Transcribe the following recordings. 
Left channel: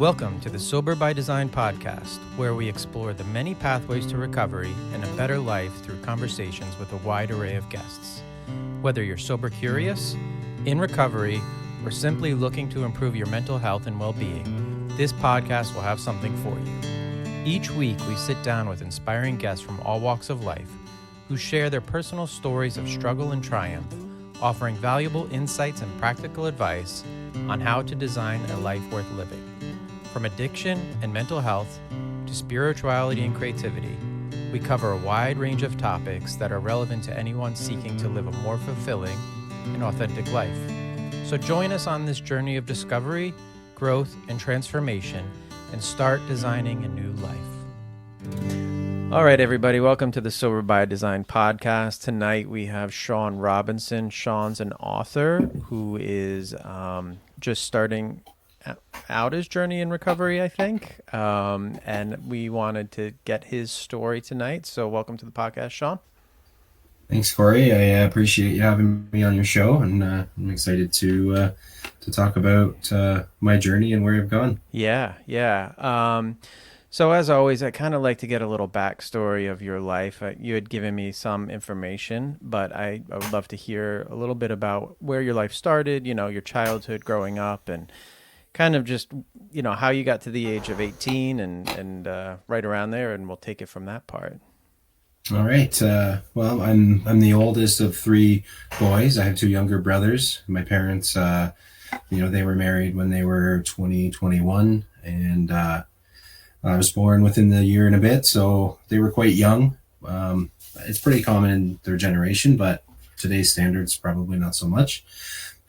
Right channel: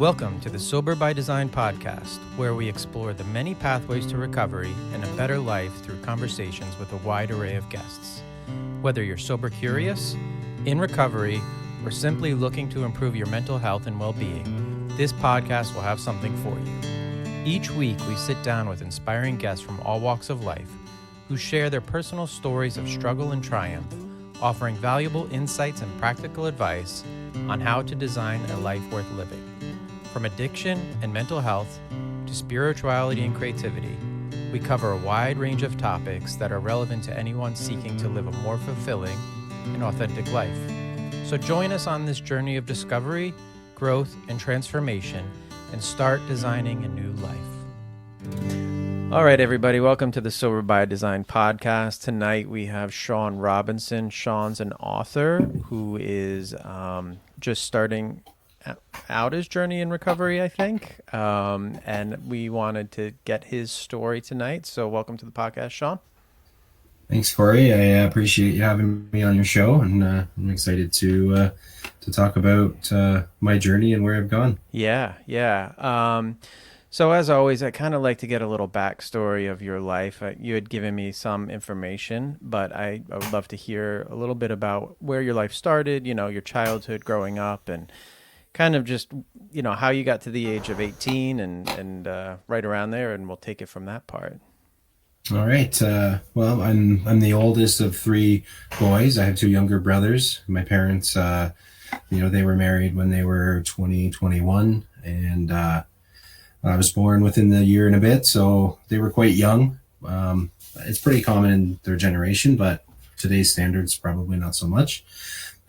Welcome to the Sober by Design podcast, where we explore the many pathways to recovery and a better life through conversations with a wide array of guests. Whether you're sober curious, in recovery, or simply looking to improve your mental health and well-being, this podcast will have something for you. Each week, we sit down with inspiring guests from all walks of life who share their personal stories of struggle and triumph, offering valuable insights and practical advice on how to design a life worth living. From addiction and mental health to spirituality and creativity, we cover a wide range of topics that are relevant to anyone seeking to live a more fulfilling and authentic life. So join us on this journey of discovery, growth, and transformation, and start designing a new life. All right, everybody, welcome to the Sober by Design podcast. Tonight we have Sean Robinson. Sean's an author who is just starting out his journey in recovery, I think. And we wanted to get his story tonight. So welcome to the podcast, Sean. Thanks, Corey. I appreciate you having me on your show, and I'm excited to talk about my journey and where I've gone. Yeah. So as always, I kind of like to get a little backstory of your life. You had given me some information, but I would love to hear a little bit about where your life started, your childhood growing up, and kind of just, how you got to the age of 18 and right around there, and we'll take it from that part. All right. Well, I'm the oldest of three boys. I have two younger brothers. My parents, they were married when they were 20, 21, and I was born within the year and a bit, so they were quite young. It's pretty common in their generation, but today's standards, probably not so much.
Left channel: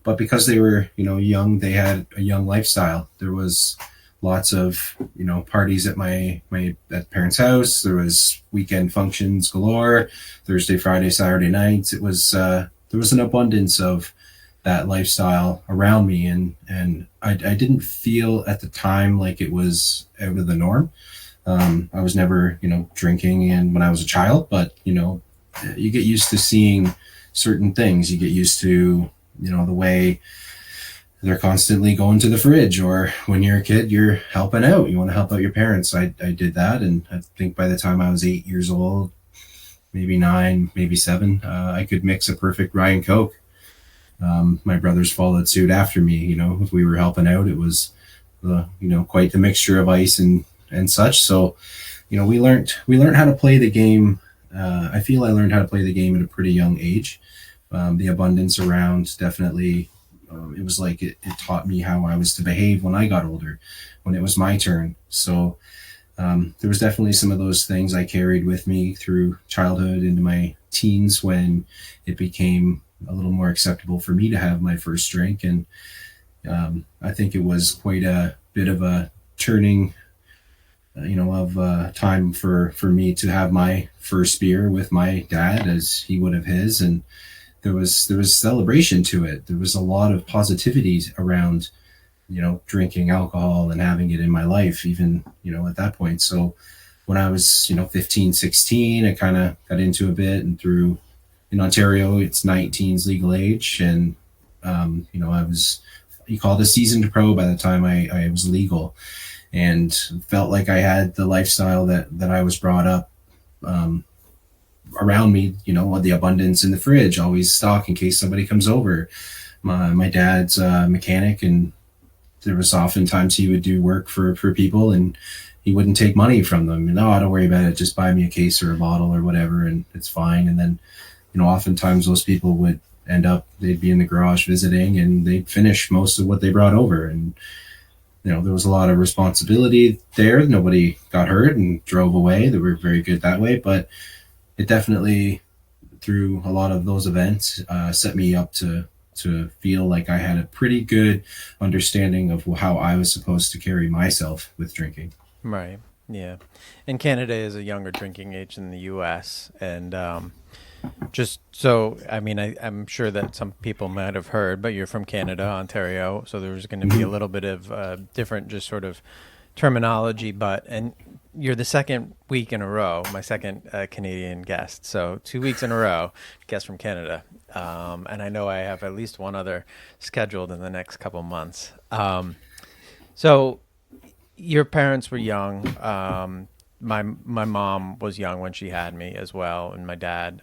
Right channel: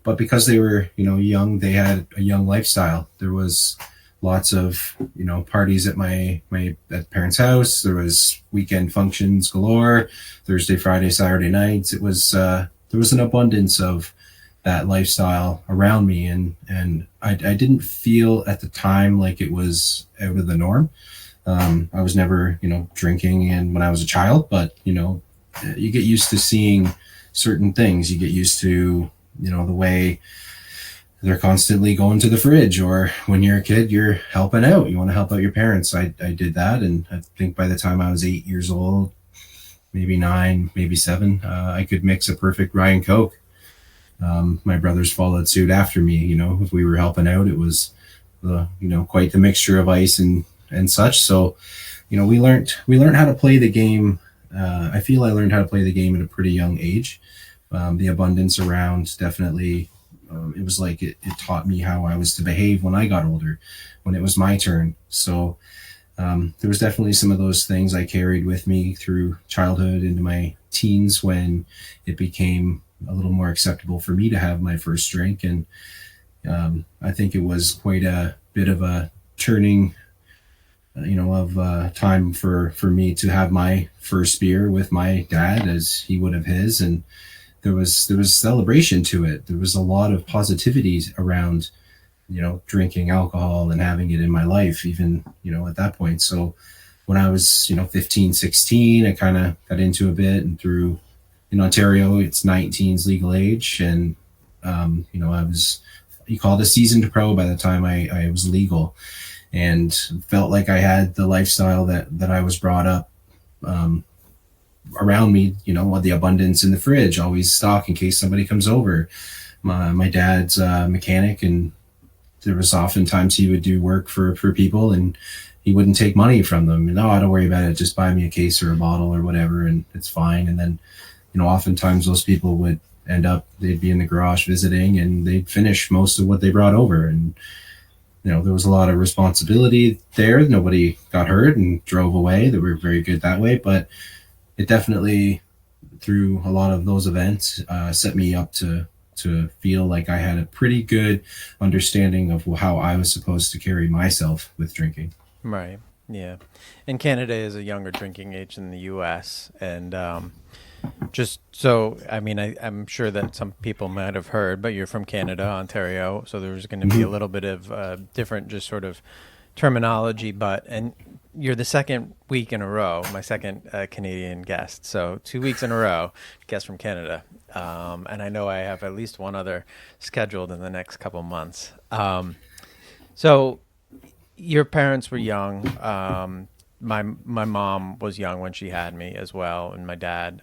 But because they were, young, they had a young lifestyle. There was lots of, parties at my parents' house. There was weekend functions galore, Thursday, Friday, Saturday nights. It was, there was an abundance of that lifestyle around me. And I didn't feel at the time like it was out of the norm. I was never, drinking and when I was a child, but, you get used to seeing certain things. You get used to, the way they're constantly going to the fridge, or when you're a kid, you're helping out. You want to help out your parents. I did that. And I think by the time I was 8 years old, maybe 9, maybe 7, I could mix a perfect rye and Coke. My brothers followed suit after me. If we were helping out, it was, quite the mixture of ice and such. So, we learned how to play the game. I feel I learned how to play the game at a pretty young age. The abundance around definitely, it was like it taught me how I was to behave when I got older, when it was my turn. So there was definitely some of those things I carried with me through childhood into my teens, when it became a little more acceptable for me to have my first drink. And I think it was quite a bit of a turning of time for me to have my first beer with my dad, as he would have his. And there was celebration to it. There was a lot of positivity around, drinking alcohol and having it in my life, even, at that point. So when I was, 15, 16, I kind of got into a bit, and through in Ontario, it's 19's legal age. And, I was, you call it a seasoned pro by the time I was legal, and felt like I had the lifestyle that I was brought up, around me, the abundance in the fridge, always stock in case somebody comes over. My dad's a mechanic, and there was oftentimes he would do work for people, and he wouldn't take money from them. No, don't worry about it. Just buy me a case or a bottle or whatever, and it's fine. And then, oftentimes those people would end up, they'd be in the garage visiting, and they'd finish most of what they brought over. And, there was a lot of responsibility there. Nobody got hurt and drove away. They were very good that way, but it definitely, through a lot of those events, set me up to feel like I had a pretty good understanding of how I was supposed to carry myself with drinking. Right. Yeah. And Canada is a younger drinking age than the U.S. And just so, I'm sure that some people might have heard, but you're from Canada, Ontario. So there's going to be a little bit of different just sort of terminology, and you're the second week in a row, my second Canadian guest. So 2 weeks in a row, guest from Canada. And I know I have at least one other scheduled in the next couple months. So your parents were young. My mom was young when she had me as well, and my dad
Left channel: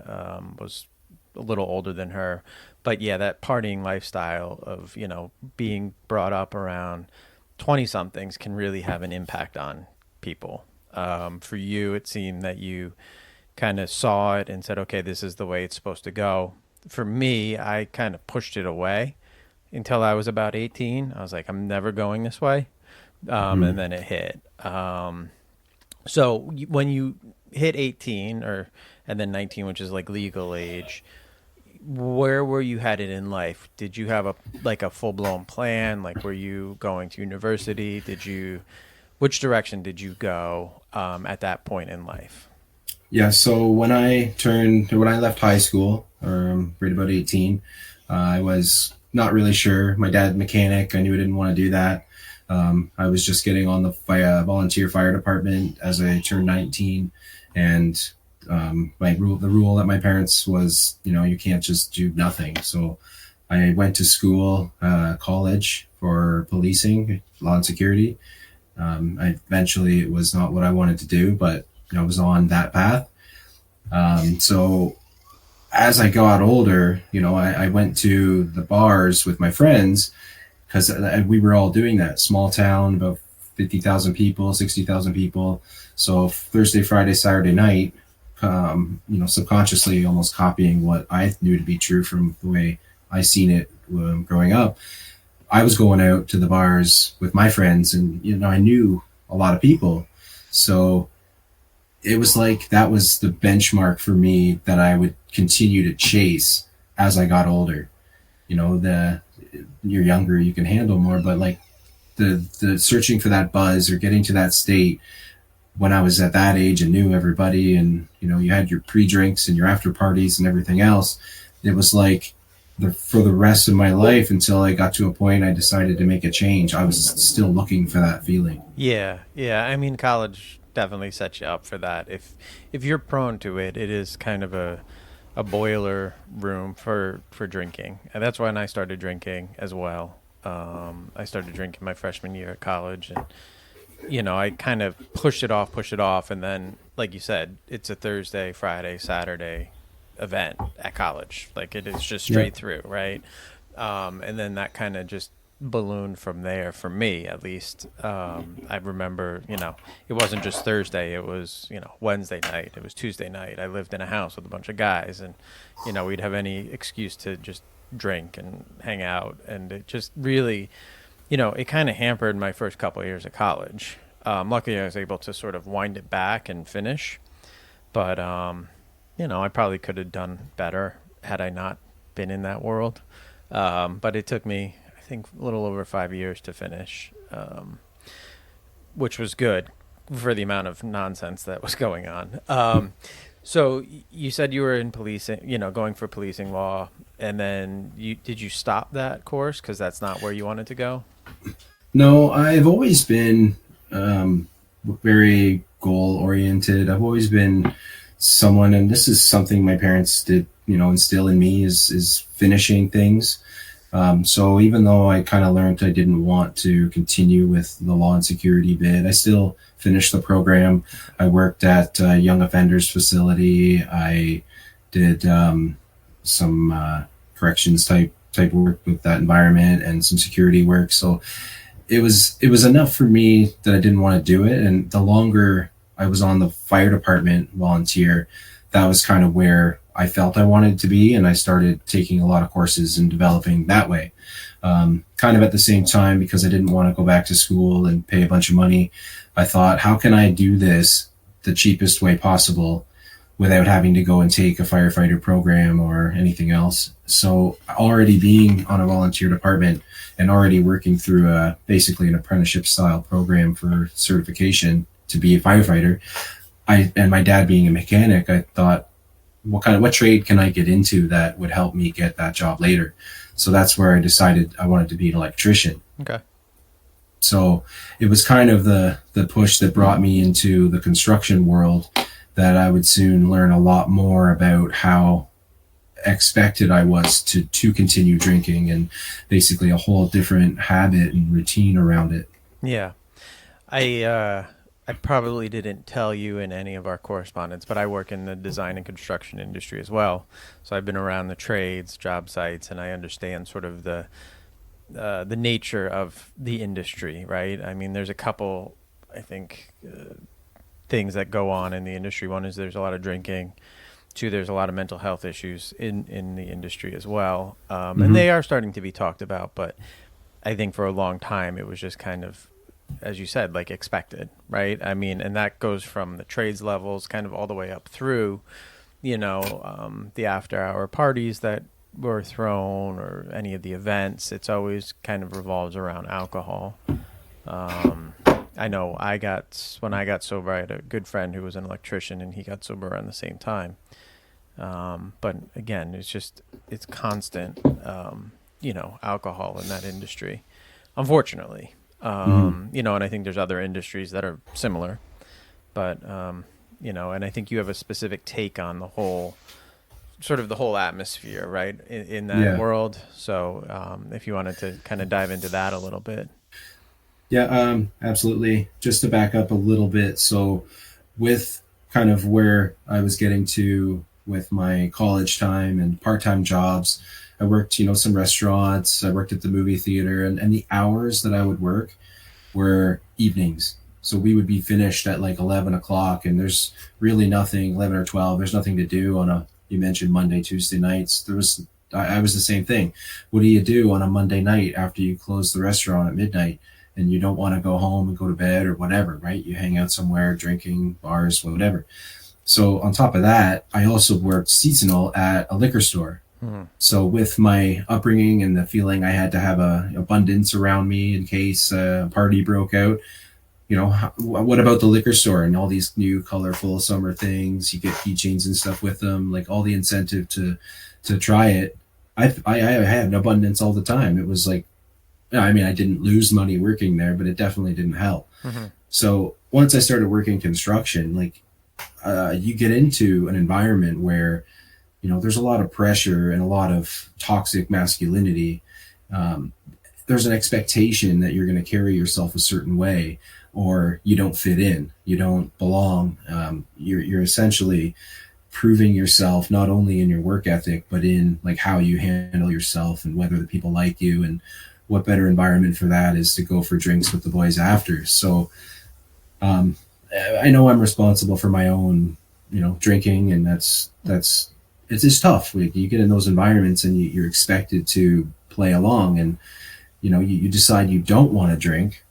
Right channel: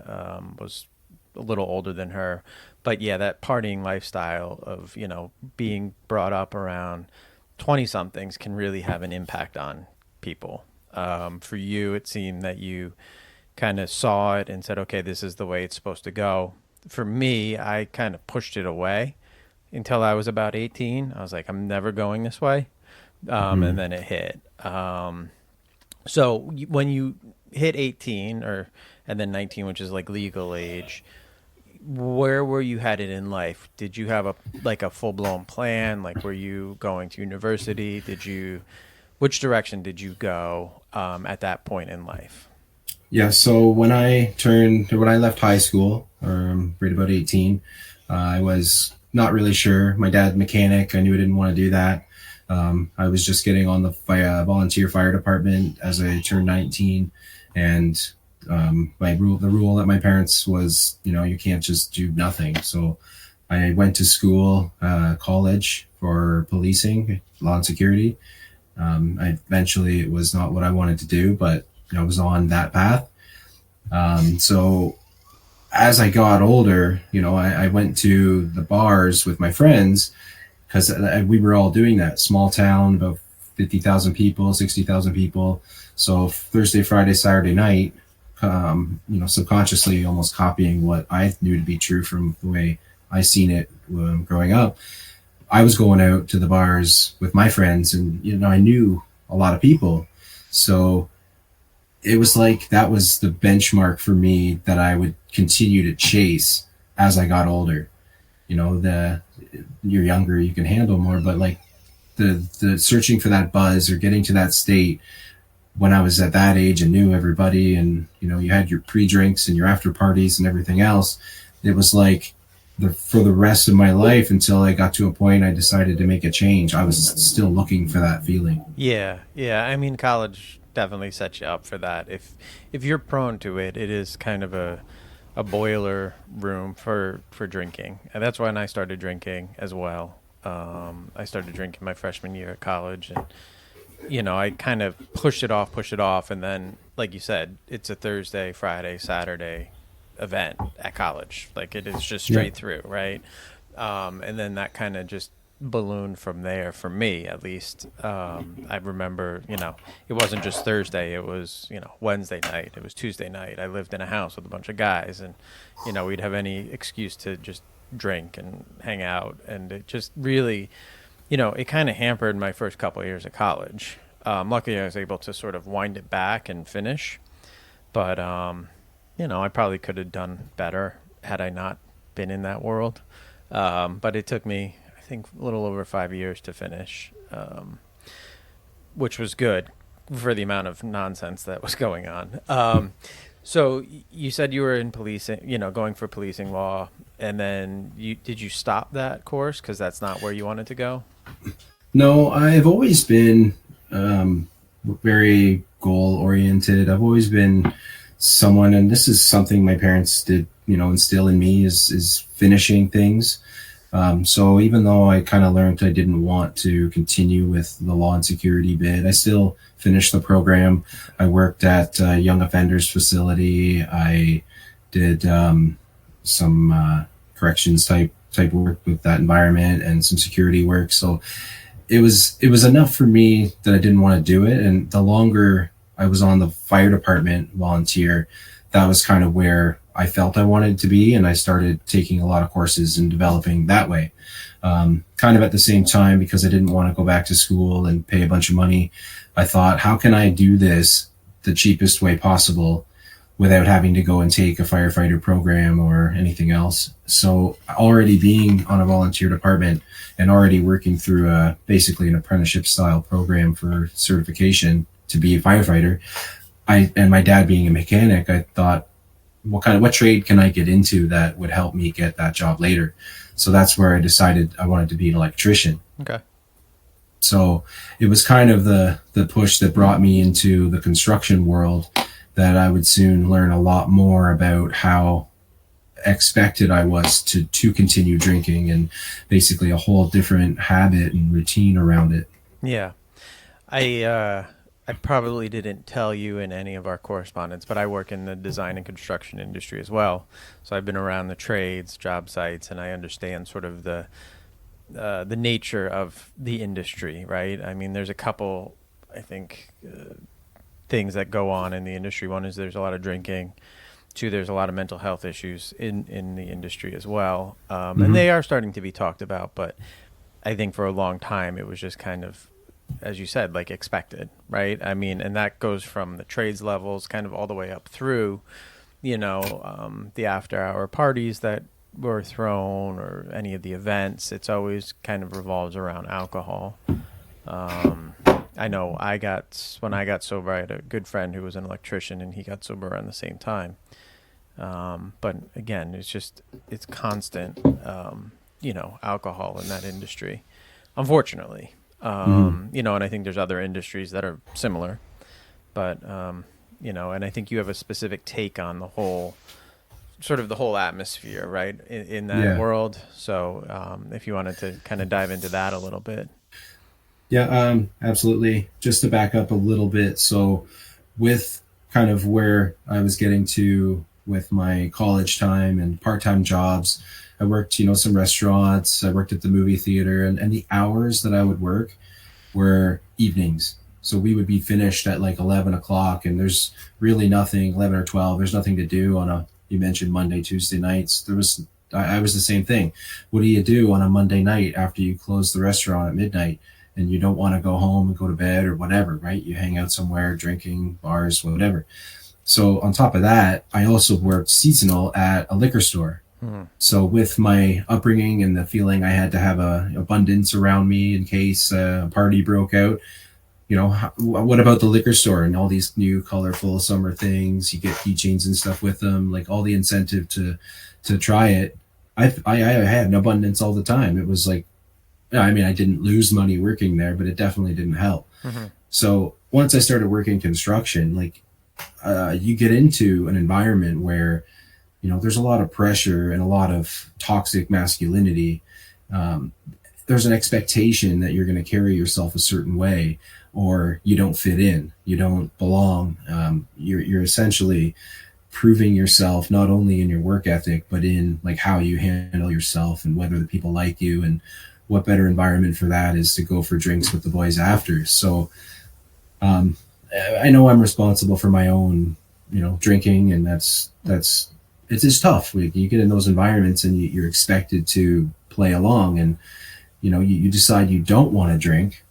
was a little older than her. But yeah, that partying lifestyle of, being brought up around 20 somethings can really have an impact on people. For you, it seemed that you kind of saw it and said, okay, this is the way it's supposed to go. For me, I kind of pushed it away until I was about 18. I was like, I'm never going this way. And then it hit. So when you hit 18 and then 19, which is like legal age, where were you headed in life? Did you have a full blown plan? Like, were you going to university? Which direction did you go at that point in life? Yeah, so when I left high school, right about 18, I was not really sure. My dad's mechanic. I knew I didn't want to do that. I was just getting on the volunteer fire department as I turned 19, and the rule at my parents was, you can't just do nothing. So I went to school, college for policing, law and security. Eventually it was not what I wanted to do, but I was on that path. So as I got older, I went to the bars with my friends because we were all doing that. Small town, about 50,000 people, 60,000 people. So Thursday, Friday, Saturday night, subconsciously almost copying what I knew to be true from the way I seen it growing up. I was going out to the bars with my friends, and I knew a lot of people. So it was like that was the benchmark for me that I would continue to chase as I got older. You're younger, you can handle more, but like the searching for that buzz or getting to that state when I was at that age and knew everybody, and you had your pre-drinks and your after parties and everything else, it was like for the rest of my life until I got to a point I decided to make a change. I was still looking for that feeling. Yeah. I mean, college definitely sets you up for that. If you're prone to it, it is kind of a boiler room for drinking, and that's when I started drinking as well. I started drinking my freshman year at college, and I kind of pushed it off, and then, like you said, it's a Thursday, Friday, Saturday event at college. Like, it is just straight through, right? And then that kind of just ballooned from there for me, at least. I remember, it wasn't just Thursday. It was, Wednesday night. It was Tuesday night. I lived in a house with a bunch of guys, and, we'd have any excuse to just drink and hang out. And it just really, it kind of hampered my first couple of years of college. Luckily, I was able to sort of wind it back and finish. But, I probably could have done better had I not been in that world. But it took me, I think, a little over 5 years to finish, which was good for the amount of nonsense that was going on. So you said you were in policing, going for policing law, and then did you stop that course because that's not where you wanted to go? No, I've always been very goal oriented. I've always been someone, and this is something my parents did, instill in me is finishing things. So even though I kind of learned I didn't want to continue with the law and security bit, I still finished the program. I worked at a young offenders facility. I did some corrections type work with that environment and some security work. So it was enough for me that I didn't want to do it. And the longer I was on the fire department volunteer, that was kind of where I felt I wanted to be. And I started taking a lot of courses and developing that way. Kind of at the same time, because I didn't want to go back to school and pay a bunch of money, I thought, how can I do this the cheapest way possible without having to go and take a firefighter program or anything else? So already being on a volunteer department and already working through basically an apprenticeship style program for certification to be a firefighter, and my dad being a mechanic, I thought, what trade can I get into that would help me get that job later? So that's where I decided I wanted to be an electrician. Okay. So it was kind of the push that brought me into the construction world, that I would soon learn a lot more about how expected I was to continue drinking, and basically a whole different habit and routine around it. Yeah. I probably didn't tell you in any of our correspondence, but I work in the design and construction industry as well. So I've been around the trades, job sites, and I understand sort of the nature of the industry, right? I mean, there's a couple, I think, things that go on in the industry. One is there's a lot of drinking. Two, there's a lot of mental health issues in the industry as well, and Hmm. they are starting to be talked about. But I think for a long time it was just kind of, as you said, like expected, right? I mean, and that goes from the trades levels kind of all the way up through, the after hour parties that were thrown or any of the events. It's always kind of revolves around alcohol. Um, I know when I got sober, I had a good friend who was an electrician and he got sober around the same time. But again, it's constant, alcohol in that industry, unfortunately. Hmm. And I think there's other industries that are similar, but, and I think you have a specific take on the whole atmosphere, right, in that Yeah. world. So if you wanted to kind of dive into that a little bit. Yeah, absolutely. Just to back up a little bit. So, with kind of where I was getting to with my college time and part-time jobs, I worked, some restaurants, I worked at the movie theater, and the hours that I would work were evenings. So we would be finished at like 11 o'clock, and there's really nothing, 11 or 12, there's nothing to do on you mentioned Monday, Tuesday nights. I was the same thing. What do you do on a Monday night after you close the restaurant at midnight and you don't want to go home and go to bed or whatever, right? You hang out somewhere, drinking, bars, whatever. So on top of that, I also worked seasonal at a liquor store. Hmm. So with my upbringing and the feeling I had to have a abundance around me in case a party broke out, what about the liquor store and all these new colorful summer things? You get keychains and stuff with them, like all the incentive to try it. I had an abundance all the time. It was like, I mean, I didn't lose money working there, but it definitely didn't help. Hmm. So once I started working construction, like you get into an environment where there's a lot of pressure and a lot of toxic masculinity. Um, there's an expectation that you're going to carry yourself a certain way, or you don't fit in, you don't belong. You're essentially proving yourself not only in your work ethic, but in like how you handle yourself and whether the people like you. And what better environment for that is to go for drinks with the boys after. So um, I know I'm responsible for my own, drinking, and that's it's just tough. You get in those environments and you're expected to play along, and you decide you don't want to drink.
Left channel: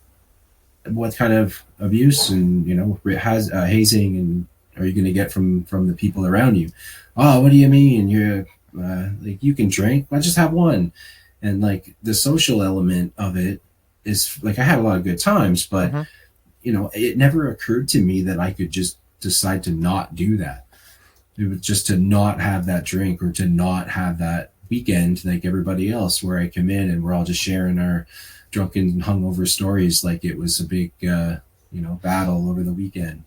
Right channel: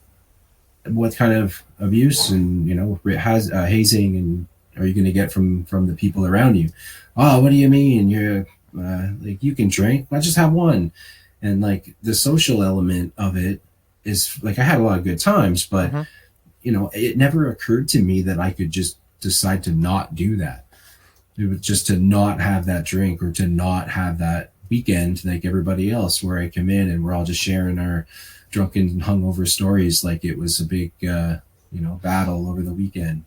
What kind of abuse and has hazing and are you going to get from the people around you? Oh, what do you mean? You're like, you can drink? Well, just have one. And like the social element of it is like, I had a lot of good times, but Hmm. it never occurred to me that I could just decide to not do that. It was just to not have that drink or to not have that weekend like everybody else, where I come in and we're all just sharing our drunken, hungover stories like it was a big, battle over the weekend.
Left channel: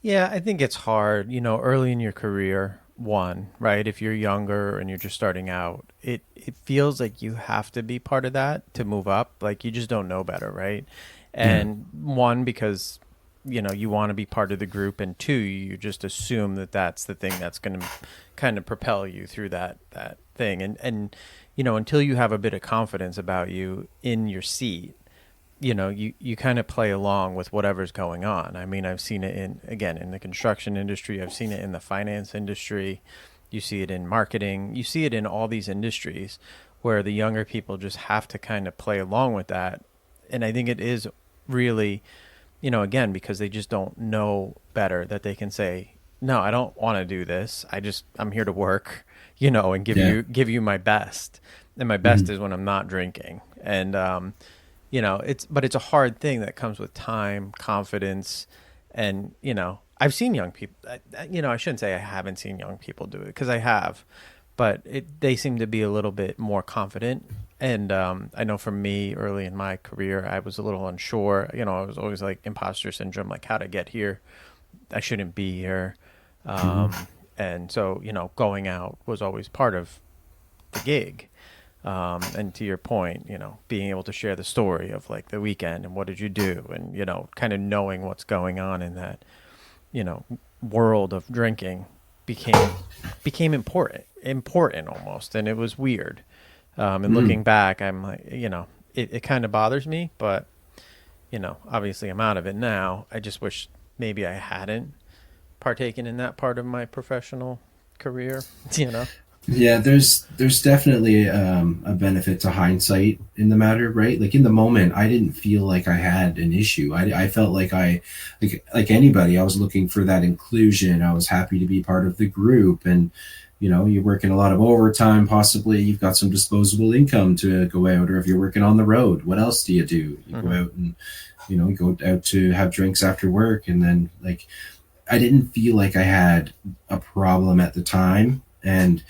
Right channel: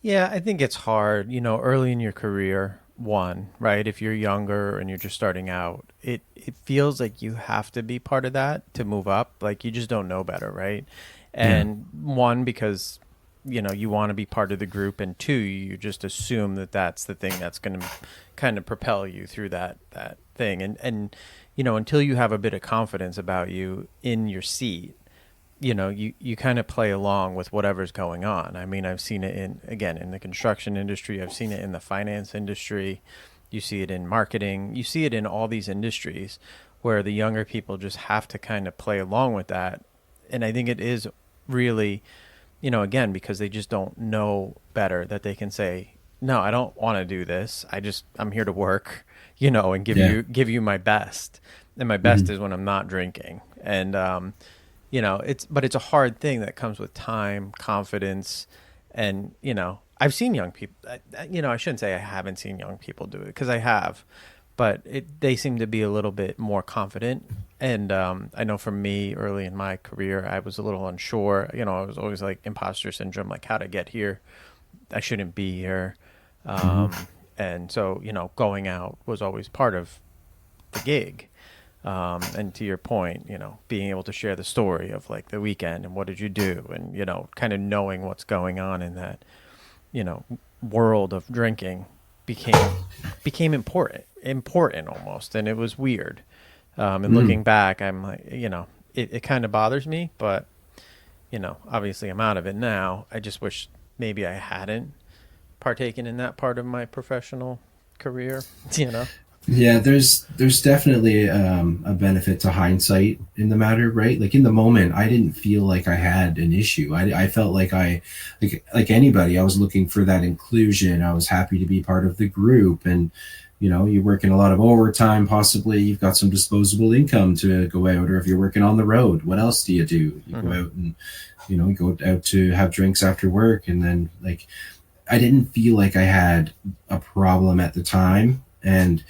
Yeah, I think it's hard, early in your career, one, right? If you're younger and you're just starting out, it feels like you have to be part of that to move up. Like you just don't know better, right? Yeah. And one, because you want to be part of the group, and two, you just assume that that's the thing that's going to kind of propel you through that thing. And until you have a bit of confidence about you in your seat, you kind of play along with whatever's going on. I mean, I've seen it in the construction industry. I've seen it in the finance industry. You see it in marketing. You see it in all these industries where the younger people just have to kind of play along with that. And I think it is really, again, because they just don't know better, that they can say, no, I don't want to do this. I'm here to work, and Yeah. give you my best. And my best Hmm. is when I'm not drinking. And, it's a hard thing that comes with time, confidence, and I've seen young people. I shouldn't say I haven't seen young people do it, because I have, but they seem to be a little bit more confident. And I know for me, early in my career, I was a little unsure. I was always like imposter syndrome, like how to get here. I shouldn't be here. Hmm. Um, and so going out was always part of the gig. And to your point, you know, being able to share the story of like the weekend and what did you do, and you know, kind of knowing what's going on in that, you know, world of drinking became important almost, and it was weird. And looking back, I'm like, you know, it kind of bothers me, but you know, obviously I'm out of it now. I just wish maybe I hadn't partaken in that part of my professional career, you know. Yeah, there's definitely a benefit to hindsight in the matter, right? Like in the moment, I didn't feel like I had an issue. I felt like like anybody, I was looking for that inclusion. I was happy to be part of the group, and you know, you're working a lot of overtime. Possibly, you've got some disposable income to go out, or if you're working on the road, what else do? You go out and you know, go out to have drinks after work, and then like I didn't feel like I had a problem at the time, and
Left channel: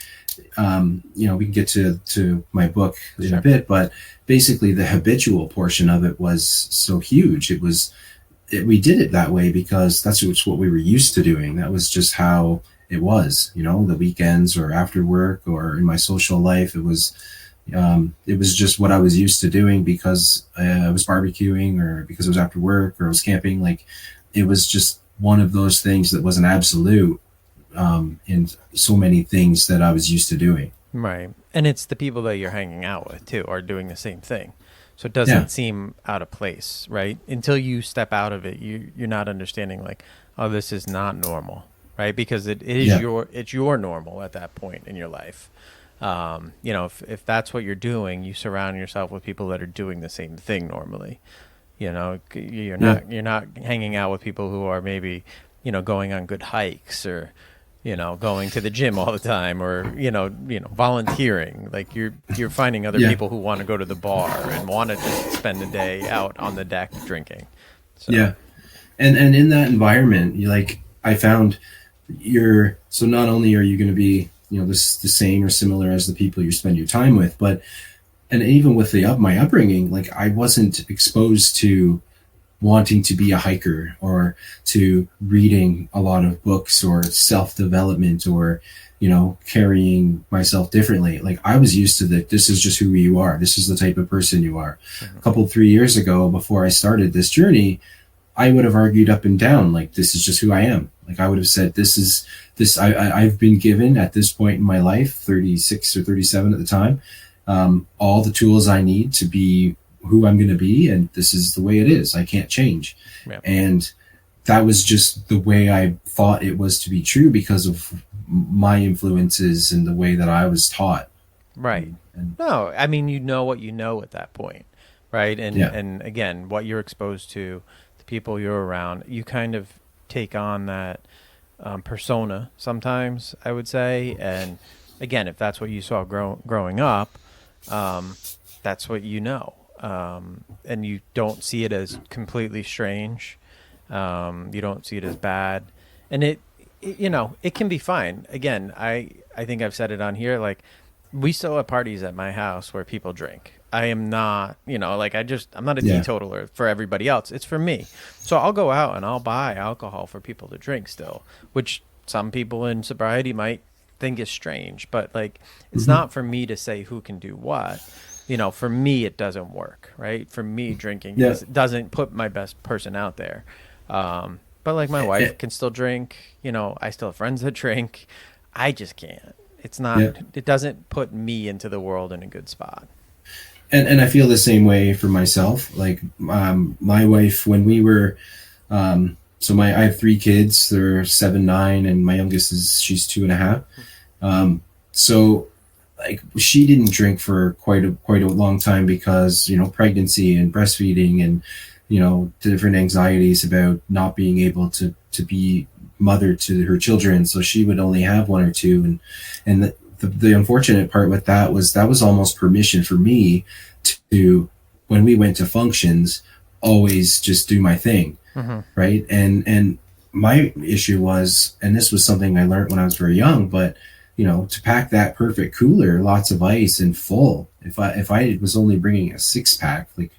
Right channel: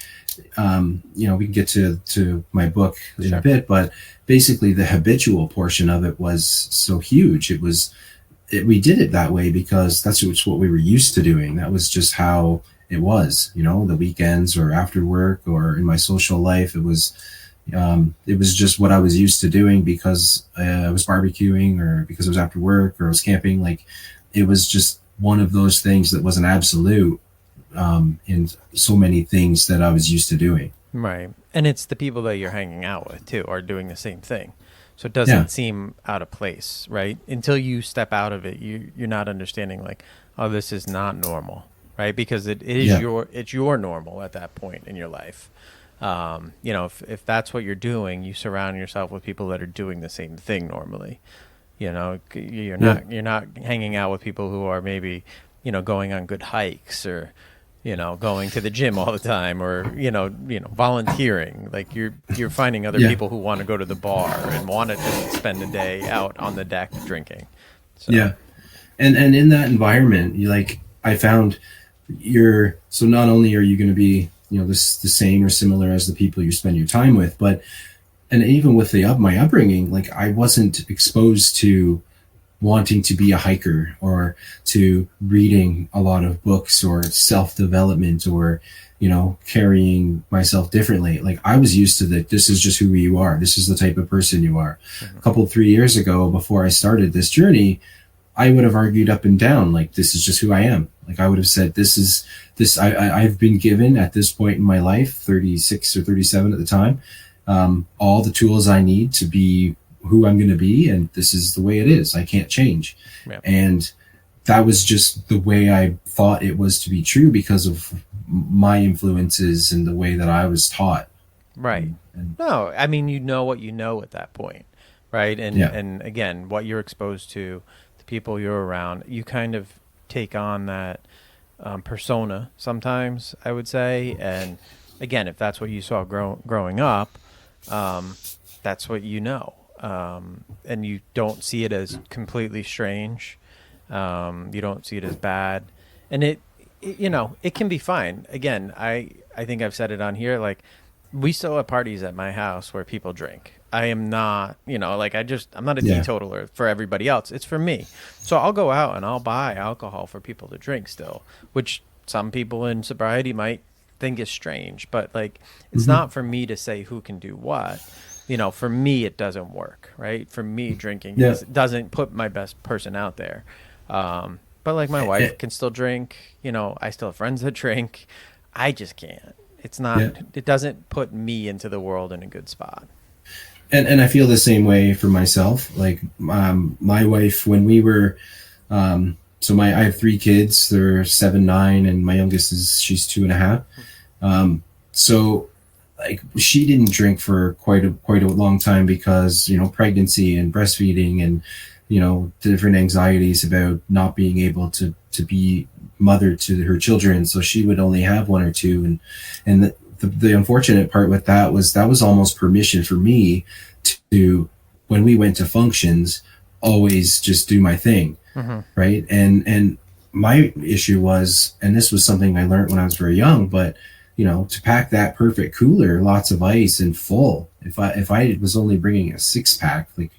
you know, we can get to my book in a bit, but basically the habitual portion of it was so huge. We did it that way because that's what we were used to doing. That was just how it was, you know, the weekends or after work or in my social life. It was just what I was used to doing because I was barbecuing or because it was after work or I was camping. Like it was just one of those things that was an absolute in so many things that I was used to doing. Right. And it's the people that you're hanging out with too are doing the same thing. So it doesn't seem out of place, right? Until you step out of it, you're not understanding like, oh, this is not normal, right? Because it is it's your normal at that point in your life. You know, if that's what you're doing, you surround yourself with people that are doing the same thing normally. You know, you're not hanging out with people who are maybe, you know, going on good hikes or, you know, going to the gym all the time or, you know, volunteering. Like you're finding other people who want to go to the bar and want to just spend the day out on the deck drinking. So. Yeah. And in that environment, I found so not only are you going to be, you know, the same or similar as the people you spend your time with, and even with my upbringing, like I wasn't exposed to wanting to be a hiker or to reading a lot of books or self-development or, you know, carrying myself differently. Like I was used to that. This is just who you are. This is the type of person you are. Mm-hmm. 3 years ago, before I started this journey, I would have argued up and down, like, this is just who I am. Like I would have said, I've been given at this point in my life, 36 or 37 at the time, all the tools I need to be who I'm going to be, and this is the way it is. I can't change. Yeah. And that was just the way I thought it was to be true because of my influences and the way that I was taught. Right. No, I mean, you know what you know at that point, right? And again, what you're exposed to, the people you're around, you kind of take on that persona sometimes, I would say. And again, if that's what you saw growing up, that's what you know. And you don't see it as completely strange. You don't see it as bad. And it you know, it can be fine. Again, I think I've said it on here, like we still have parties at my house where people drink. I am not, you know, like I'm not a teetotaler for everybody else. It's for me. So I'll go out and I'll buy alcohol for people to drink still, which some people in sobriety might think is strange, but like it's not for me to say who can do what. You know, for me, it doesn't work, right? For me, drinking doesn't put my best person out there. But like my wife can still drink, you know, I still have friends that drink. I just can't. It's not, it doesn't put me into the world in a good spot. And I feel the same way for myself. Like my wife, when we were, I have 3 kids. They're 7, 9, and my youngest she's 2.5. So like she didn't drink for quite a long time because, you know, pregnancy and breastfeeding and, you know, different anxieties about not being able to be mother to her children. So she would only have 1 or 2. And the unfortunate part with that was almost permission for me to, when we went to functions, always just do my thing. Mm-hmm. Right. And my issue was, and this was something I learned when I was very young, but you know, to pack that perfect cooler, lots of ice and full. If I was only bringing a 6-pack, like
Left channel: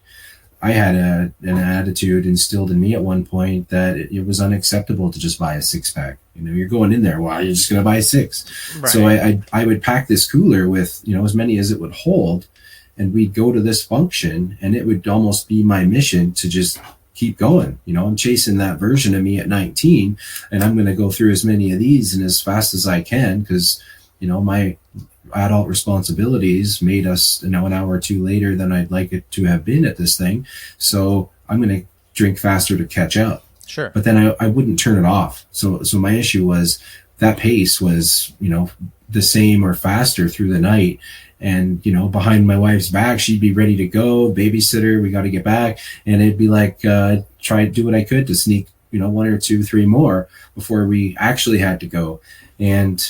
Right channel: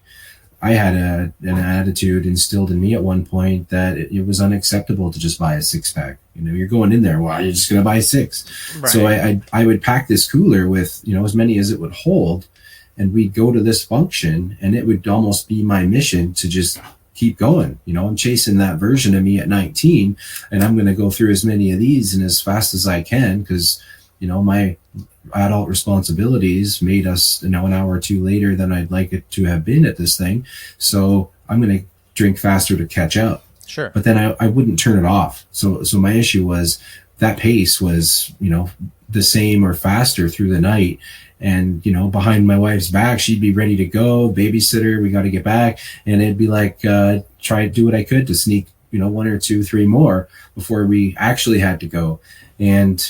I had an attitude instilled in me at one point that it was unacceptable to just buy a 6-pack. You know, you're going in there, well, you're just going to buy 6. Right. So I would pack this cooler with, you know, as many as it would hold. and we'd go to this function, and it would almost be my mission to just keep going. I'm chasing that version of me at 19, and I'm going to go through as many of these and as fast as I can, because my adult responsibilities made us an hour or two later than I'd like it to have been at this thing. So I'm going to drink faster to catch up. Sure. But then I wouldn't turn it off. So my issue was that pace was, the same or faster through the night. And, behind my wife's back, she'd be ready to go, babysitter, we got to get back. And it'd be like, try to do what I could to sneak, 1 or 2, 3 more before we actually had to go. And,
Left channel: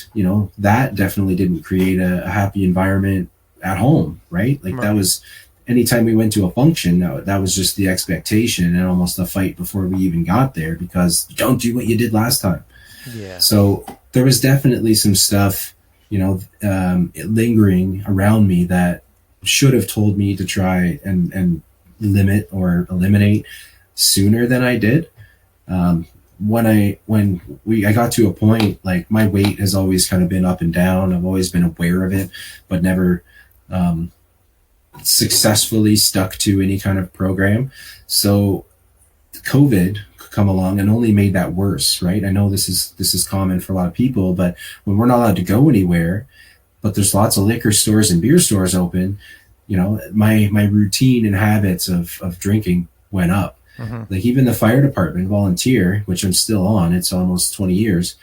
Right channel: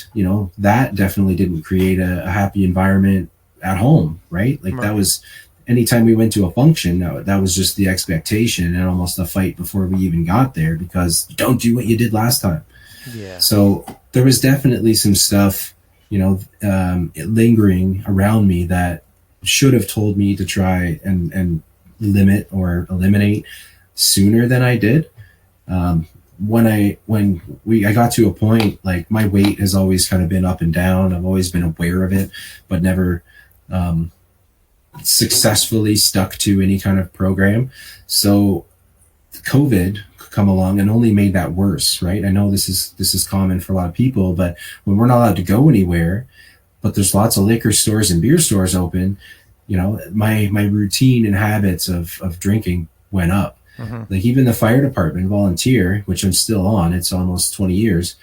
that definitely didn't create a happy environment at home, right? Like that was, anytime we went to a function, that was just the expectation and almost a fight before we even got there, because you don't do what you did last time. Yeah. So there was definitely some stuff, lingering around me that should have told me to try and limit or eliminate sooner than I did. When I got to a point, like my weight has always kind of been up and down. I've always been aware of it, but never successfully stuck to any kind of program. So COVID come along and only made that worse, right? I know this is common for a lot of people, but when we're not allowed to go anywhere, but there's lots of liquor stores and beer stores open, my routine and habits of drinking went up. Mm-hmm. Like even the fire department volunteer, which I'm still on, it's almost 20 years,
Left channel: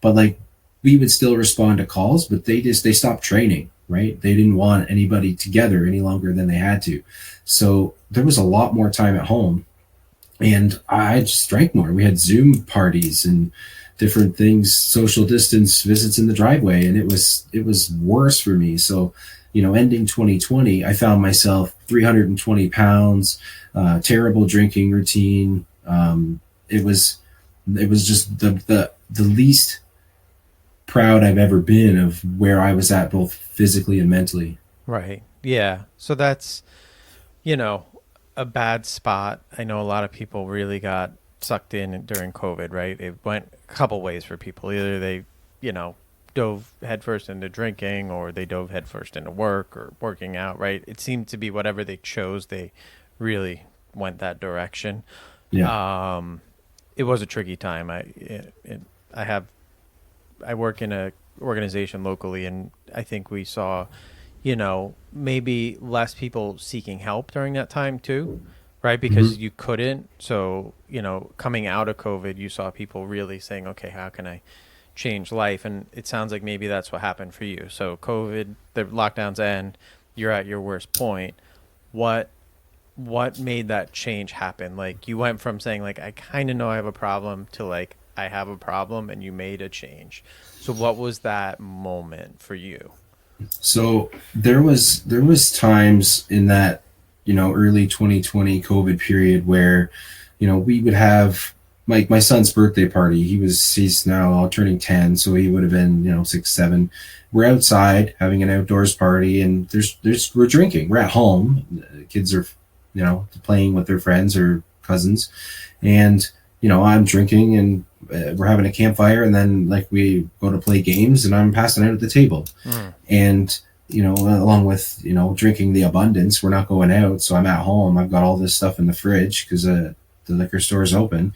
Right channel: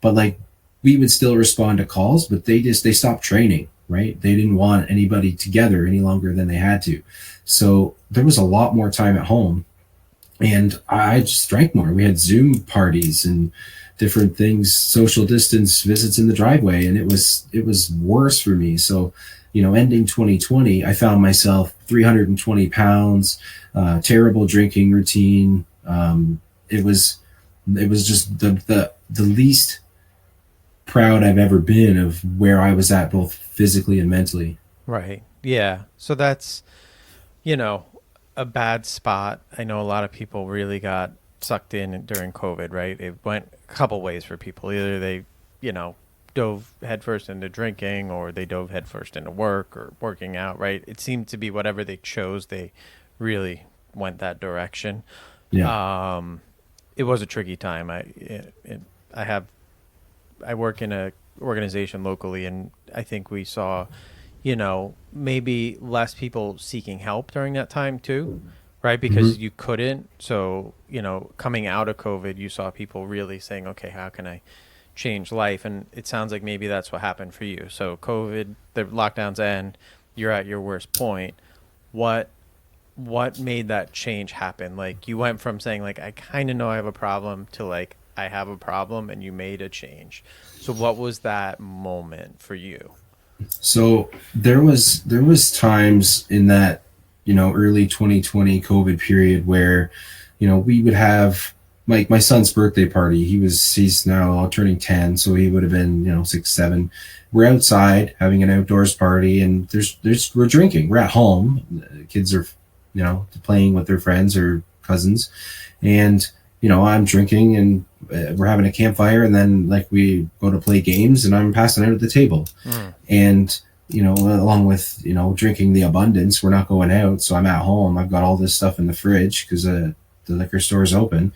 but like we would still respond to calls, but they stopped training, right? They didn't want anybody together any longer than they had to. So there was a lot more time at home, and I just drank more. We had Zoom parties and different things, social distance visits in the driveway, and it was worse for me. So, ending 2020, I found myself 320 pounds, terrible drinking routine. It was just the least proud I've ever been of where I was at, both physically and mentally. Right. Yeah. So that's, a bad spot. I know a lot of people really got sucked in during COVID, right? It went a couple ways for people. Either they, dove headfirst into drinking, or they dove headfirst into work or working out, right? It seemed to be whatever they chose, they really went that direction. Yeah. It was a tricky time. I work in a organization locally, and I think we saw, maybe less people seeking help during that time too, right? Because you couldn't. So, coming out of COVID, you saw people really saying, okay, how can I change life? And it sounds like maybe that's what happened for you. So COVID, the lockdowns end, you're at your worst point. What made that change happen? Like you went from saying like, I kind of know I have a problem to like, I have a problem, and you made a change. So what was that moment for you? So there was times in that, early 2020 COVID period where, we would have my son's birthday party. He's now turning 10. So he would have been, 6, 7. We're outside having an outdoors party, and we're drinking. We're at home. The kids are, playing with their friends or cousins, and, I'm drinking, and we're having a campfire, and then like we go to play games, and I'm passing out at the table. And along with drinking the abundance, we're not going out, so I'm at home. I've got all this stuff in the fridge because the liquor store is open.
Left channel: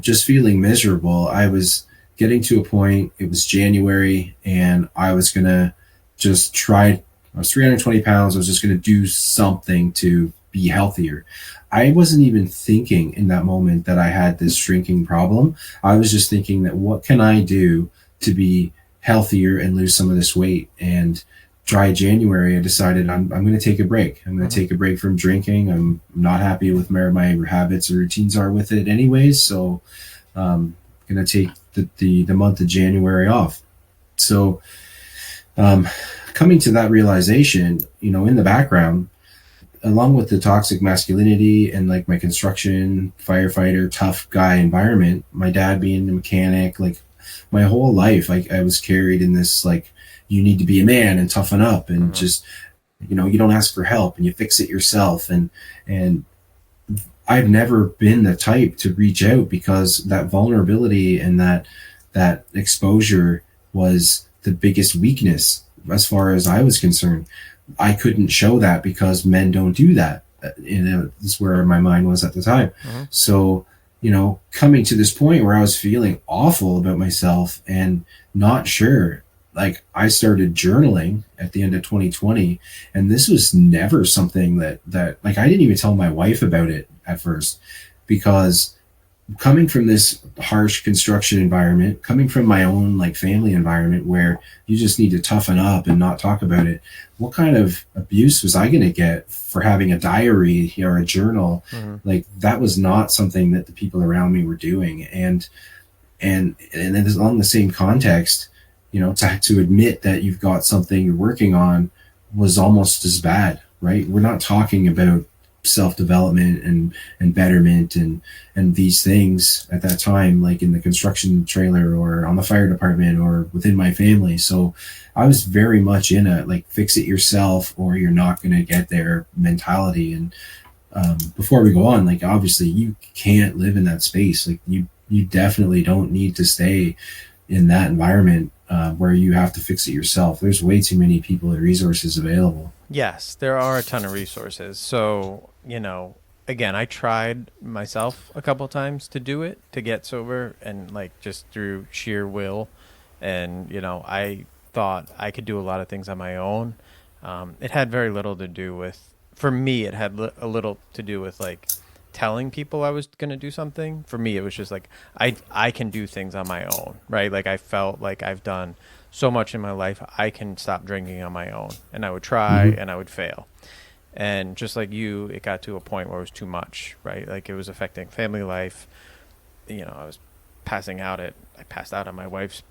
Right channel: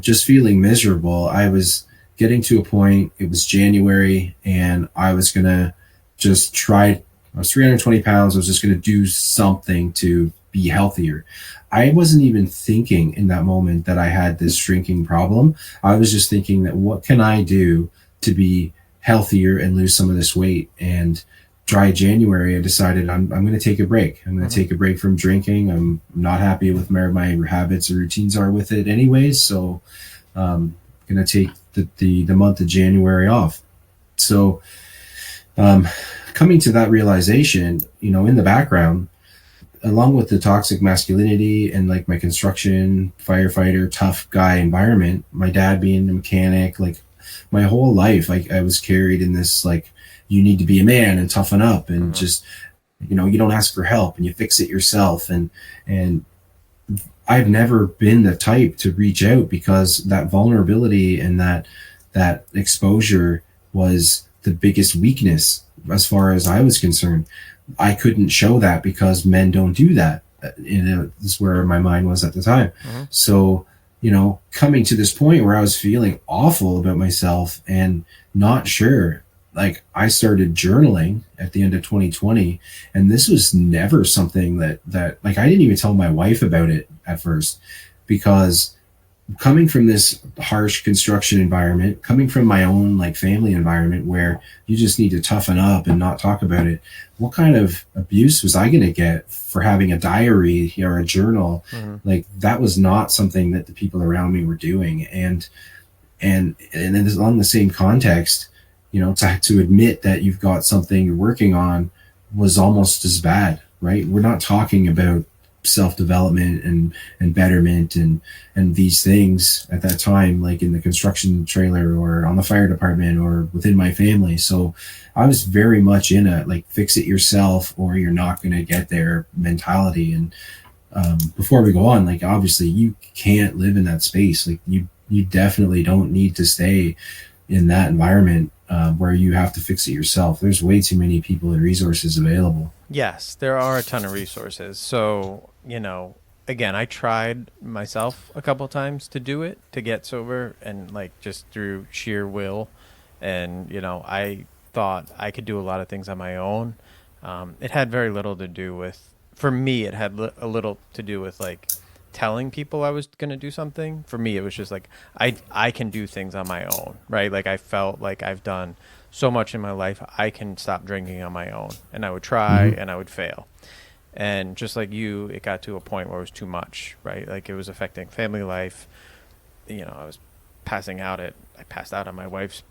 Just feeling miserable. I was getting to a point. It was January, and I was gonna just try. I was 320 pounds. I was just gonna do something to be healthier. I wasn't even thinking in that moment that I had this drinking problem. I was just thinking that what can I do to be healthier and lose some of this weight? And dry January, I decided I'm going to take a break. I'm going to take a break from drinking. I'm not happy with where my habits or routines are with it anyways. So I'm going to take the month of January off. So coming to that realization, in the background, along with the toxic masculinity and like my construction firefighter tough guy environment, my dad being a mechanic, like my whole life I was carried in this like, you need to be a man and toughen up, and just you don't ask for help and you fix it yourself, and I've never been the type to reach out, because that vulnerability and that exposure was the biggest weakness as far as I was concerned. I couldn't show that because men don't do that. That's where my mind was at the time. So, coming to this point where I was feeling awful about myself and not sure, like I started journaling at the end of 2020, and this was never something that like I didn't even tell my wife about it at first, because coming from this harsh construction environment, coming from my own like family environment where you just need to toughen up and not talk about it, what kind of abuse was I going to get for having a diary or a journal? Like that was not something that the people around me were doing. And then along the same context, to admit that you've got something you're working on was almost as bad, right? We're not talking about self-development and betterment and these things at that time, like in the construction trailer or on the fire department or within my family. So I was very much in a like fix it yourself or you're not going to get there mentality. And before we go on, like obviously you can't live in that space. Like you definitely don't need to stay in that environment where you have to fix it yourself. There's way too many people and resources available. Yes, there are a ton of resources. So, again, I tried myself a couple times to do it, to get sober, and like just through sheer will. And, I thought I could do a lot of things on my own. It had very little to do with, for me, it had a little to do with like telling people I was going to do something. For me, it was just like, I can do things on my own, right? Like I felt like I've done so much in my life, I can stop drinking on my own. And I would try and I would fail. And just like you, it got to a point where it was too much, right? Like it was affecting family life. I was I passed out at my wife's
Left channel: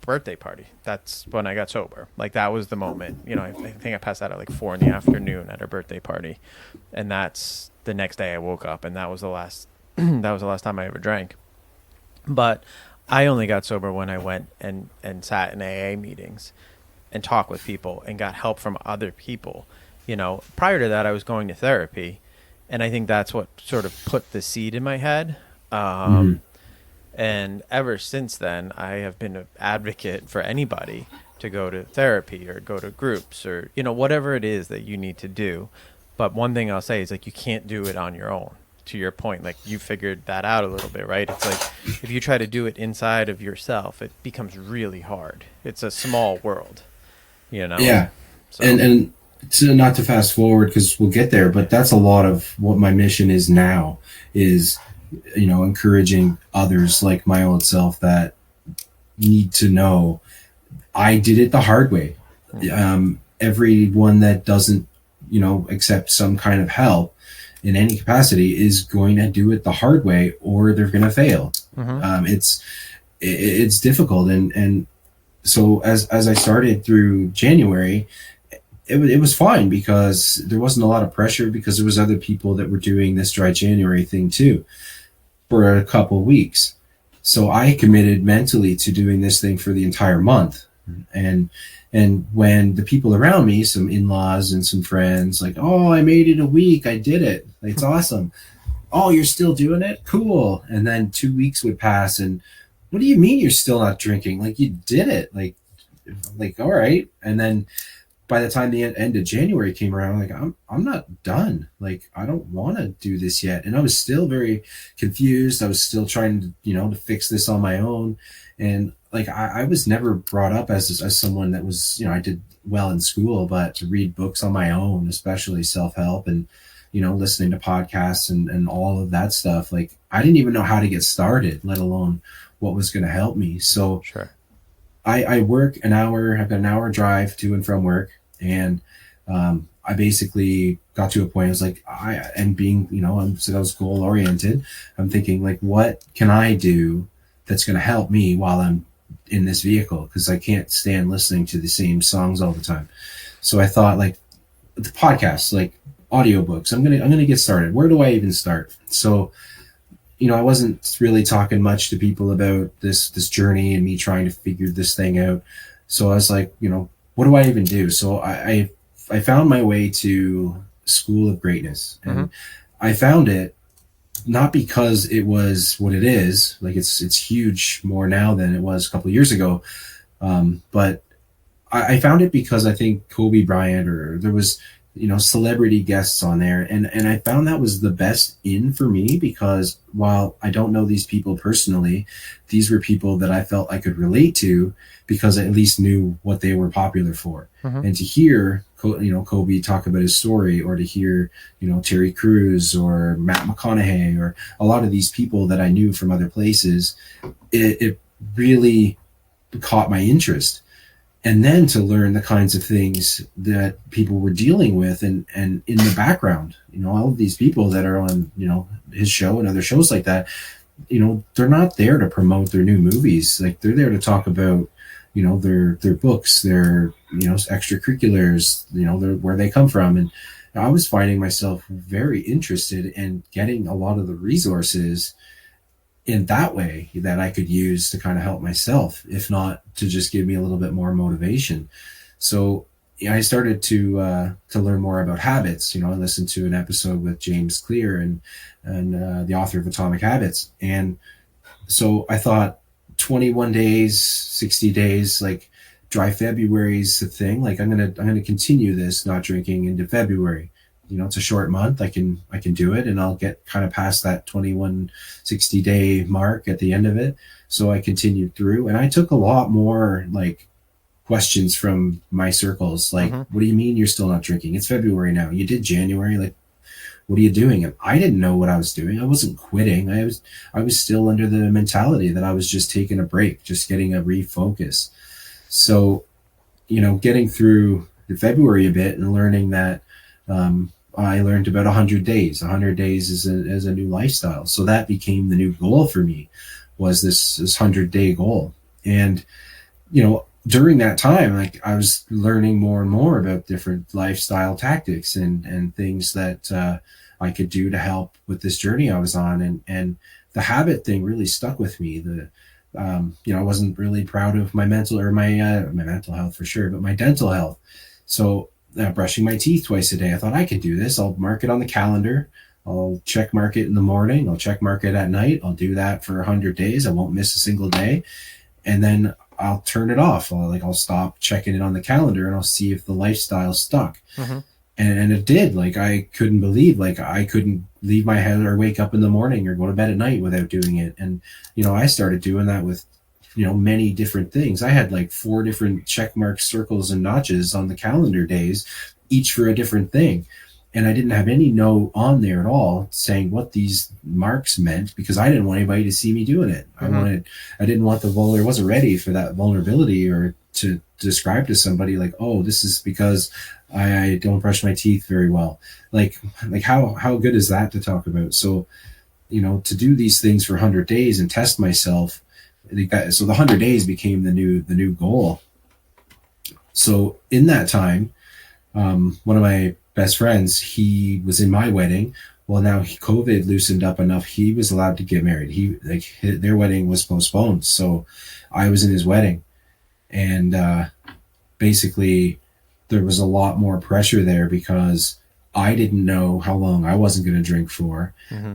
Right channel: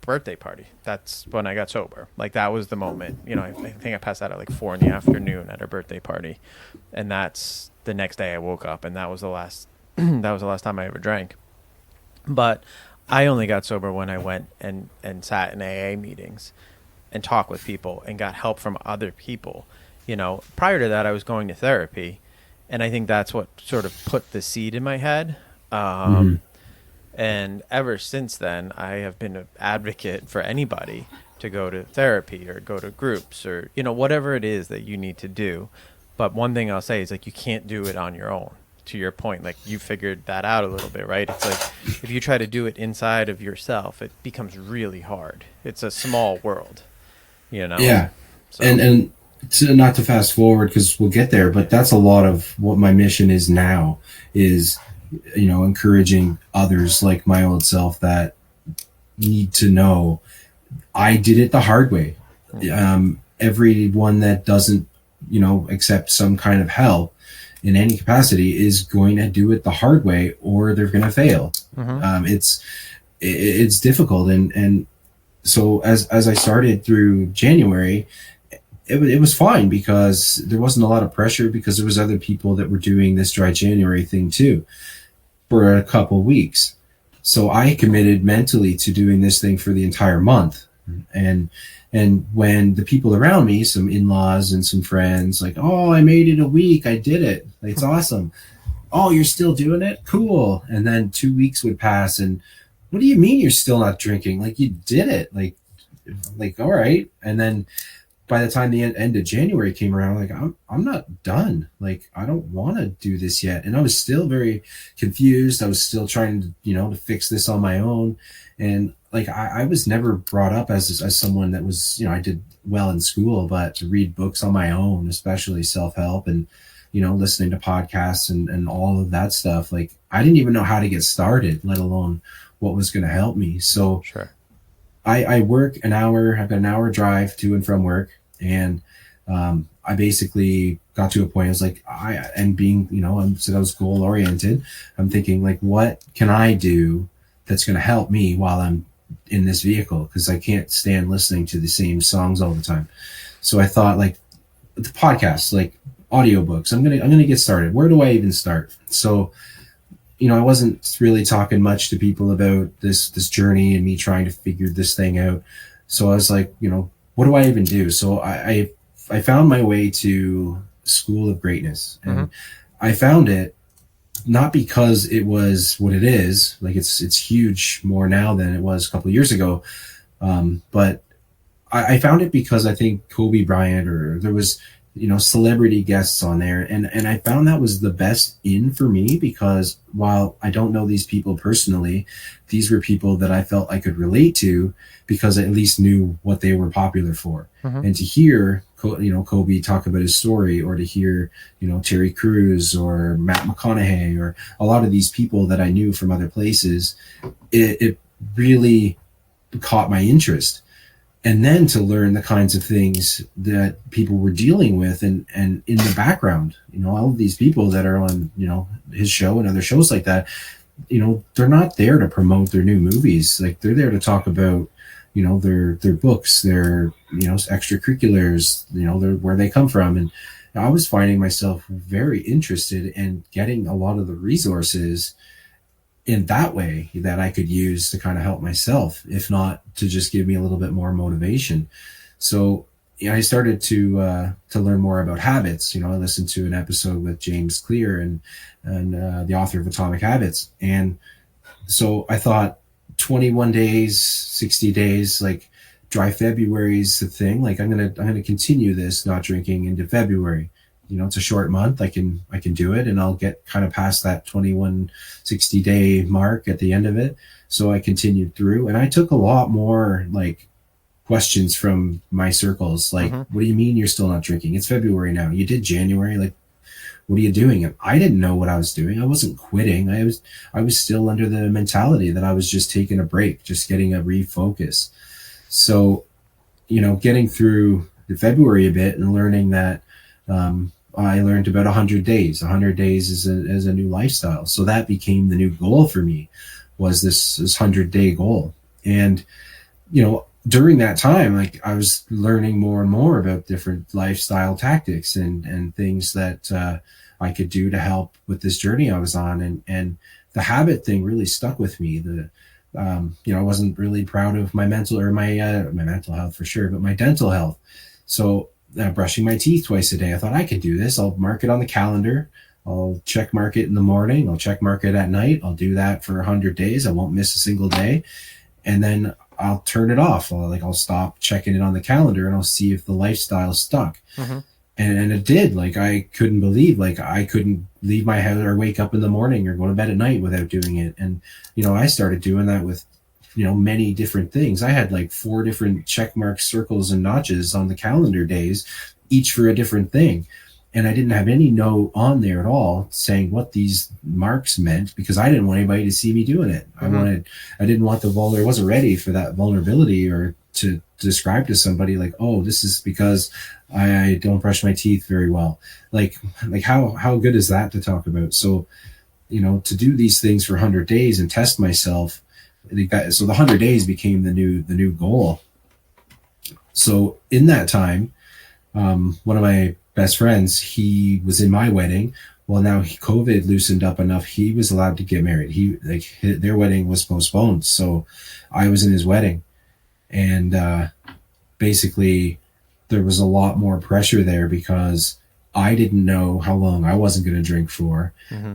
birthday party. That's when I got sober. Like that was the moment. I think I passed out at like 4 p.m. at her birthday party. And that's the next day I woke up, and that was the last time I ever drank. But I only got sober when I went and sat in AA meetings and talked with people and got help from other people. Prior to that, I was going to therapy, and I think that's what sort of put the seed in my head. And ever since then, I have been an advocate for anybody to go to therapy or go to groups or, whatever it is that you need to do. But one thing I'll say is like, you can't do it on your own. To your point, like you figured that out a little bit, right? It's like if you try to do it inside of yourself, it becomes really hard. It's a small world, Yeah. So. And to not to fast forward because we'll get there, but that's a lot of what my mission is now is, encouraging others like my old self that need to know I did it the hard way. Everyone that doesn't, accept some kind of help in any capacity is going to do it the hard way or they're going to fail. It's difficult. And so as I started through January, it was fine because there wasn't a lot of pressure because there was other people that were doing this dry January thing too for a couple of weeks. So I committed mentally to doing this thing for the entire month. And when the people around me, some in-laws and some friends, like, oh, I made it a week. I did it. It's awesome. Oh, you're still doing it? Cool. And then 2 weeks would pass. And what do you mean you're still not drinking? Like you did it. Like, all right. And then by the time the end of January came around, like, I'm not done. Like, I don't want to do this yet. And I was still very confused. I was still trying to, to fix this on my own. And like, I was never brought up as someone that was, I did well in school, but to read books on my own, especially self-help and, listening to podcasts and all of that stuff. Like, I didn't even know how to get started, let alone what was going to help me. So sure. I work an hour, I've got an hour drive to and from work. And I basically got to a point, I was like, so I was goal oriented. I'm thinking like, what can I do that's going to help me while I'm in this vehicle? Because I can't stand listening to the same songs all the time. So I thought like the podcasts, like audiobooks, I'm going to get started. Where do I even start? So, I wasn't really talking much to people about this journey and me trying to figure this thing out. So I was like, what do I even do? So I found my way to School of Greatness, and I found it not because it was what it is. Like it's huge more now than it was a couple of years ago. But I found it because I think Kobe Bryant, or there was, celebrity guests on there. And I found that was the best in for me, because while I don't know these people personally, these were people that I felt I could relate to, because I at least knew what they were popular for. Mm-hmm. And to hear, Kobe talk about his story, or to hear, Terry Crews or Matt McConaughey, or a lot of these people that I knew from other places, it really caught my interest. And then to learn the kinds of things that people were dealing with, and in the background, all of these people that are on, his show and other shows like that, they're not there to promote their new movies. Like, they're there to talk about, their books, their, extracurriculars, their, where they come from. And I was finding myself very interested in getting a lot of the resources in that way that I could use to kind of help myself, if not to just give me a little bit more motivation. So I started to learn more about habits. I listened to an episode with James Clear, and the author of Atomic Habits. And so I thought 21 days, 60 days, like dry February is the thing. Like, I'm gonna continue this not drinking into February. It's a short month. I can do it, and I'll get kind of past that 21, 60-day mark at the end of it. So I continued through, and I took a lot more like questions from my circles. Like, what do you mean you're still not drinking? It's February now. You did January. Like, what are you doing? And I didn't know what I was doing. I wasn't quitting. I was still under the mentality that I was just taking a break, just getting a refocus. So, getting through the February a bit and learning that, I learned about 100 days. 100 days is a new lifestyle. So that became the new goal for me, was this 100-day goal. And, during that time, like, I was learning more and more about different lifestyle tactics and things that I could do to help with this journey I was on. And the habit thing really stuck with me. I wasn't really proud of my mental, or my mental health for sure, but my dental health. So brushing my teeth twice a day, I thought, I could do this. I'll mark it on the calendar. I'll check mark it in the morning. I'll check mark it at night. I'll do that for 100 days. I won't miss a single day. And then I'll turn it off. I'll stop checking it on the calendar, and I'll see if the lifestyle stuck. And it did. Like, I couldn't believe, like, I couldn't leave my house or wake up in the morning or go to bed at night without doing it. And, I started doing that with, many different things. I had like 4 different check marks, circles, and notches on the calendar days, each for a different thing. And I didn't have any note on there at all saying what these marks meant, because I didn't want anybody to see me doing it. I didn't want I wasn't ready for that vulnerability, or to describe to somebody like, oh, this is because I don't brush my teeth very well. Like how good is that to talk about? So, to do these things for 100 days and test myself, so the 100 days became the new goal. So in that time, one of my best friends, he was in my wedding. Well, now COVID loosened up enough. He was allowed to get married. Their wedding was postponed. So I was in his wedding, and basically there was a lot more pressure there, because I didn't know how long I wasn't going to drink for,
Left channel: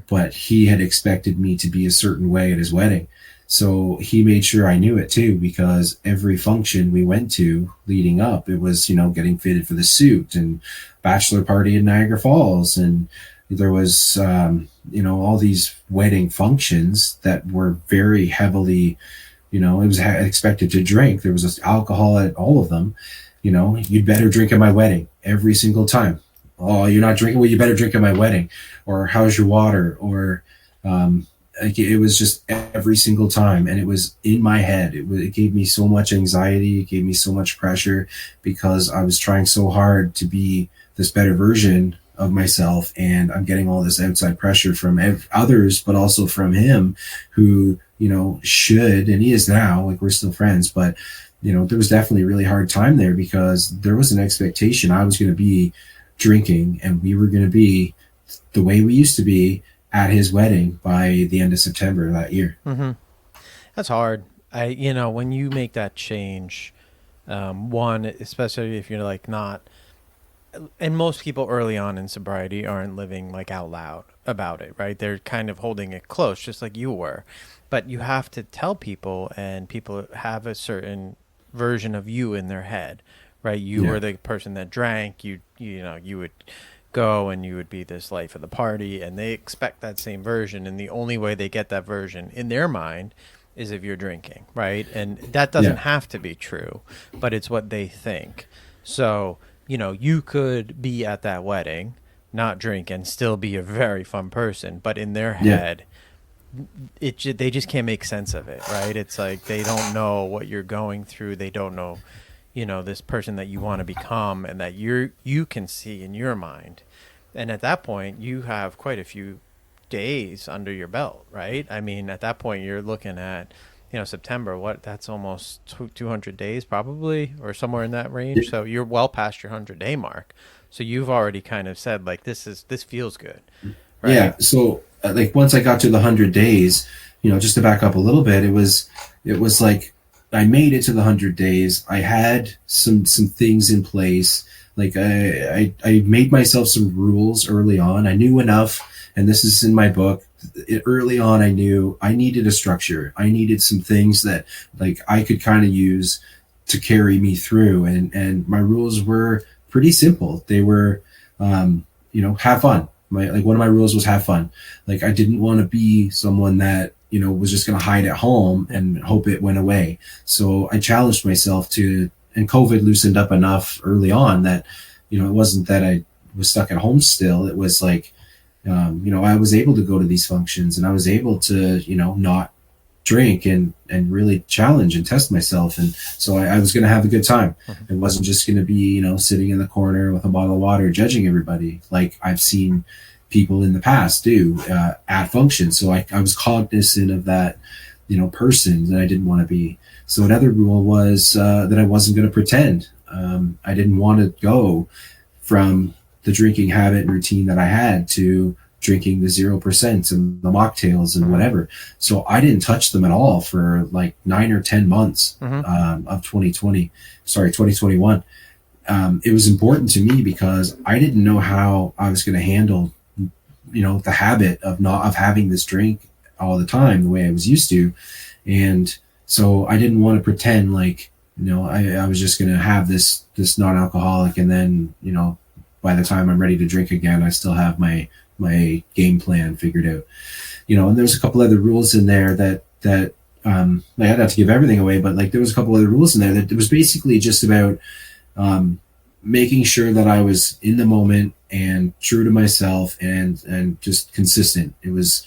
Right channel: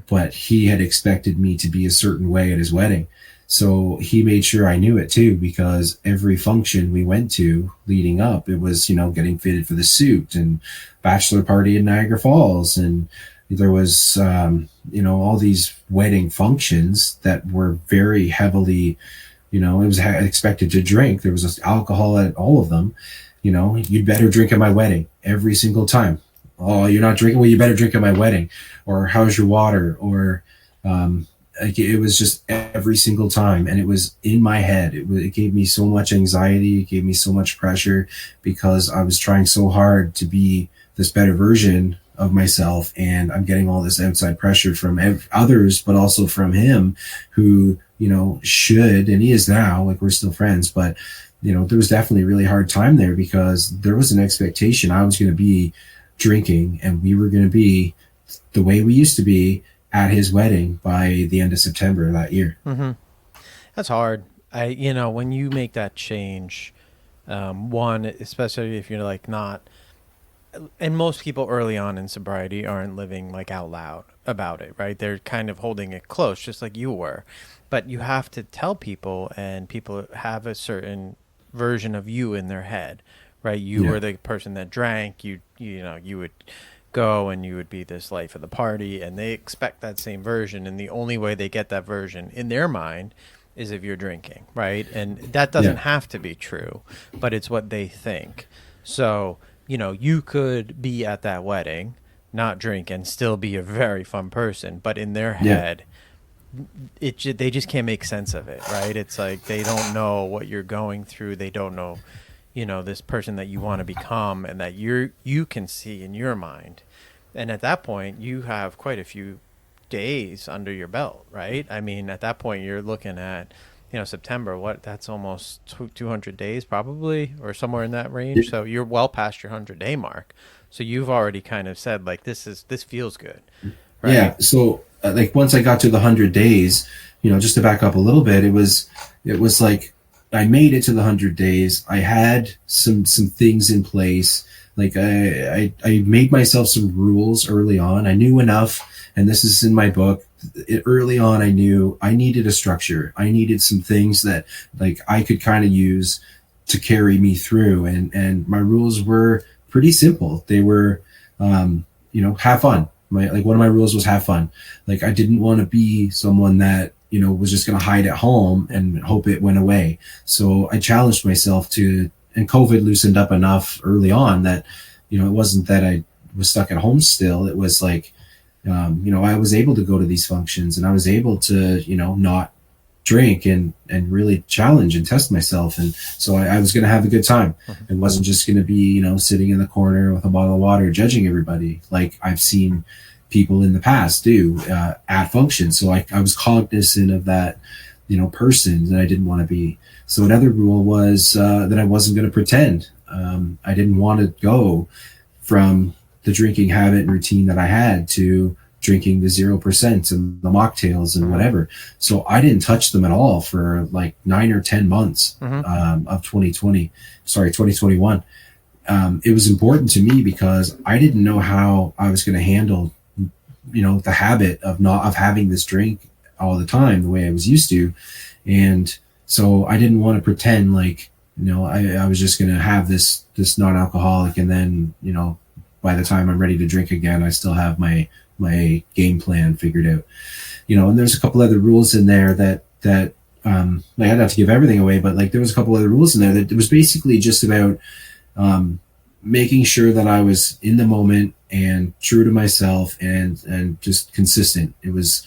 but he had expected me to be a certain way at his wedding. So he made sure I knew it too, because every function we went to leading up, it was, getting fitted for the suit, and bachelor party in Niagara Falls. And there was, all these wedding functions that were very heavily, it was expected to drink. There was alcohol at all of them. You'd better drink at my wedding every single time. Oh, you're not drinking? Well, you better drink at my wedding. Or how's your water? Or, like, it was just every single time, and it was in my head. It gave me so much anxiety. It gave me so much pressure, because I was trying so hard to be this better version of myself, and I'm getting all this outside pressure from others, but also from him, who should, and he is now, like, we're still friends, but there was definitely a really hard time there, because there was an expectation I was going to be drinking, and we were going to be the way we used to be at his wedding by the end of September that year. That's hard. When you make that change, one, especially if you're like not, and most people early on in sobriety aren't living like out loud about it, right? They're kind of holding it close, just like you were. But you have to tell people, and people have a certain version of you in their head, right? You Yeah. were the person that drank. You would go and you would be this life of the party, and they expect that same version. And the only way they get that version in their mind is if you're drinking, right? And that doesn't Yeah. have to be true, but it's what they think. So, you could be at that wedding, not drink, and still be a very fun person, but in their Yeah. head, they just can't make sense of it, right? It's like they don't know what you're going through. They don't know, this person that you want to become and that you can see in your mind. And at that point, you have quite a few days under your belt, right? I mean, at that point, you're looking at, September, that's almost 200 days probably, or somewhere in that range. So you're well past your 100-day mark. So you've already kind of said, like, this feels good, right? Yeah. So like once I got to the 100 days, just to back up a little bit, it was like I made it to the 100 days. I had some things in place. Like I made myself some rules early on. I knew enough, and this is in my book. Early on, I knew I needed a structure. I needed some things that like I could kind of use to carry me through. And my rules were pretty simple. They were, have fun. One of my rules was have fun. Like I didn't want to be someone that was just going to hide at home and hope it went away. So I challenged myself to, and COVID loosened up enough early on that it wasn't that I was stuck at home still. It was like I was able to go to these functions and I was able to not drink and really challenge and test myself. And so I was going to have a good time. It wasn't just going to be sitting in the corner with a bottle of water judging everybody like I've seen people in the past do at functions. So I was cognizant of that person that I didn't want to be. So another rule was that I wasn't going to pretend. I didn't want to go from the drinking habit and routine that I had to drinking the 0% and the mocktails and whatever. So I didn't touch them at all for like 9 or 10 months of 2021. It was important to me because I didn't know how I was going to handle, the habit of having this drink all the time, the way I was used to. And so I didn't want to pretend like, I was just going to have this non-alcoholic. And then, by the time I'm ready to drink again, I still have my game plan figured out, and there's a couple other rules in there that I had not to give everything away, but like there was a couple other rules in there that it was basically just about making sure that I was in the moment and true to myself and just consistent. It was,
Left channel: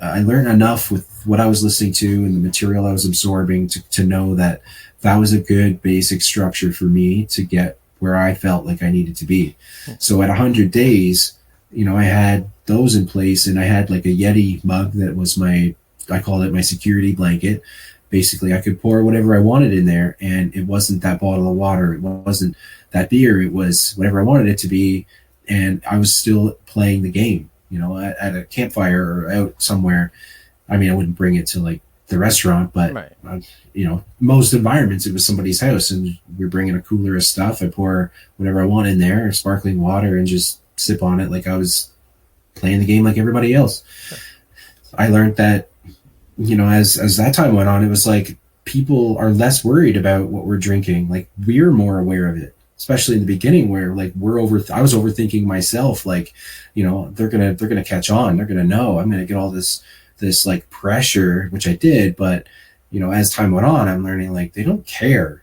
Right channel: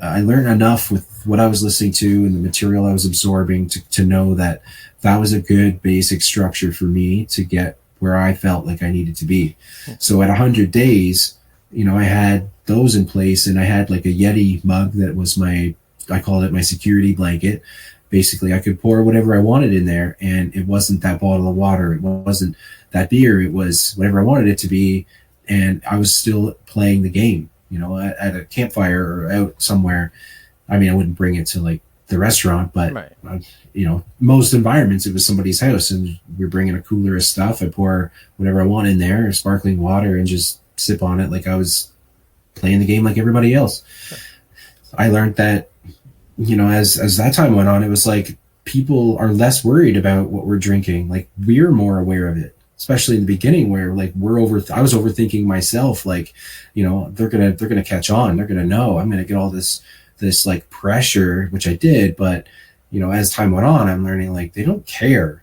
I learned enough with what I was listening to and the material I was absorbing to know that was a good basic structure for me to get where I felt like I needed to be. So at 100 days, I had those in place, and I had like a Yeti mug that was I called it my security blanket. Basically, I could pour whatever I wanted in there, and it wasn't that bottle of water. It wasn't that beer. It was whatever I wanted it to be. And I was still playing the game, at a campfire or out somewhere. I mean, I wouldn't bring it to like the restaurant, but Right. Most environments, it was somebody's house and we're bringing a cooler of stuff. I pour whatever I want in there, sparkling water, and just sip on it like I was playing the game like everybody else. Sure. I learned that, as that time went on, it was like people are less worried about what we're drinking. Like we're more aware of it, especially in the beginning where like I was overthinking myself. Like, they're going to catch on. They're going to know I'm going to get all this like pressure, which I did. But, as time went on, I'm learning like they don't care.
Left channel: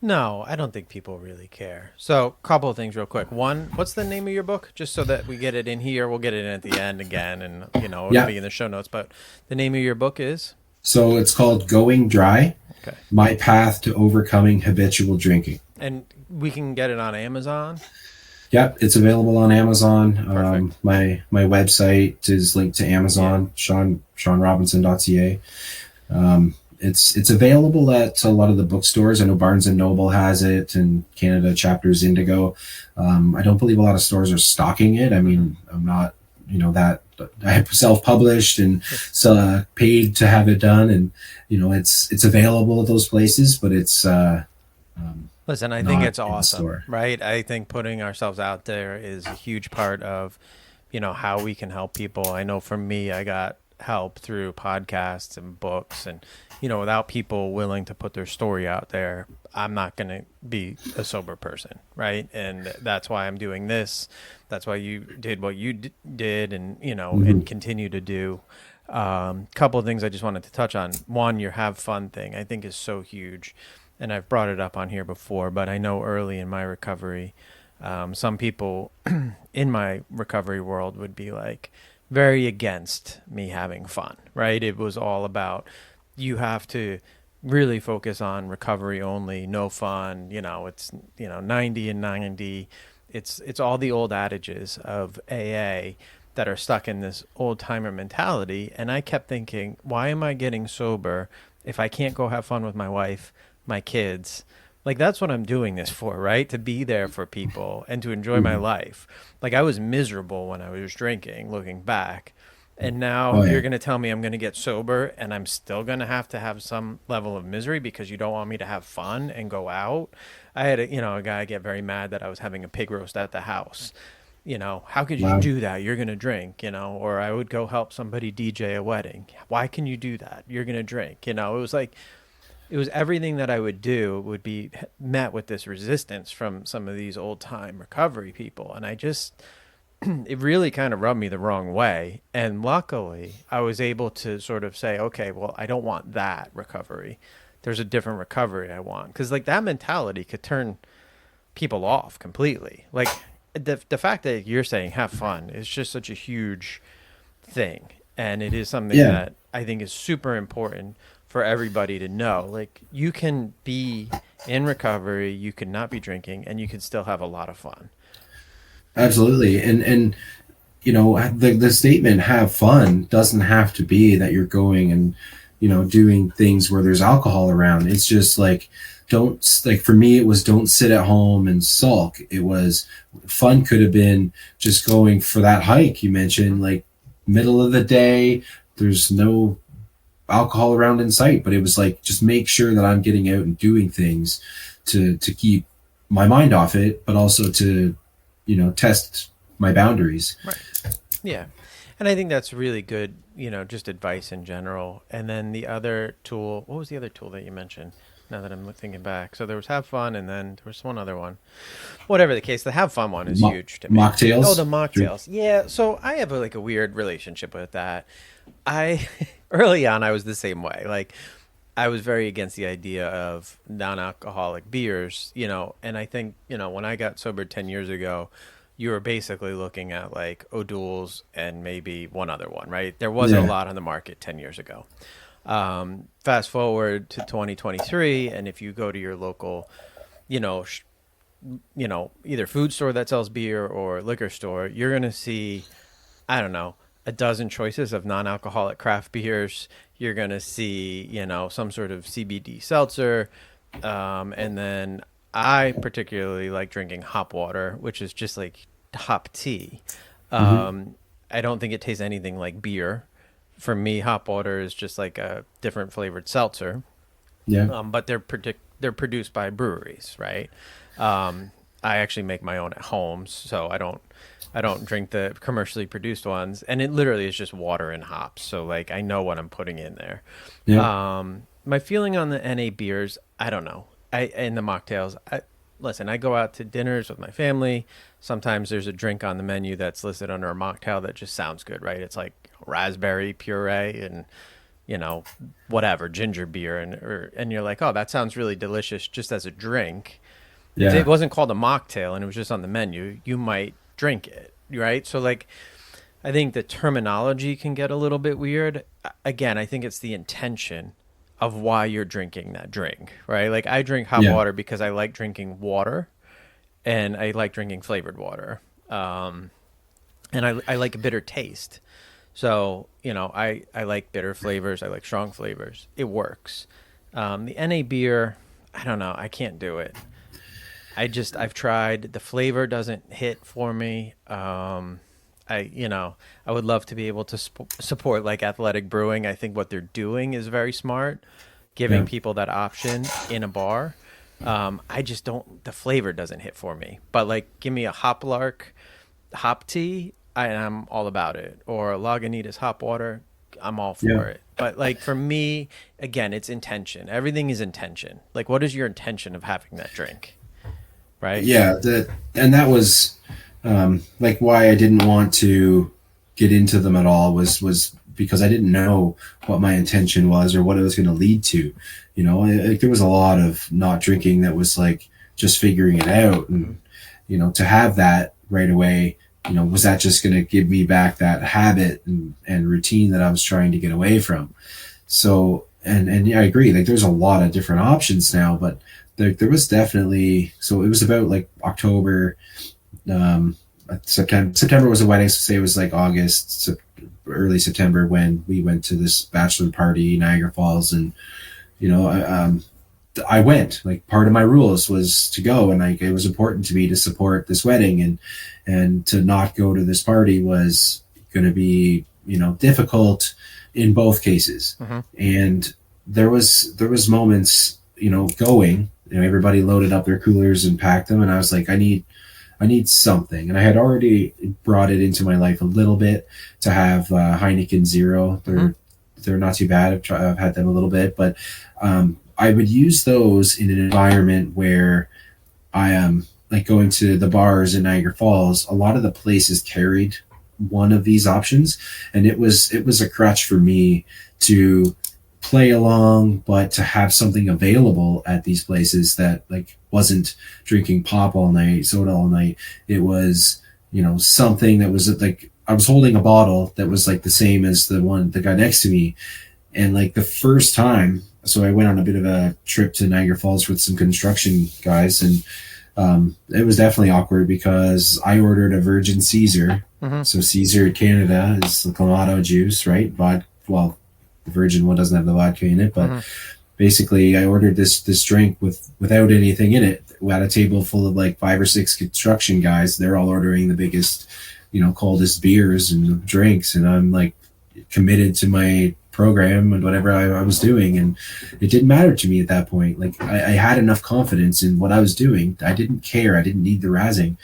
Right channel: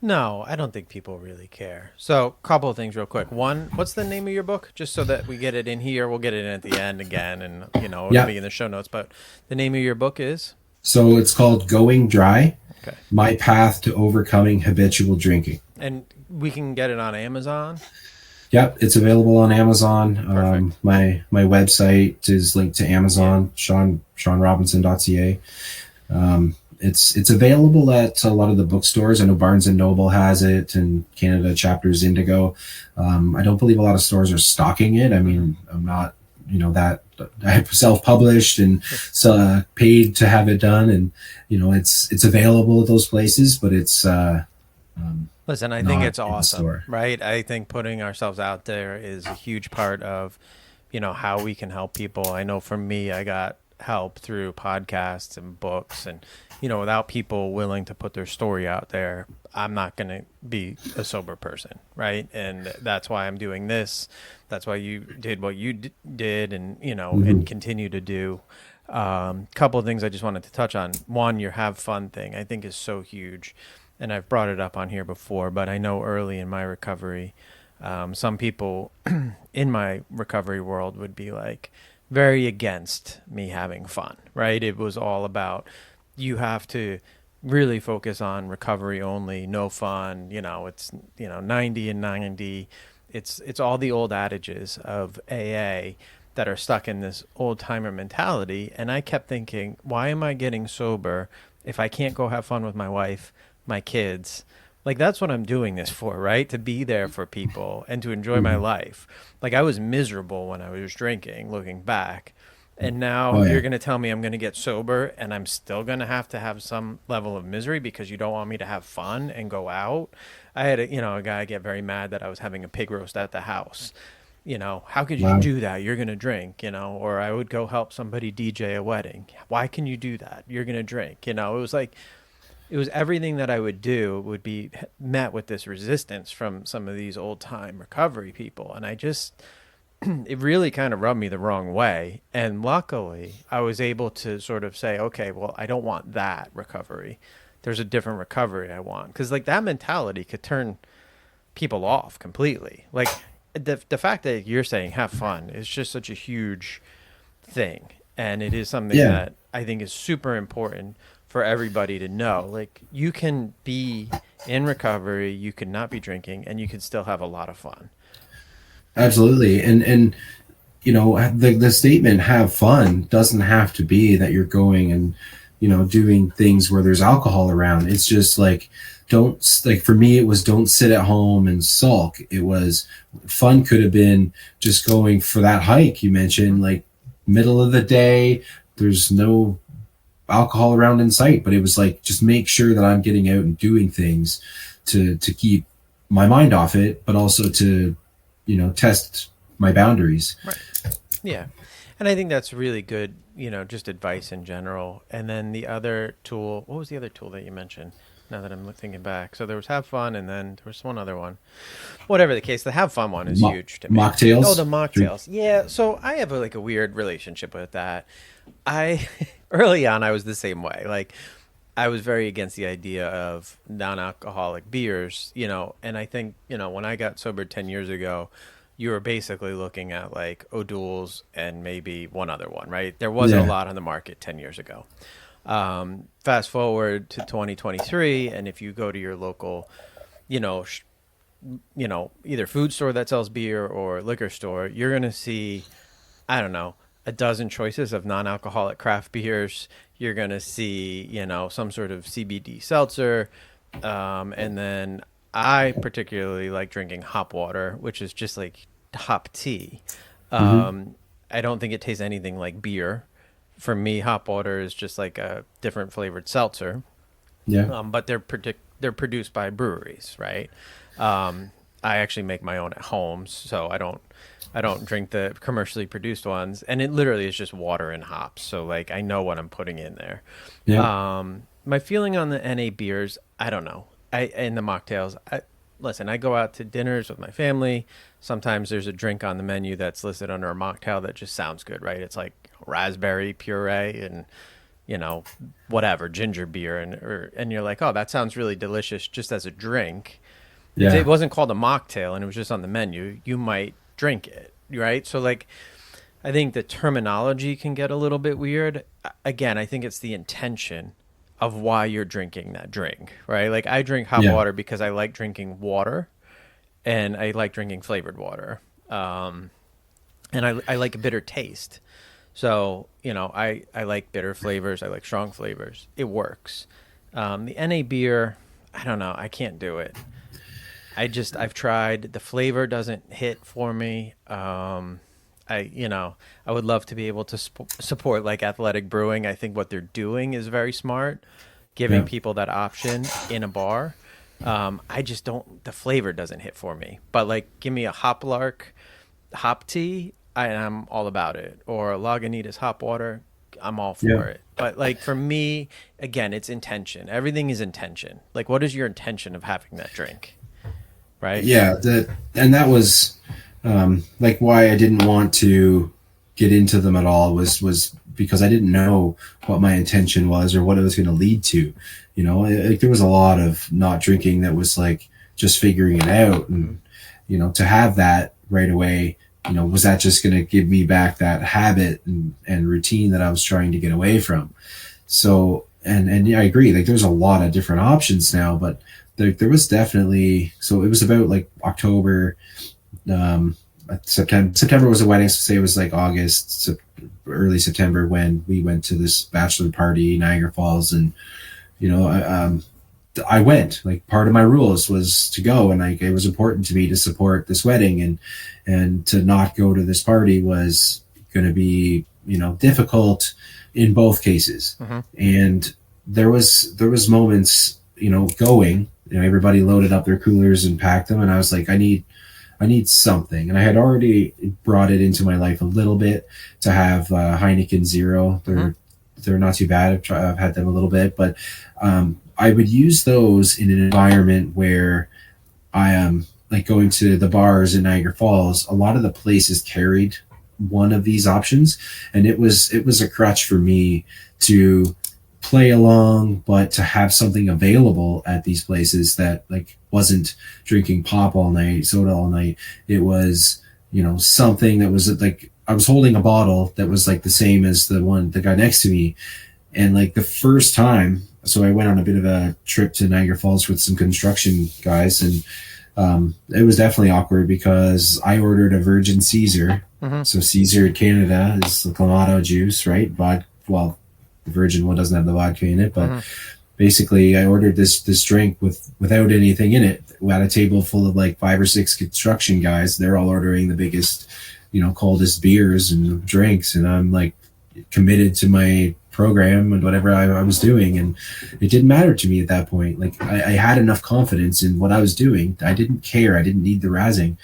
No, I don't think people really care. So a couple of things real quick. One, what's the name of your book? Just so that we get it in here. We'll get it in at the end again, and, it'll be in the show notes. But the name of your book is? So it's called Going Dry, Okay. My Path to Overcoming Habitual Drinking. And we can get it on Amazon? Yep, it's available on Amazon. Perfect. My website is linked to Amazon, seanrobinson.ca. It's available at a lot of the bookstores. I know Barnes and Noble has it, and Canada Chapters Indigo. I don't believe a lot of stores are stocking it. I mean, I'm not, that I have self-published and paid to have it done, and it's available at those places, but it's. Listen, I think it's awesome, right? I think putting ourselves out there is a huge part of, how we can help people. I know for me, I got help through podcasts and books, and without people willing to put their story out there, I'm not going to be a sober person, right? And that's why I'm doing this. That's why you did what you did, and and continue to do. Couple of things I just wanted to touch on. One, your have fun thing I think is so huge, and I've brought it up on here before, but I know early in my recovery, some people in my recovery world would be like very against me having fun, right? It was all about, you have to really focus on recovery only, no fun, it's 90 and 90. It's all the old adages of AA that are stuck in this old timer mentality. And I kept thinking, why am I getting sober if I can't go have fun with my wife, my kids? Like, that's what I'm doing this for, right? To be there for people and to enjoy my life. Like, I was miserable when I was drinking, looking back. And now you're going to tell me I'm going to get sober and I'm still going to have some level of misery because you don't want me to have fun and go out. I had a guy get very mad that I was having a pig roast at the house. How could you do that? You're going to drink, or I would go help somebody DJ a wedding. Why can you do that? You're going to drink. It was like, it was everything that I would do would be met with this resistance from some of these old time recovery people. And I just, it really kind of rubbed me the wrong way. And luckily I was able to sort of say, okay, well, I don't want that recovery. There's a different recovery I want. 'Cause like that mentality could turn people off completely. Like the fact that you're saying have fun is just such a huge thing. And it is something that I think is super important for everybody to know. Like, you can be in recovery, you can not be drinking, and you can still have a lot of fun. Absolutely. And the statement have fun doesn't have to be that you're going and doing things where there's alcohol around. It's just like, for me it was, don't sit at home and sulk. It was, fun could have been just going for that hike you mentioned, like middle of the day, there's no alcohol around in sight, but it was like, just make sure that I'm getting out and doing things to keep my mind off it, but also to test my boundaries. Right. Yeah. And I think that's really good, just advice in general. And then the other tool, what was the other tool that you mentioned? Now that I'm thinking back. So there was have fun, and then there was one other one. Whatever the case, the have fun one is huge to me. Mocktails? Oh, the mocktails. Yeah. So I have a weird relationship with that. Early on, I was the same way. Like, I was very against the idea of non-alcoholic beers, and I think, when I got sober 10 years ago, you were basically looking at like O'Doul's and maybe one other one, right? There wasn't a lot on the market 10 years ago. Fast forward to 2023, and if you go to your local, either food store that sells beer or liquor store, you're going to see, I don't know, a dozen choices of non-alcoholic craft beers. You're going to see, some sort of CBD seltzer. And then I particularly like drinking hop water, which is just like hop tea. I don't think it tastes anything like beer. For me, hop water is just like a different flavored seltzer. Yeah. But they're produced by breweries, right? I actually make my own at home, so I don't drink the commercially produced ones, and it literally is just water and hops. So like, I know what I'm putting in there. Yeah. My feeling on the NA beers, I don't know. And the mocktails, listen, I go out to dinners with my family. Sometimes there's a drink on the menu that's listed under a mocktail that just sounds good, right? It's like raspberry puree and, whatever, ginger beer. And you're like, oh, that sounds really delicious just as a drink. Yeah. If it wasn't called a mocktail and it was just on the menu, you might drink it, right? So like, I think the terminology can get a little bit weird. Again, I think it's the intention of why you're drinking that drink, right? Like, I drink hot water because I like drinking water, and I like drinking flavored water. And I like a bitter taste. So, I like bitter flavors. I like strong flavors. It works. The NA beer, I don't know. I can't do it. I've tried. The flavor doesn't hit for me. I would love to be able to support like Athletic Brewing. I think what they're doing is very smart, giving people that option in a bar. I just don't, the flavor doesn't hit for me. But like, give me a Hoplark hop tea, I'm all about it. Or Lagunitas hop water, I'm all for it. But like for me, again, it's intention. Everything is intention. Like, what is your intention of having that drink? Right? Yeah, that was like why I didn't want to get into them at all was because I didn't know what my intention was or what it was going to lead to. You know, like there was a lot of not drinking that was like just figuring it out, and you know, to have that right away, you know, was that just going to give me back that habit and routine that I was trying to get away from? So, and yeah, I agree. Like there's a lot of different options now, but there was definitely, so it was about like October, September was a wedding. So say it was like August, early September when we went to this bachelor party, Niagara Falls. And, you know, I went, like part of my rules was to go, and like, it was important to me to support this wedding, and to not go to this party was going to be, you know, difficult in both cases. And there was moments, you know, going, you know, everybody loaded up their coolers and packed them. And I was like, I need something. And I had already brought it into my life a little bit to have Heineken Zero. They're not too bad. I've had them a little bit, but I would use those in an environment where I am like going to the bars in Niagara Falls. A lot of the places carried one of these options, and it was a crutch for me to play along, but to have something available at these places that like wasn't drinking pop all night, soda all night. It was, you know, something that was like, I was holding a bottle that was like the same as the guy next to me. And like the first time, so I went on a bit of a trip to Niagara Falls with some construction guys, and it was definitely awkward because I ordered a Virgin Caesar. So Caesar in Canada is the Clamato juice, right? Well, the Virgin one doesn't have the vodka in it, but basically I ordered this drink without anything in it at a table full of like 5 or 6 construction guys. They're all ordering the biggest, you know, coldest beers and drinks, and I'm like committed to my program and whatever I was doing, and it didn't matter to me at that point. Like I had enough confidence in what I was doing. I didn't care. I didn't need the razzing.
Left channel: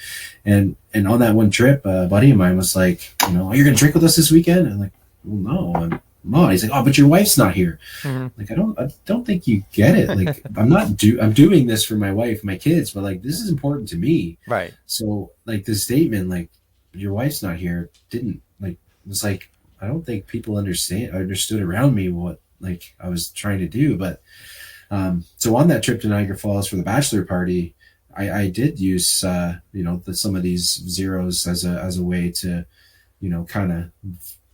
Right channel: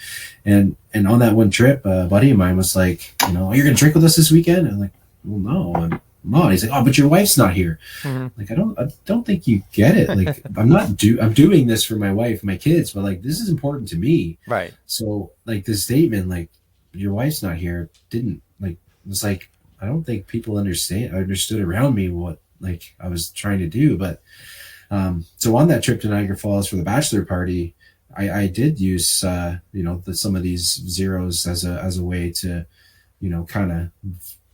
And on that one trip, a buddy of mine was like, you know, you're gonna drink with us this weekend? I'm like, well, no, I'm not. He's like, oh, but your wife's not here. Like, I don't think you get it. Like, I'm doing this for my wife, my kids, but like, this is important to me. Right. So like this statement, like, your wife's not here, didn't like, was like, I don't think people understood around me what like I was trying to do. But so on that trip to Niagara Falls for the bachelor party, I did use you know, some of these zeros as a way to, you know, kind of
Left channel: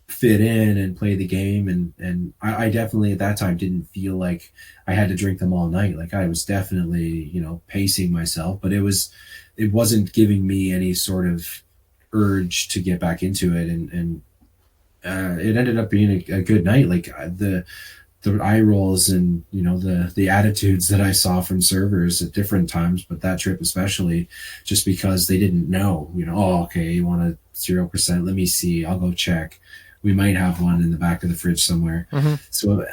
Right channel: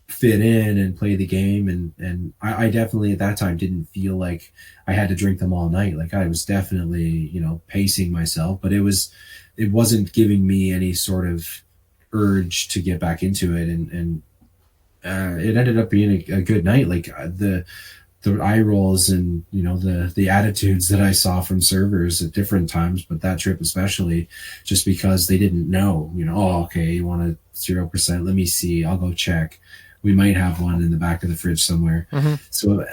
fit in and play the game. And I definitely at that time didn't feel like I had to drink them all night. Like I was definitely, you know, pacing myself, but it wasn't giving me any sort of urge to get back into it. And it ended up being a good night. Like the eye rolls and, you know, the attitudes that I saw from servers at different times, but that trip especially, just because they didn't know, you know, oh, okay, you want a 0%? Let me see. I'll go check. We might have one in the back of the fridge somewhere. So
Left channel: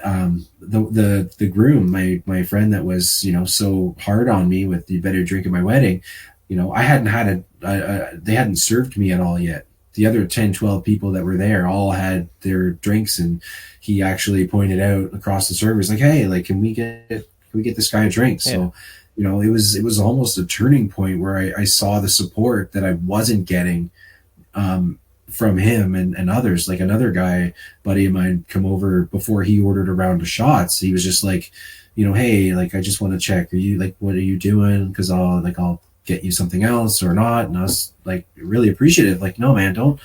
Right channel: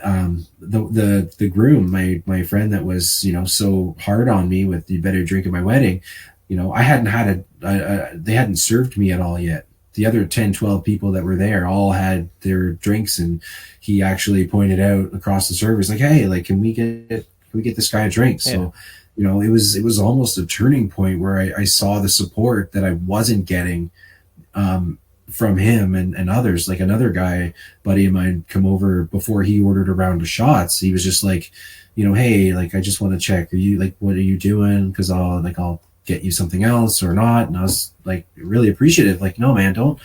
the groom, my friend that was, you know, so hard on me with the better drink at my wedding, you know, I hadn't had they hadn't served me at all yet. The other 10, 12 people that were there all had their drinks, and he actually pointed out across the servers, like, hey, like, can we get this guy a drink? Yeah. So, you know, it was almost a turning point where I saw the support that I wasn't getting from him and others. Like another guy, buddy of mine, come over before he ordered a round of shots. He was just like, you know, hey, like, I just want to check, are you, like, what are you doing? Because I'll get you something else or not. And I was like really appreciative. Like, no, man, don't,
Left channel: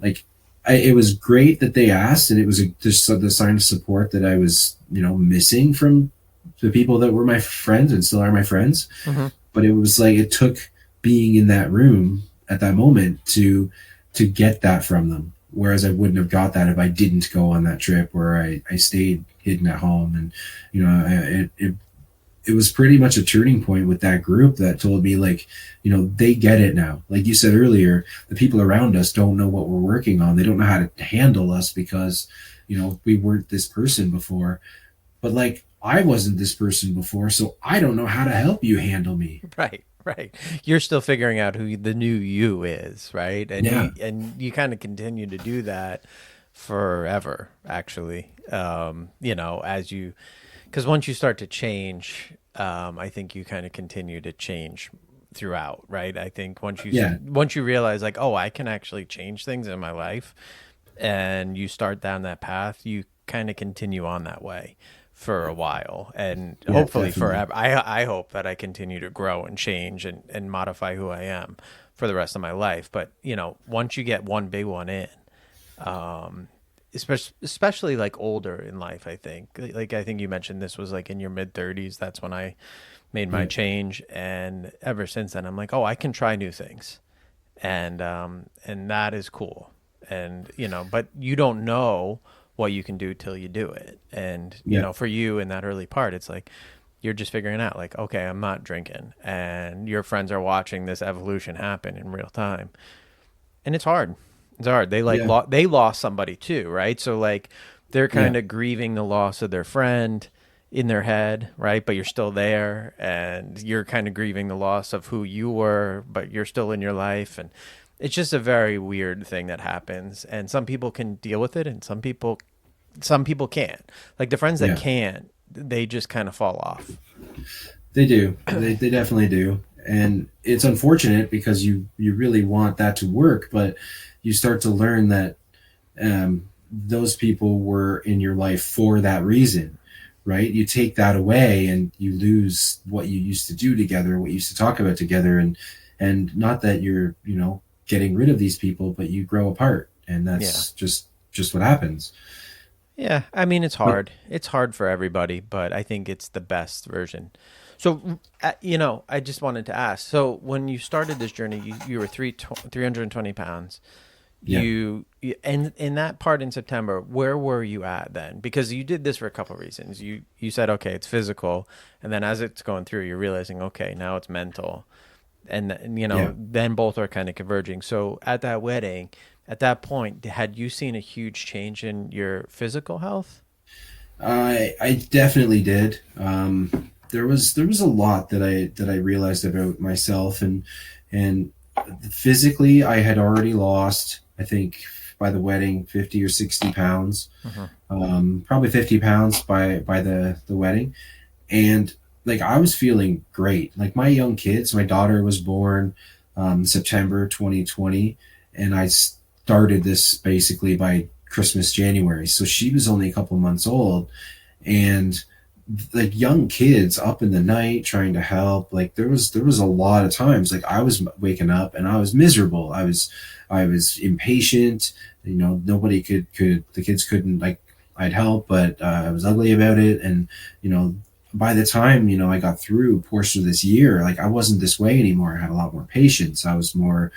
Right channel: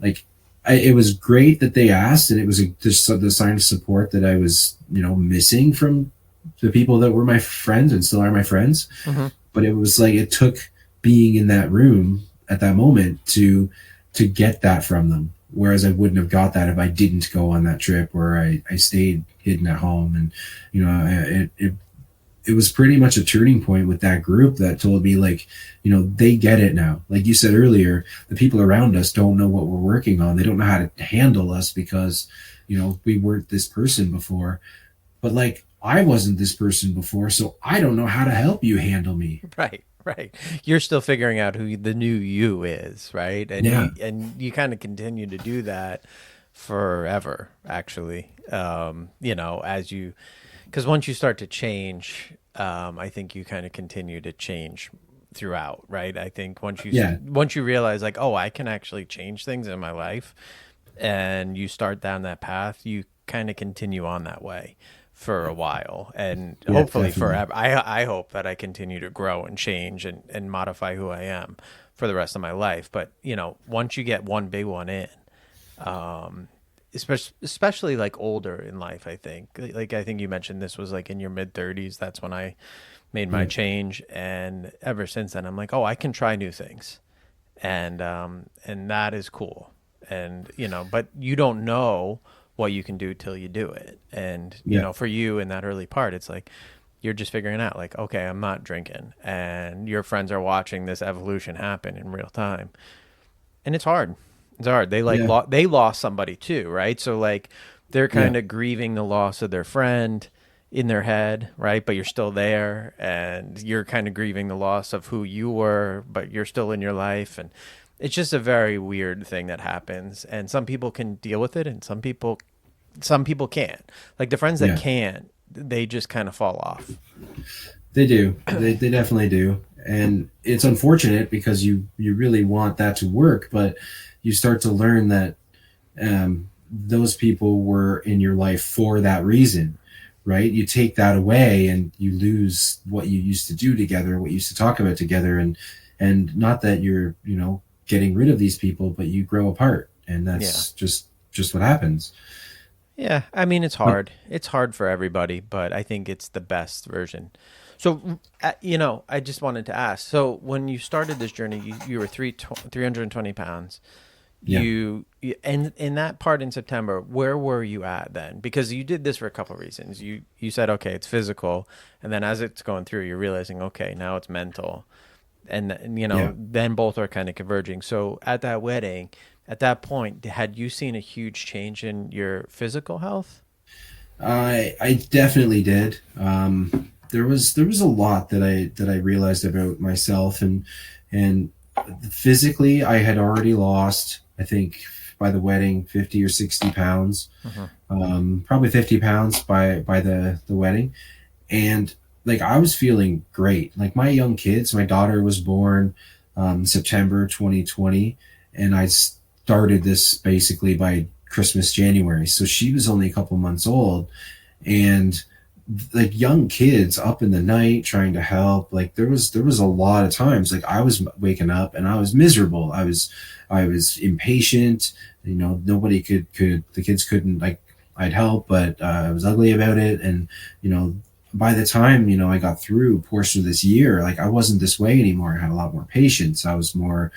like, it was great that they asked, and it was just the sign of support that I was, you know, missing from the people that were my friends and still are my friends. But it was like, it took being in that room at that moment to get that from them. Whereas I wouldn't have got that if I didn't go on that trip, where I stayed hidden at home. And, you know, it was pretty much a turning point with that group that told me, like, you know, they get it now. Like you said earlier, the people around us don't know what we're working on. They don't know how to handle us because, you know, we weren't this person before. But like, I wasn't this person before, so I don't know how to help you handle me. Right. You're still figuring out who the new you is, right? And yeah. you kind of continue to do that. forever, actually. Because once you start to change, I think you kind of continue to change throughout, right? I think Yeah, once you realize like, oh, I can actually change things in my life, and you start down that path, you kind of continue on that way for a while, and yeah, hopefully definitely. forever. I hope that I continue to grow and change and modify who I am for the rest of my life. But once you get one big one in, especially like older in life, I think, like I think you mentioned this was like in your mid 30s. That's when I made my Yeah, change, and ever since then I'm like, oh, I can try new things, and that is cool. And but you don't know what you can do till you do it. And yeah, for you in that early part, it's like you're just figuring out like, okay, I'm not drinking, and your friends are watching this evolution happen in real time, and it's hard. It's hard. They like yeah, they lost somebody too, right? So like they're yeah, kind of grieving the loss of their friend in their head, right? But you're still there, and you're kind of grieving the loss of who you were, but you're still in your life. And it's just a very weird thing that happens. And some people can deal with it, and some people can't. Like the friends that yeah. can't, they just kind of fall off. They do. They definitely do. And it's unfortunate because you really want that to work, but you start to learn that those people were in your life for that reason, right? You take that away and you lose what you used to do together, what you used to talk about together, and not that you're getting rid of these people, but you grow apart, and Yeah. that's just what happens. Yeah, I mean it's But hard. It's hard for everybody, but I think it's the best version. So, I just wanted to ask. So, when you started this journey, you were 320 pounds. yeah, And in that part in September, where were you at then? Because you did this for a couple of reasons. You said, okay, it's physical, and then as it's going through, you're realizing, okay, now it's mental, and yeah. then both are kind of converging. So at that wedding, at that point, had you seen a huge change in your physical health? I definitely did. There was a lot that I realized about myself, and physically I had already lost, I think, by the wedding 50 or 60 pounds, Hmm. probably 50 pounds by the wedding. And like I was feeling great. Like my young kids, my daughter was born September 2020, and I started this basically by Christmas January. So she was only a couple months old, and like young kids up in the night trying to help. Like there was a lot of times like I was waking up and I was miserable. I was impatient. Nobody could the kids couldn't, like, I'd help, but I was ugly about it. And you know by the time I got through a portion of this year, like I wasn't this way anymore. I had a lot more patience. I was more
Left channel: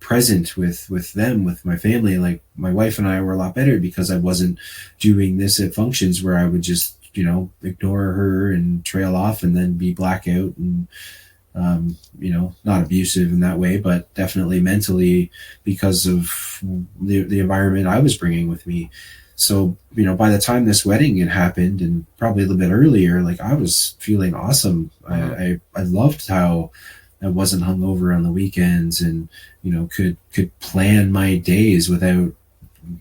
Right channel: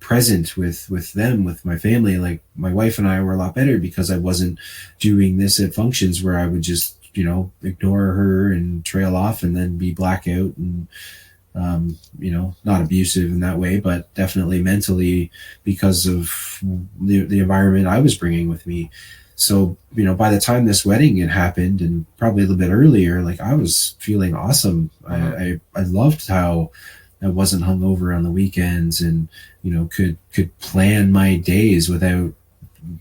present with them, with my family. Like my wife and I were a lot better because I wasn't doing this at functions where I would just ignore her and trail off and then be blackout and not abusive in that way, but definitely mentally because of the environment I was bringing with me. So, by the time this wedding had happened, and probably a little bit earlier, like I was feeling awesome. I, Hmm. I loved how I wasn't hungover on the weekends, and could plan my days without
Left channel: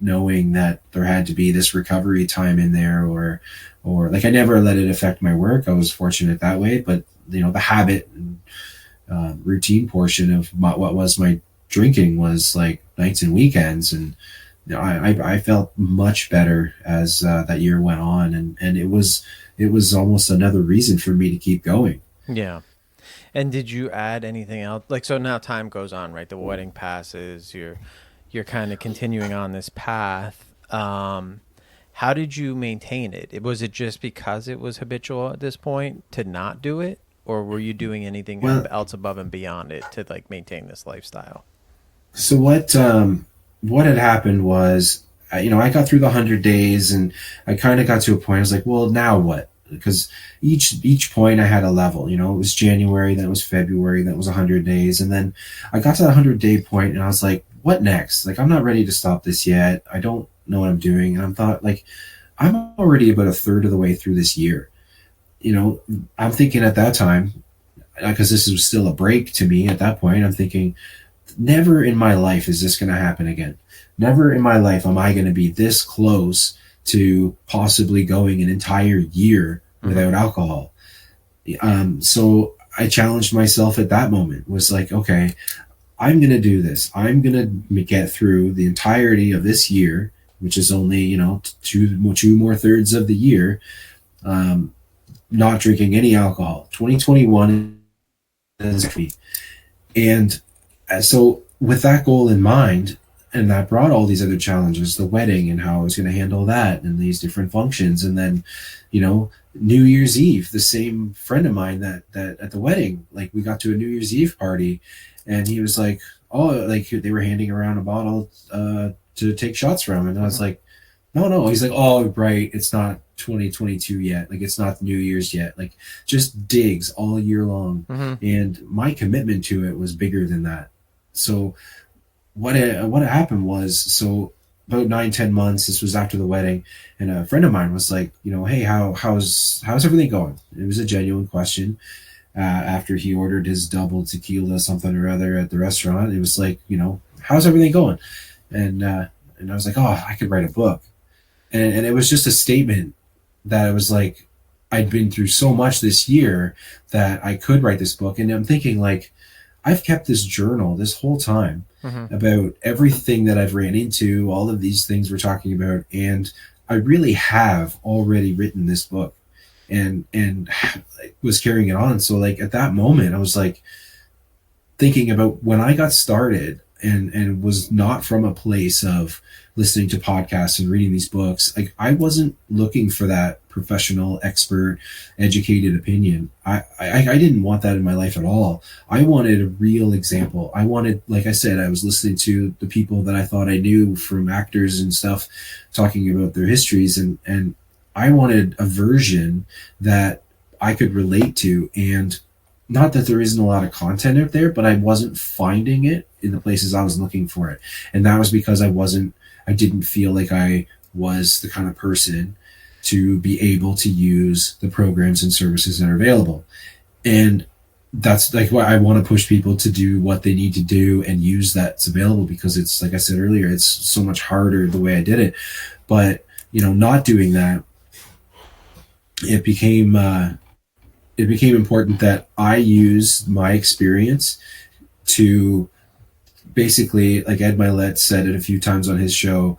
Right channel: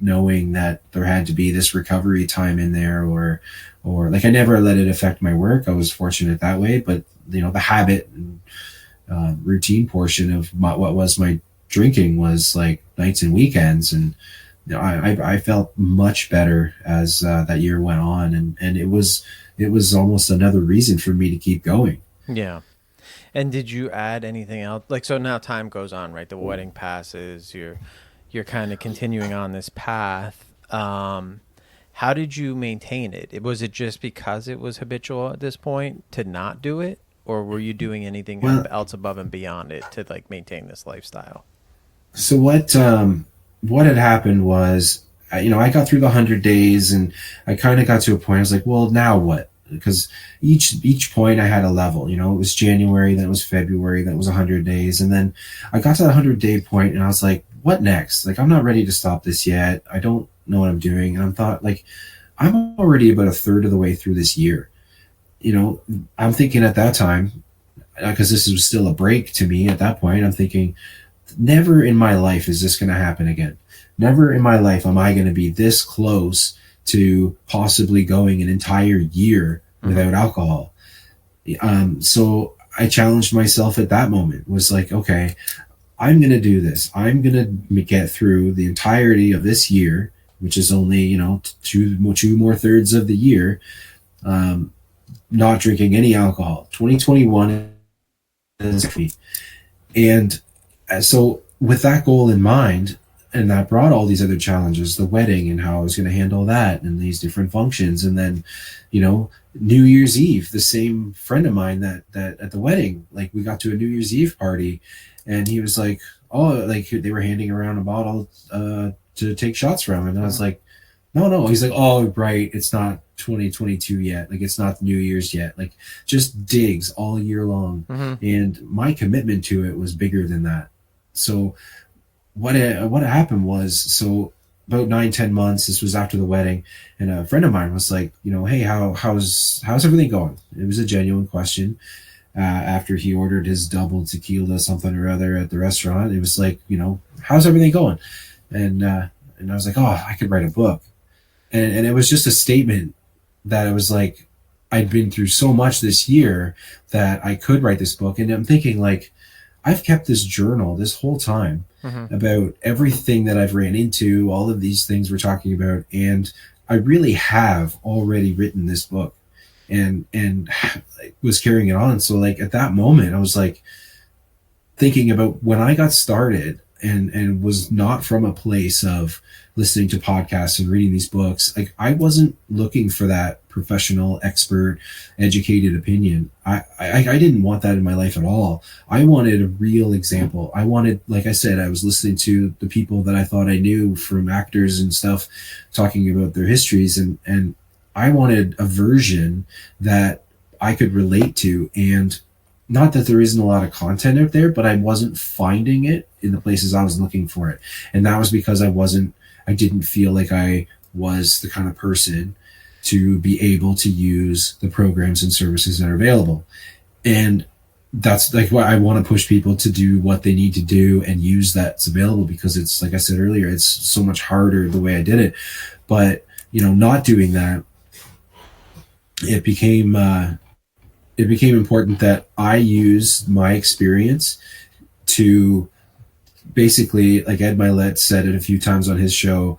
knowing that there had to be this recovery time in there, or like I never let it affect my work. I was fortunate that way, but the habit and routine portion of what was my drinking was like nights and weekends. And I felt much better as that year went on, and it was almost another reason for me to keep going. Yeah. And did you add anything else? Like, so now time goes on, right? The wedding passes. You're kind of continuing on this path. How did you maintain it? Was it just because it was habitual at this point to not do it, or were you doing anything Well, else above and beyond it to like maintain this lifestyle? so what had happened was, I got through the 100 days, and I kind of got to a point. I was like, well, now what? Because each point I had a level. It was January, then it was February, then it was 100 days, and then I got to that 100 day point, and I was like, what next? Like, I'm not ready to stop this yet. I don't know what I'm doing, and I'm thought like I'm already about a third of the way through this year. I'm thinking at that time, because this was still a break to me at that point. I'm thinking, never in my life is this going to happen again. never in my life am I going to be this close to possibly going an entire year without alcohol. So I challenged myself at that moment, was like, okay, I'm going to do this. I'm going to get through the entirety of this year, which is only, two more thirds of the year, not drinking any alcohol. 2021 is me. And so with that goal in mind, and that brought all these other challenges, the wedding and how I was going to handle that and these different functions. And then, New Year's Eve, the same friend of mine that at the wedding, like we got to a New Year's Eve party and he was like, oh, like they were handing around a bottle to take shots from. And I was like, no. He's like, oh, right. It's not 2022 yet. Like it's not New Year's yet. Like just digs all year long. And my commitment to it was bigger than that. So what happened was, so about 9-10 months, this was after the wedding, and a friend of mine was like, hey, how's everything going? It was a genuine question. After he ordered his double tequila something or other at the restaurant, it was like, how's everything going? And I was like, oh, I could write a book. And it was just a statement that it was like, I'd been through so much this year that I could write this book. And I'm thinking, like, I've kept this journal this whole time about everything that I've ran into, all of these things we're talking about. And I really have already written this book and was carrying it on. So like at that moment, I was like thinking about when I got started and was not from a place of listening to podcasts and reading these books. Like I wasn't looking for that professional, expert, educated opinion. I didn't want that in my life at all. I wanted a real example. I wanted, like I said, I was listening to the people that I thought I knew from actors and stuff talking about their histories, and I wanted a version that I could relate to. And not that there isn't a lot of content out there, but I wasn't finding it in the places I was looking for it. And that was because I didn't feel like I was the kind of person to be able to use the programs and services that are available. And that's like why I want to push people to do what they need to do and use that's available, because it's, like I said earlier, it's so much harder the way I did it. But, not doing that, it became important that I use my experience to basically, like Ed Milet said it a few times on his show,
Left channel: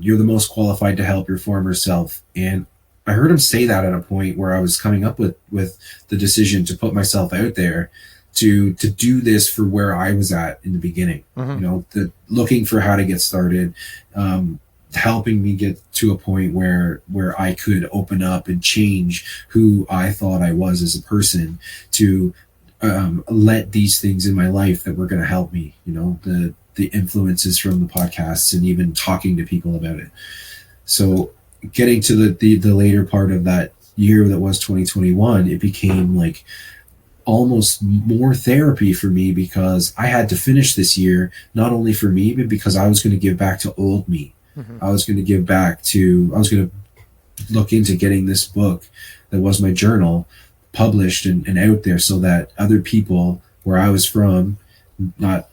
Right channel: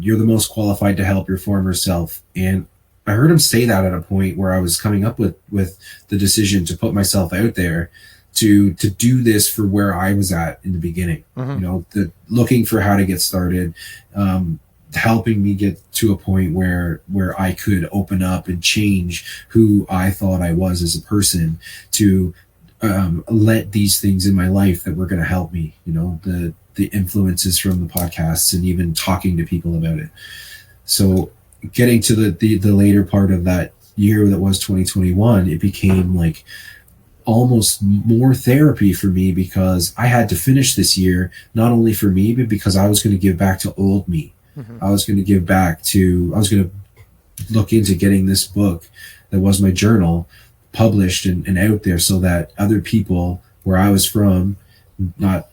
you're the most qualified to help your former self. And I heard him say that at a point where I was coming up with the decision to put myself out there to do this for where I was at in the beginning, looking for how to get started, helping me get to a point where I could open up and change who I thought I was as a person, to let these things in my life that were going to help me, the influences from the podcasts and even talking to people about it. So getting to the later part of that year that was 2021, it became like almost more therapy for me, because I had to finish this year, not only for me, but because I was going to give back to old me. I was going to look into getting this book that was my journal published and out there, so that other people where I was from, not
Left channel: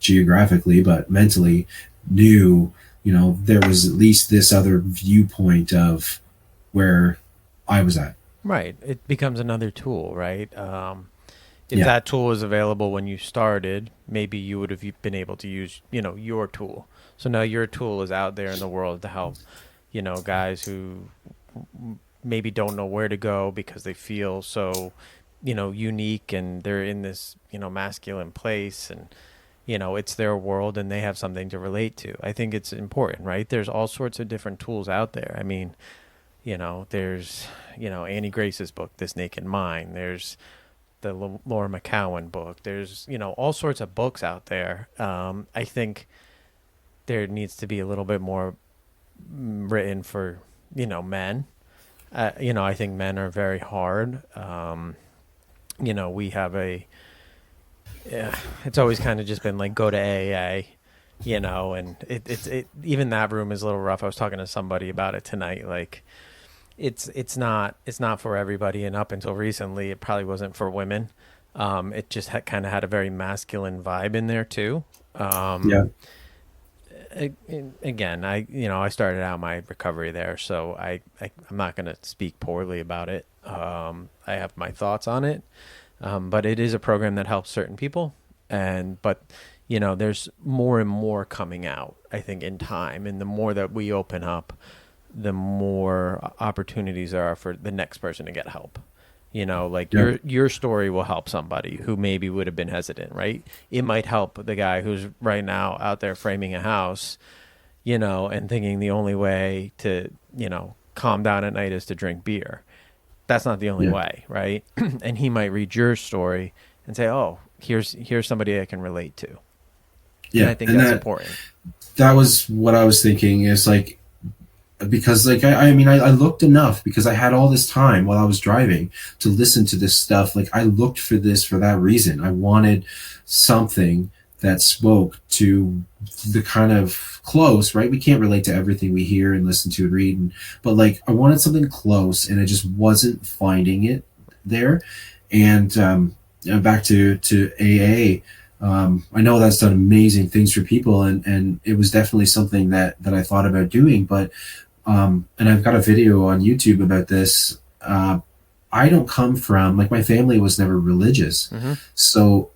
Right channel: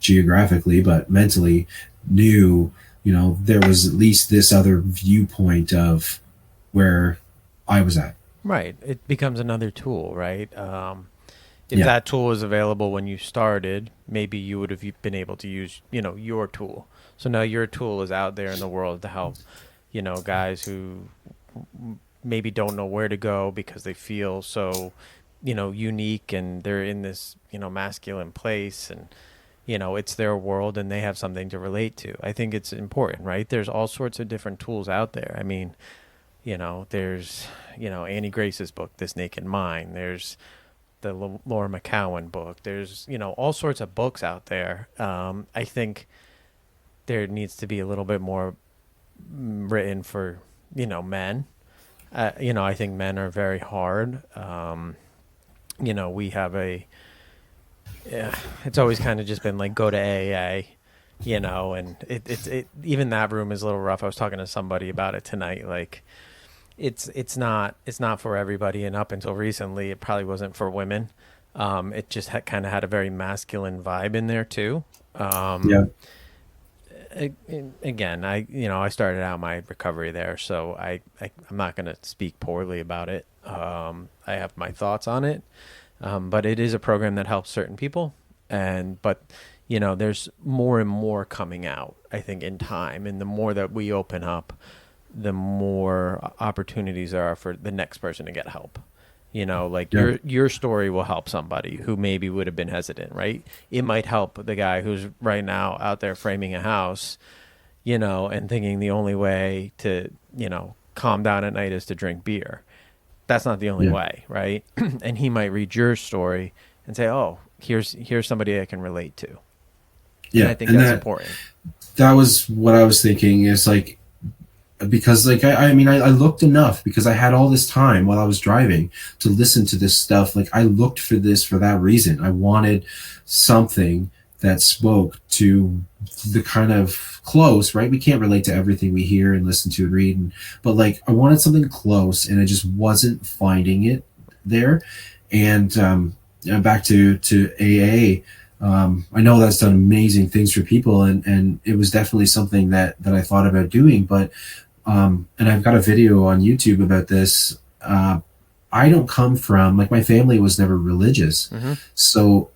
geographically but mentally, knew there was at least this other viewpoint of where I was at. Right. It becomes another tool, right? If that tool was available when you started, maybe you would have been able to use, your tool. So now your tool is out there in the world to help, guys who maybe don't know where to go because they feel so, unique, and they're in this, masculine place, and, it's their world and they have something to relate to. I think it's important, right? There's all sorts of different tools out there. I mean, there's, Annie Grace's book, This Naked Mind. There's the Laura McCowan book. There's, all sorts of books out there. I think there needs to be a little bit more written for, men. I think men are very hard. We have it's always kind of just been like, go to AA, and it even that room is a little rough. I was talking to somebody about it tonight. Like, it's not for everybody, and up until recently, it probably wasn't for women. It just kind of had a very masculine vibe in there too. Again, I started out my recovery there, so I'm not going to speak poorly about it. I have my thoughts on it, but it is a program that helps certain people, but there's more and more coming out, I think, in time, and the more that we open up, the more opportunities there are for the next person to get help. Like your story will help somebody who maybe would have been hesitant, right? It might help the guy who's right now out there framing a house, and thinking the only way to, calm down at night is to drink beer. That's not the only way, right? And he might read your story and say, "Oh, here's somebody I can relate to." Yeah, and I think that's important. That was what I was thinking. Is like, because like I mean I looked enough, because I had all this time while I was driving to listen to this stuff. Like, I looked for this for that reason. I wanted something that spoke to the kind of close, right? We can't relate to everything we hear and listen to and read, but like, I wanted something close, and I just wasn't finding it there. And back to AA. I know that's done amazing things for people, and it was definitely something that I thought about doing. But and I've got a video on YouTube about this. I don't come from, like, my family was never religious. Mm-hmm. So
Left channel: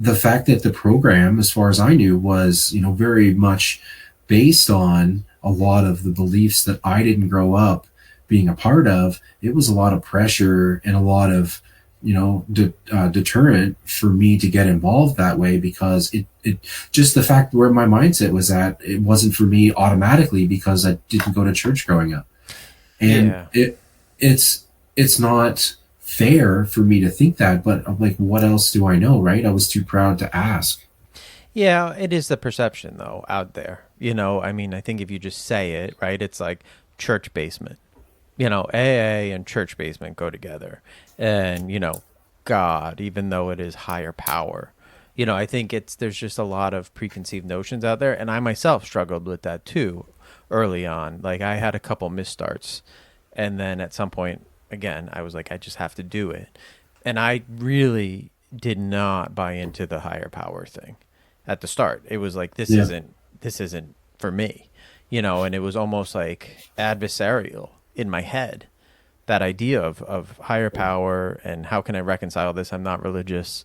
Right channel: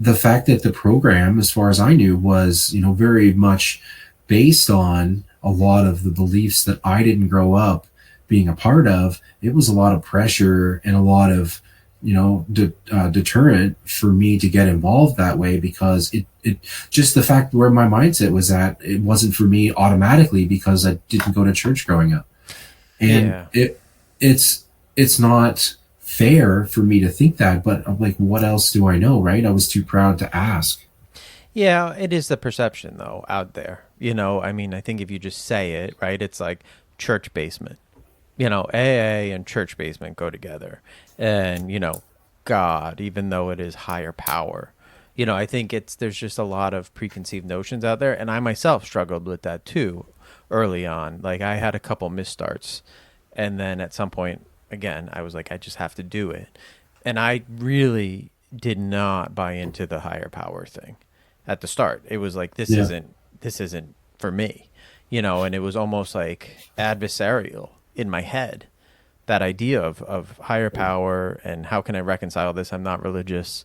the fact that the program, as far as I knew, was, very much based on a lot of the beliefs that I didn't grow up being a part of, it was a lot of pressure and a lot of, deterrent for me to get involved that way, because it just the fact where my mindset was at, it wasn't for me automatically, because I didn't go to church growing up. And it's not fair for me to think that, but I'm like, what else do I know, right? I was too proud to ask. Yeah, it is the perception though out there. I mean, I think if you just say it, right, it's like church basement. AA and church basement go together. And, God, even though it is higher power, I think there's just a lot of preconceived notions out there. And I myself struggled with that too early on. Like, I had a couple misstarts. And then at some point, again, I was like, I just have to do it. And I really did not buy into the higher power thing at the start. It was like, this isn't for me, and it was almost like adversarial in my head, that idea of higher power and how can I reconcile this? I'm not religious.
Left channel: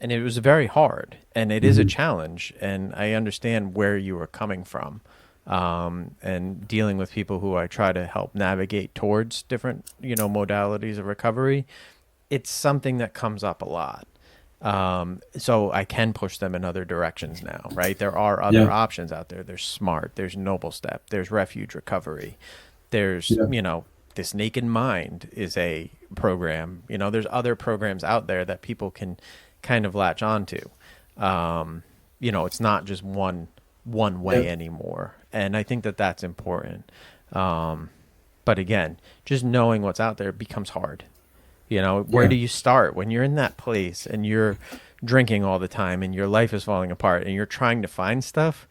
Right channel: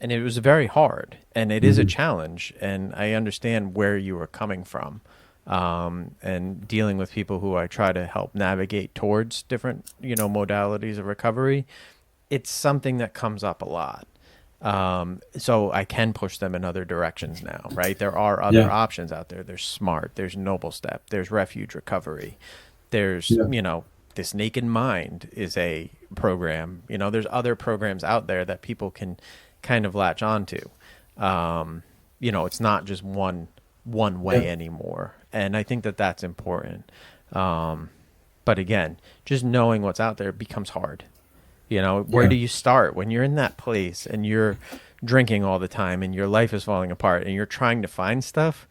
And it was very hard, and it is a challenge. And I understand where you were coming from, and dealing with people who I try to help navigate towards different, modalities of recovery. It's something that comes up a lot. So I can push them in other directions now, right? There are other options out there. There's SMART, there's Noble Step, there's Refuge Recovery. There's, This Naked Mind is a program. There's other programs out there that people can kind of latch onto. It's not just one way anymore. And I think that that's important. But again, just knowing what's out there becomes hard. Where do you start when you're in that place and you're drinking all the time and your life is falling apart and you're trying to find stuff?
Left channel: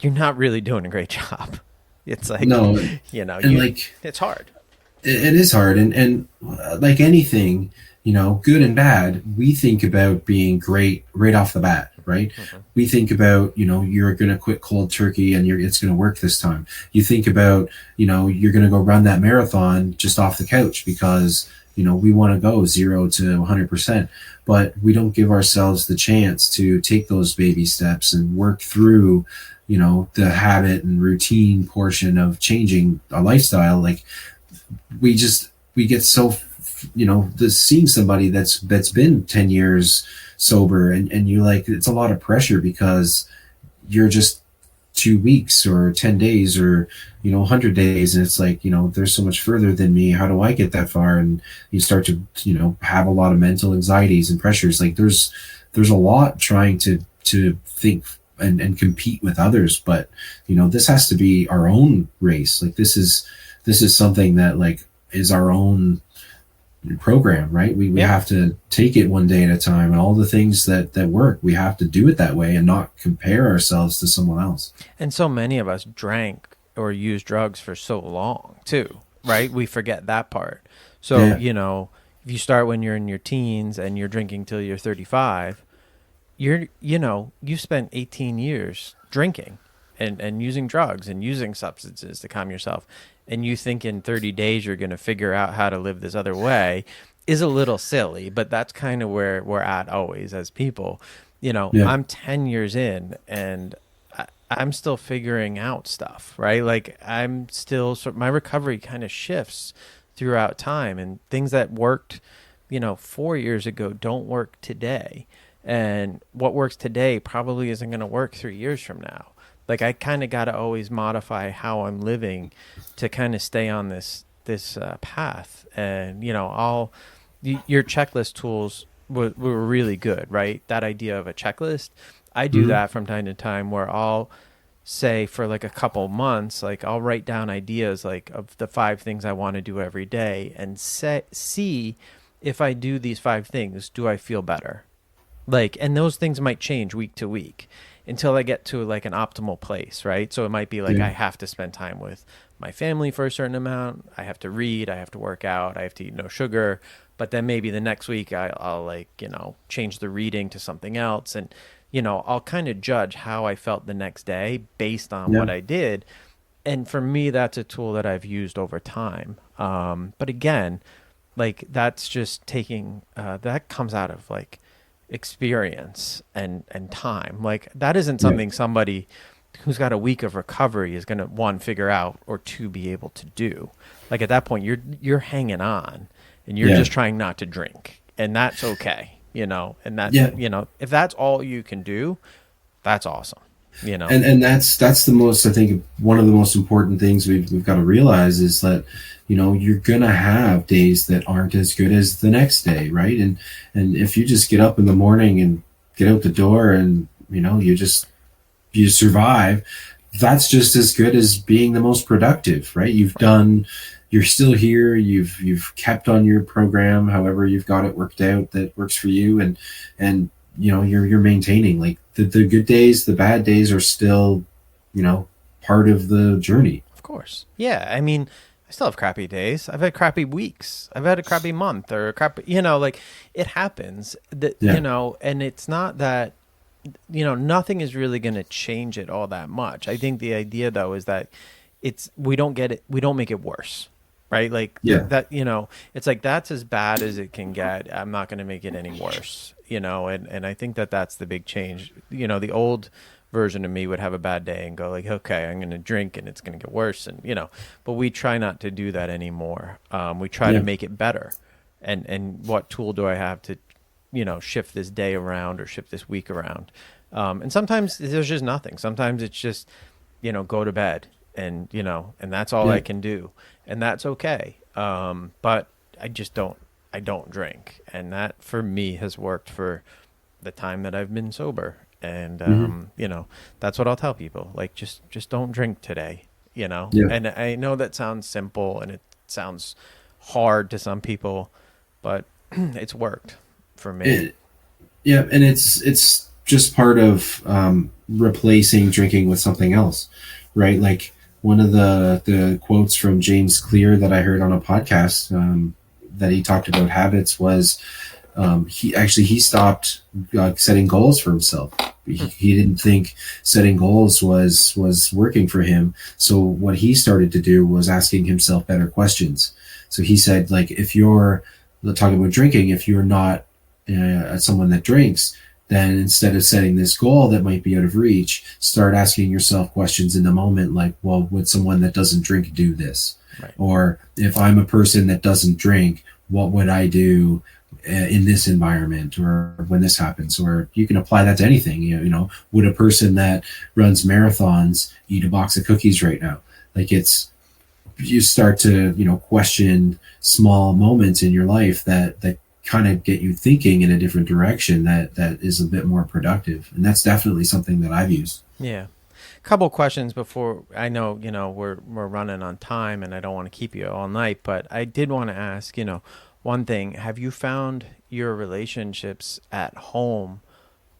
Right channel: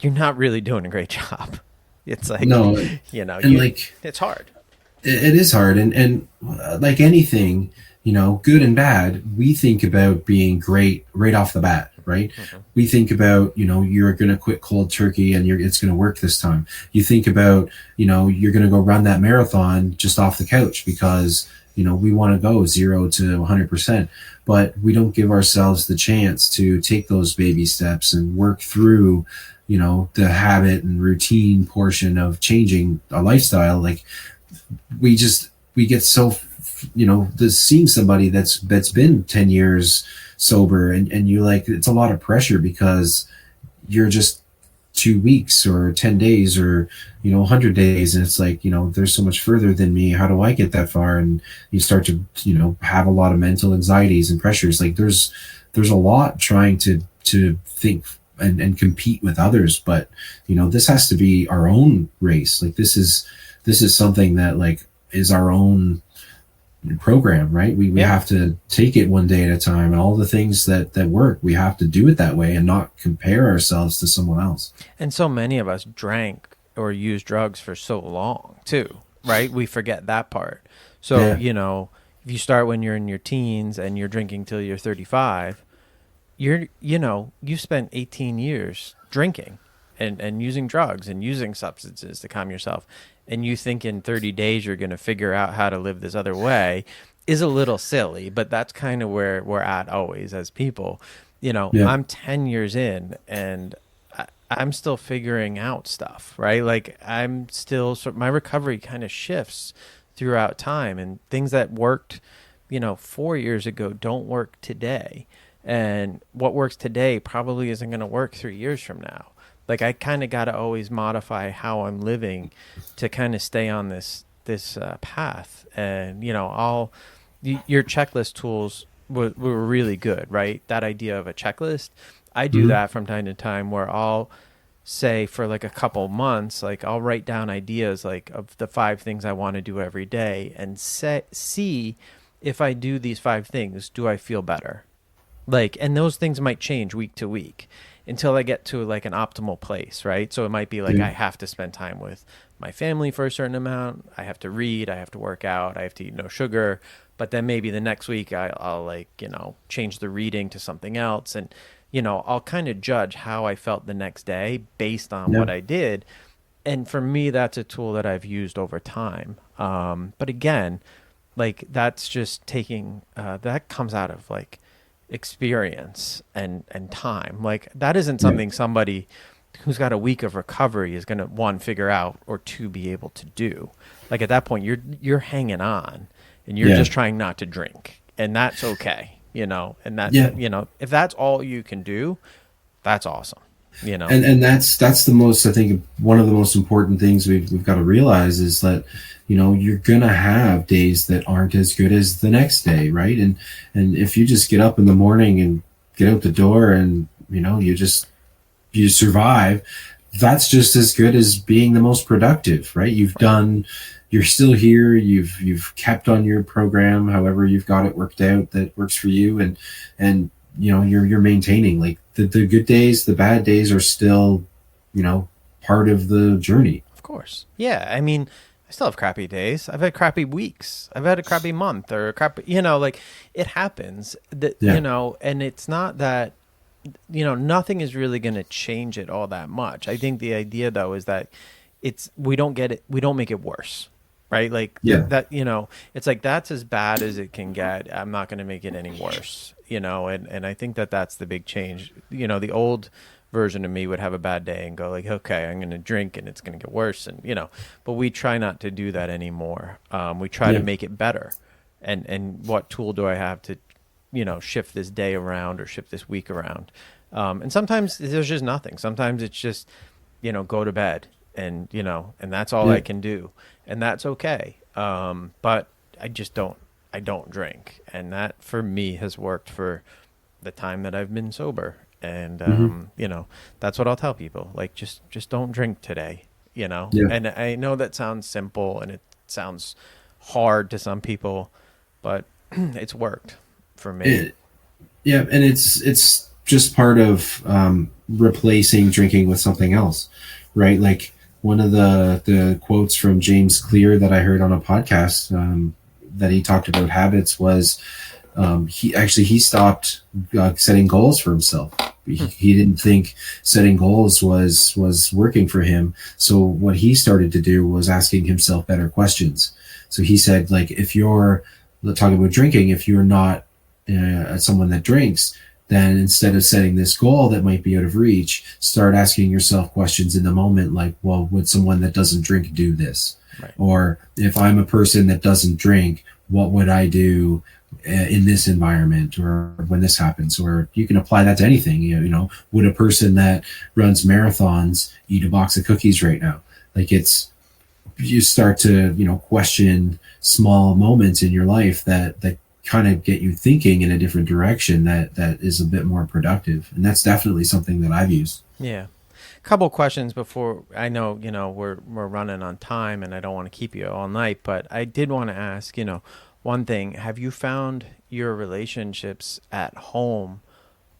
You're not really doing a great job. It's like, no, it's hard. It is hard. And like anything, good and bad, we think about being great right off the bat, right? Mm-hmm. We think about, you're going to quit cold turkey and it's going to work this time. You think about, you're going to go run that marathon just off the couch because, we want to go 0 to 100%, but we don't give ourselves the chance to take those baby steps and work through, the habit and routine portion of changing a lifestyle. Like, we get so, seeing somebody that's been 10 years sober, and you're like, it's a lot of pressure because you're just 2 weeks or 10 days or 100 days, and it's like, there's so much further than me. How do I get that far? And you start to have a lot of mental anxieties and pressures. Like, there's a lot trying to think and compete with others, but this has to be our own race. Like, this is something that, like, is our own program, right? We have to take it one day at a time, and all the things that work, we have to do it that way and not compare ourselves to someone else. And so many of us drank or used drugs for so long too, right? We forget that part. So, if you start when you're in your teens and you're drinking till you're 35, you spent 18 years drinking, and using drugs and using substances to calm yourself, and you think in 30 days you're going to figure out how to live this other way is a little silly, but that's kind of where we're at always as people. Yeah. I'm 10 years in and I'm still figuring out stuff, right? Like I'm still, my recovery kind of shifts throughout time, and things that worked, 4 years ago don't work today. And what works today probably isn't going to work 3 years from now. Like I kind of got to always modify how I'm living to kind of stay on this path. And your checklist tools were really good, right? That idea of a checklist, I do that from time to time, where I'll say for like a couple months, like I'll write down ideas like of the 5 things I want to do every day, and see if I do these 5 things, do I feel better? Like, and those things might change week to week until I get to like an optimal place, right? So it might be like I have to spend time with my family for a certain amount. I have to read, I have to work out, I have to eat no sugar. But then maybe the next week I'll like, change the reading to something else. And, I'll kind of judge how I felt the next day based on what I did. And for me, that's a tool that I've used over time. But again, like that's just taking, that comes out of like experience and time. Like that isn't something somebody who's got a week of recovery is going to, 1, figure out, or 2, be able to do. Like at that point, you're hanging on and you're just trying not to drink, and that's okay. And that, if that's all you can do, that's awesome, And that's the most, I think, one of the most important things we've got to realize is that, you're going to have days that aren't as good as the next day. Right. And if you just get up in the morning and get out the door and, you survive, that's just as good as being the most productive, right? You're still here. You've kept on your program, however you've got it worked out that works for you, and you're maintaining. Like the good days, the bad days are still, part of the journey. Of course, yeah. I mean, I still have crappy days. I've had crappy weeks. I've had a crappy month or a crappy, like it happens. That and it's not that. Nothing is really going to change it all that much. I think the idea though is that we don't make it worse. Right. Like that, it's like, that's as bad as it can get. I'm not going to make it any worse, and I think that that's the big change. The old version of me would have a bad day and go like, okay, I'm going to drink and it's going to get worse. And, but we try not to do that anymore. We try to make it better. And what tool do I have to, shift this day around or shift this week around? And sometimes there's just nothing. Sometimes it's just, go to bed. And and that's all I can do, and that's okay. But I don't drink, and that for me has worked for the time that I've been sober. And that's what I'll tell people, like just don't drink today, and I know that sounds simple and it sounds hard to some people, but it's worked for me. And it's just part of replacing drinking with something else, right? Like one of the quotes from James Clear that I heard on a podcast that he talked about habits was he stopped setting goals for himself. He didn't think setting goals was working for him. So what he started to do was asking himself better questions. So he said, like, if you're talking about drinking, if you're not someone that drinks, then instead of setting this goal that might be out of reach, start asking yourself questions in the moment, like, well, would someone that doesn't drink do this? Right. Or if I'm a person that doesn't drink, what would I do in this environment, or when this happens? Or you can apply that to anything. Would a person that runs marathons eat a box of cookies right now? Like, you start to, question small moments in your life that kind of get you thinking in a different direction that is a bit more productive. And that's definitely something that I've used. Yeah. A couple questions before, I know, we're running on time and I don't want to keep you all night, but I did want to ask, one thing, have you found your relationships at home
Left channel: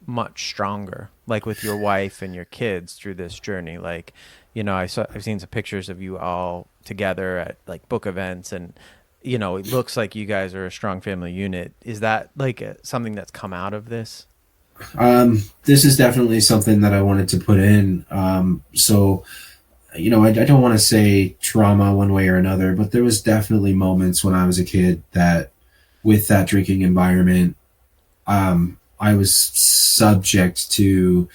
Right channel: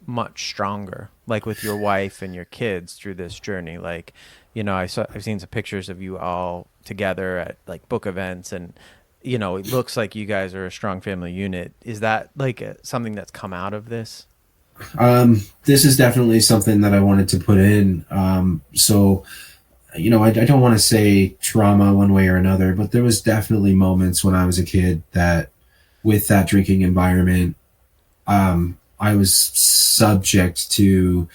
much stronger, like with your wife and your kids through this journey? Like, I've seen some pictures of you all together at like book events, and it looks like you guys are a strong family unit. Is that like something that's come out of this? This is definitely something that I wanted to put in. So, I don't want to say trauma one way or another, but there was definitely moments when I was a kid that with that drinking environment, I was subject to,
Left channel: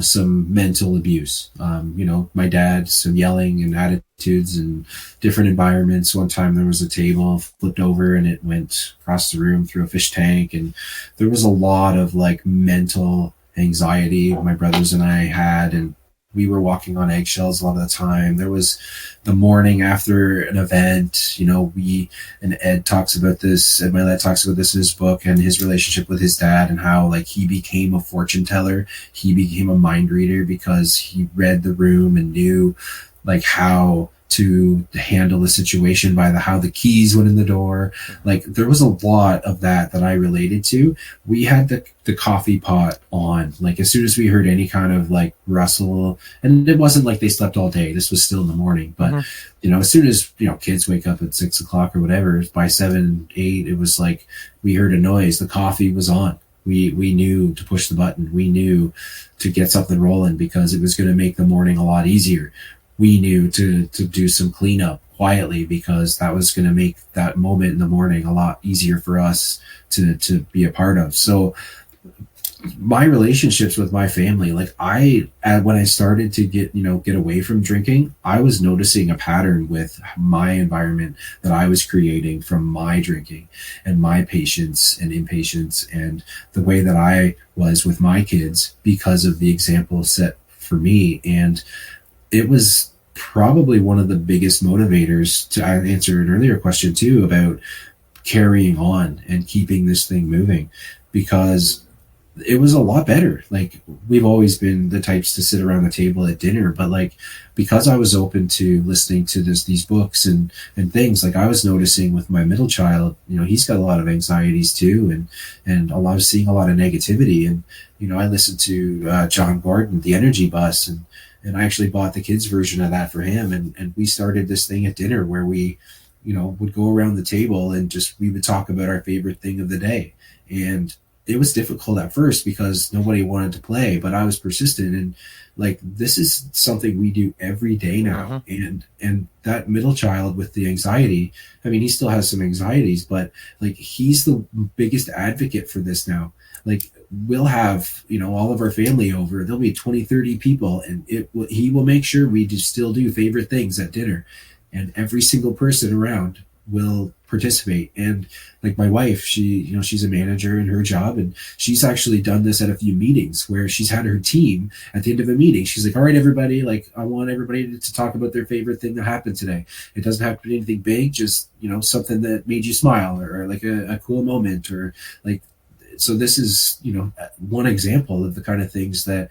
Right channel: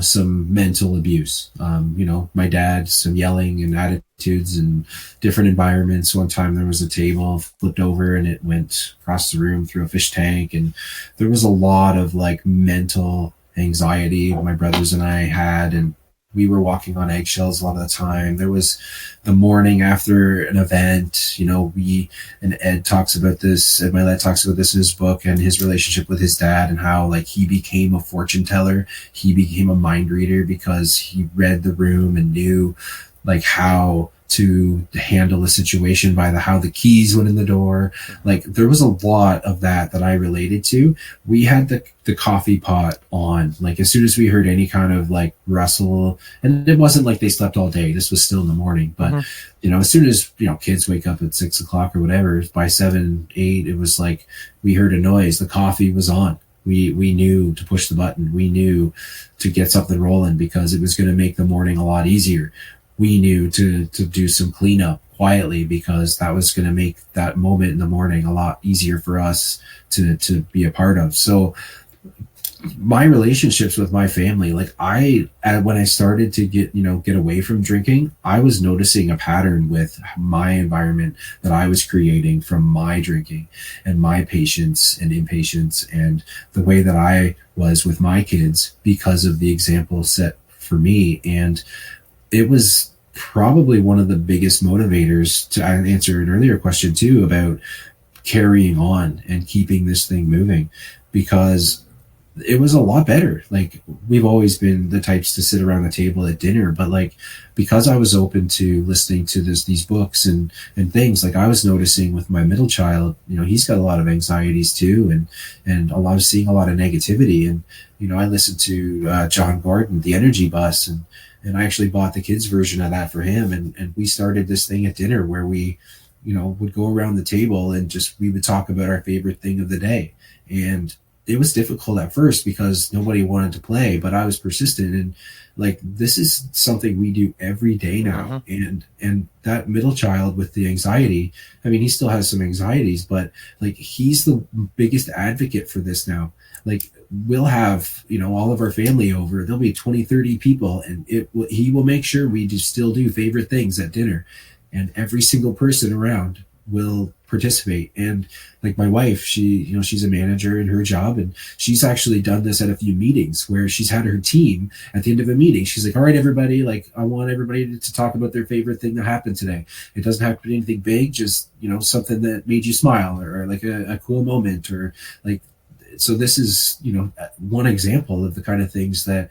some mental abuse. My dad, some yelling and attitudes and different environments. One time there was a table flipped over and it went across the room through a fish tank. And there was a lot of like mental anxiety my brothers and I had. And we were walking on eggshells a lot of the time. There was the morning after an event, and Ed talks about this, Ed Milet talks about this in his book and his relationship with his dad and how like he became a fortune teller. He became a mind reader because he read the room and knew like how to handle the situation by how the keys went in the door. Like there was a lot of that I related to. We had the coffee pot on, like as soon as we heard any kind of like rustle, and it wasn't like they slept all day. This was still in the morning, but as soon as, kids wake up at 6 o'clock or whatever, by 7, 8, it was like, we heard a noise, the coffee was on. We knew to push the button. We knew to get something rolling because it was going to make the morning a lot easier. We knew to do some cleanup quietly because that was going to make that moment in the morning a lot easier for us to be a part of. So my relationships with my family, like when I started to get away from drinking, I was noticing a pattern with my environment that I was creating from my drinking and my patience and impatience and the way that I was with my kids because of the example set for me. And it was probably one of the biggest motivators to answer an earlier question too about carrying on and keeping this thing moving, because it was a lot better. Like we've always been the types to sit around the table at dinner, but like because I was open to listening to these books and things, like I was noticing with my middle child, he's got a lot of anxieties too, and seeing a lot of negativity. And I listened to John Gordon, The Energy Bus, and I actually bought the kids version of that for him. And we started this thing at dinner where we, would go around the table and we would talk about our favorite thing of the day. And it was difficult at first because nobody wanted to play, but I was persistent. And like, this is something we do every day now. And that middle child with the anxiety, I mean, he still has some anxieties, but like, he's the biggest advocate for this now. Like, we'll have, all of our family over, there'll be 20, 30 people, and he will make sure we still do favorite things at dinner, and every single person around will participate. And like my wife, she's a manager in her job, and she's actually done this at a few meetings where she's had her team at the end of a meeting. She's like, all right, everybody, like I want everybody to talk about their favorite thing that happened today. It doesn't have to be anything big, just, something that made you smile or like a cool moment or like. So this is, one example of the kind of things that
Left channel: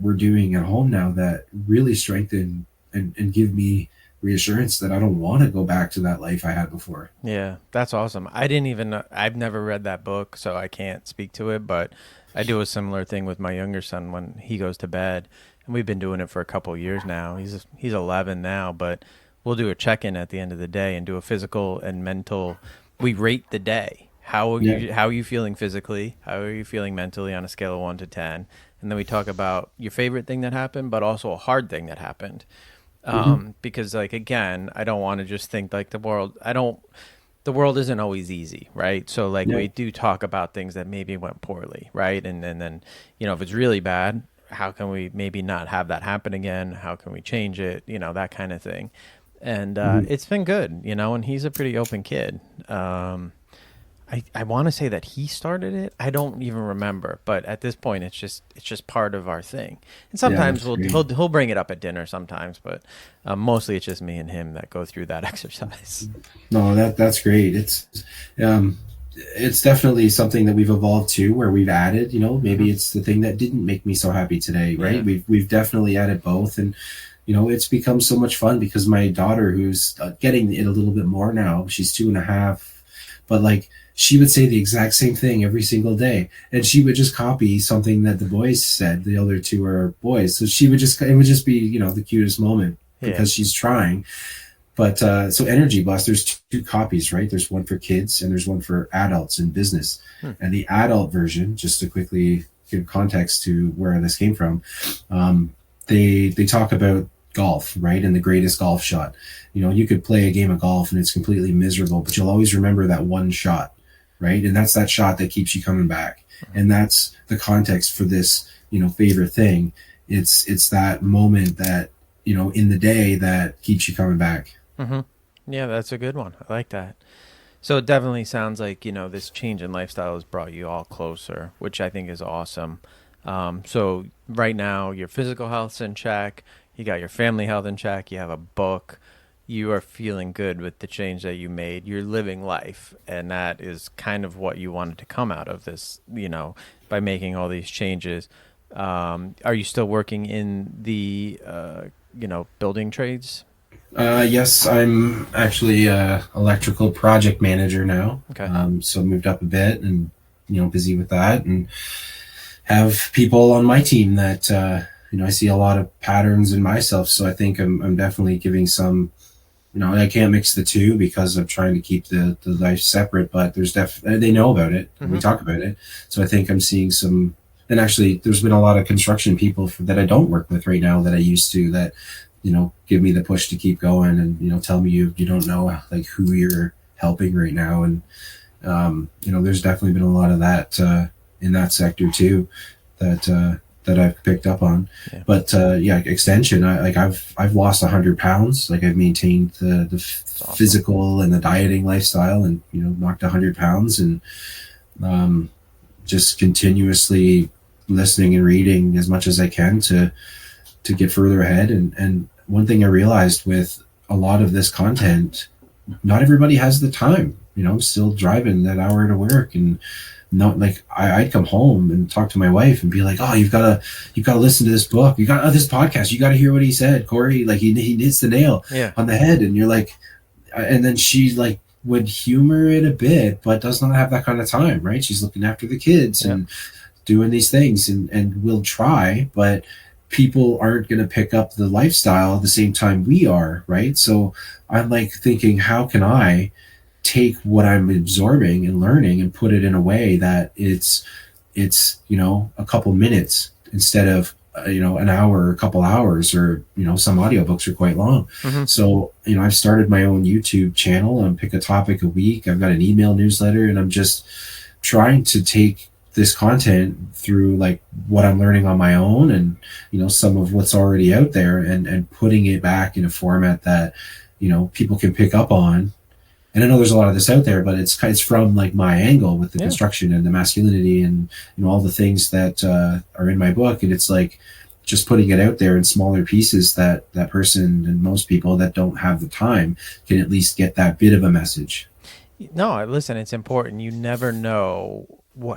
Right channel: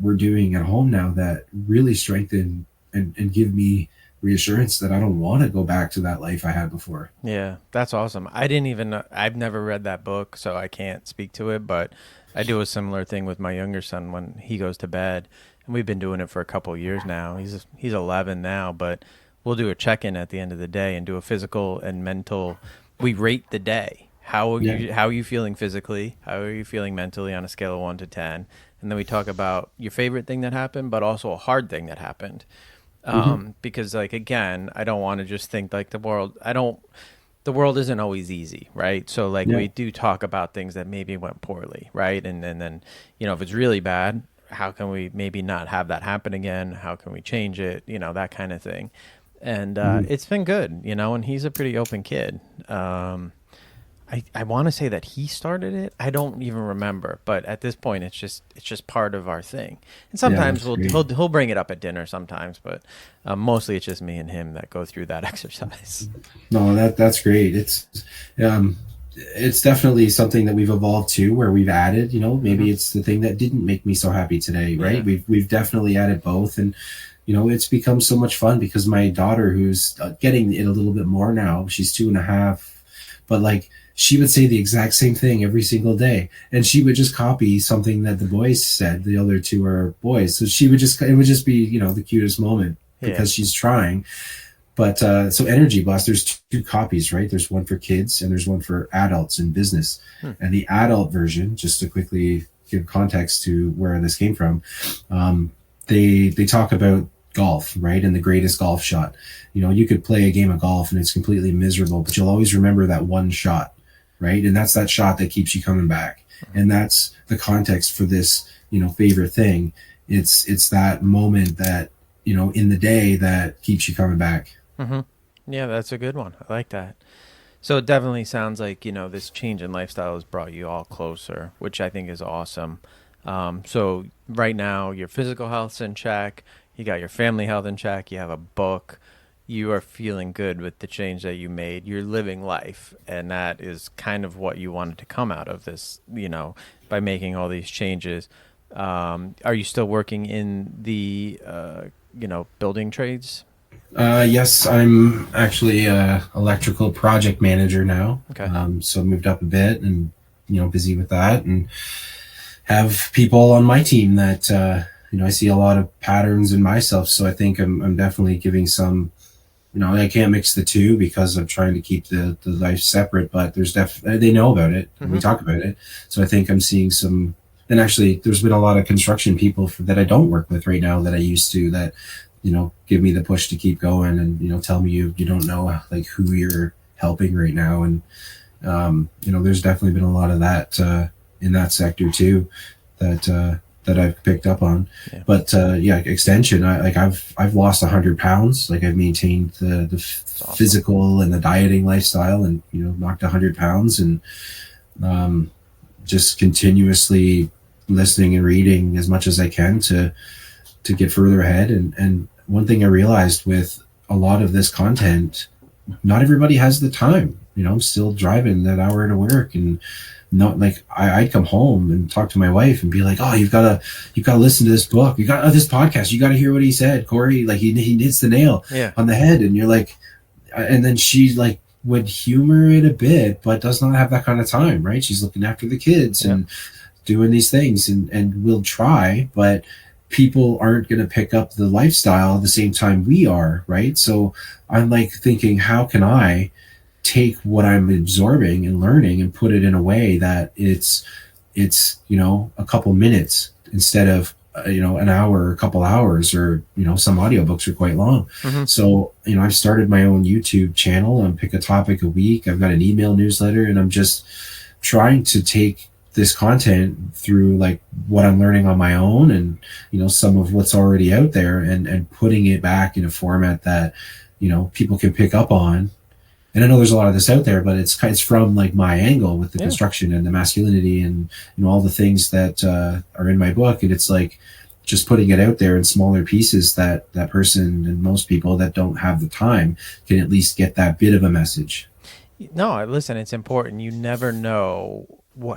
we're doing at home now that really strengthen and give me reassurance that I don't want to go back to that life I had before. Yeah, that's awesome. I've never read that book, so I can't speak to it, but I do a similar thing with my younger son when he goes to bed, and we've been doing it for a couple of years now. He's 11 now, but we'll do a check-in at the end of the day and do a physical and mental. We rate the day. How are you feeling physically? How are you feeling mentally on a scale of 1 to 10? And then we talk about your favorite thing that happened, but also a hard thing that happened. Because like, again, I don't want to just think like the world isn't always easy, right? So like we do talk about things that maybe went poorly, right? And then, if it's really bad, how can we maybe not have that happen again? How can we change it? That kind of thing. And it's been good, and he's a pretty open kid. I want to say that he started it. I don't even remember, but at this point, it's just part of our thing. And sometimes he'll bring it up at dinner sometimes, but mostly it's just me and him that go through that exercise. No, that's great. It's definitely something that we've evolved to, where we've added. Maybe it's the thing that didn't make me so happy today, right? Yeah. We've definitely added both, and it's become so much fun because my daughter, who's getting it a little bit more now, she's 2.5, but like. She would say the exact same thing every single day. And she would just copy something that the boys said. The other two are boys. So it would just be, the cutest moment because she's trying. But so Energy Bus, there's two copies, right? There's one for kids and there's one for adults in business. And the adult version, just to quickly give context to where this came from. They talk about golf, right? And the greatest golf shot. You could play a game of golf and it's completely miserable, but you'll always remember that one shot, right? And that's that shot that keeps you coming back. And that's the context for this, favorite thing. It's that moment that, in the day that keeps you coming back. Mm-hmm. Yeah, that's a good one. I like that. So it definitely sounds like, this change in lifestyle has brought you all closer, which I think is awesome. So right now your physical health's in check, you got your family health in check, you have a book, you are feeling good with the change that you made, you're living life. And that is kind of what you wanted to come out of this, by making all these changes. Are you still working in the, building trades? Yes, I'm actually electrical project manager now. Okay. So moved up a bit and, busy with that, and have people on my team that, I see a lot of patterns in myself. So I think I'm definitely giving some, I can't mix the two because I'm trying to keep the life separate, but they know about it. And we talk about it. So I think I'm seeing some, and actually there's been a lot of construction people that I don't work with right now that I used to, that, give me the push to keep going, and, tell me you don't know like who you're helping right now. And, there's definitely been a lot of that, in that sector too, that I've picked up on. Yeah. But, extension, I've lost 100 pounds. Like I've maintained the awesome. Physical and the dieting lifestyle, and, knocked 100 pounds, and, just continuously listening and reading as much as I can to get further ahead. And one thing I realized with a lot of this content, not everybody has the time. I'm still driving that hour to work, and not like I'd come home and talk to my wife and be like, oh, you've got to listen to this book. You got this podcast. You got to hear what he said, Corey. Like he hits the nail on the head. And you're like, and then she like would humor it a bit, but does not have that kind of time, right? She's looking after the kids and doing these things, and we'll try, but people aren't going to pick up the lifestyle at the same time we are, right? So I'm like thinking, how can I take what I'm absorbing and learning and put it in a way that it's a couple minutes instead of an hour or a couple hours, or some audiobooks are quite long. So I've started my own YouTube channel and pick a topic a week. I've got an email newsletter, and I'm just trying to take this content through like what I'm learning on my own, and some of what's already out there, and putting it back in a format that people can pick up on. And I know there's a lot of this out there, but it's from like my angle with the construction and the masculinity and all the things that are in my book. And it's like just putting it out there in smaller pieces that person and most people that don't have the time can at least get that bit of a message. No, listen, it's important. You never know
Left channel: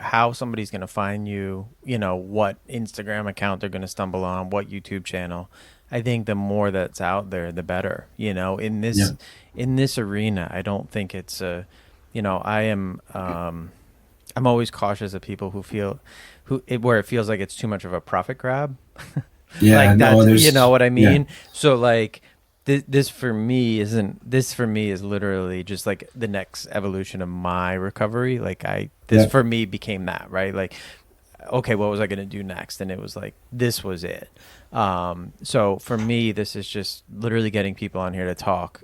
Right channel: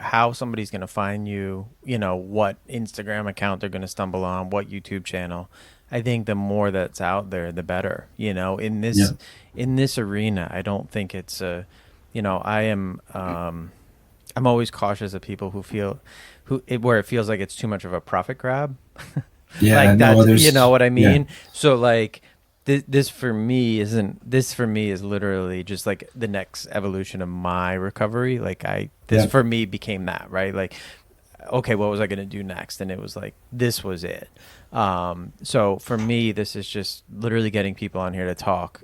how somebody's going to find you, what Instagram account they're going to stumble on, what YouTube channel. I think the more that's out there, the better, in this arena. I don't think it's I'm always cautious of people where it feels like it's too much of a profit grab. Like that, you know what I mean? Yeah. So like this for me is literally just like the next evolution of my recovery. Like for me became that, right? Like, okay, what was I going to do next? And it was like, this was it. So for me, this is just literally getting people on here to talk,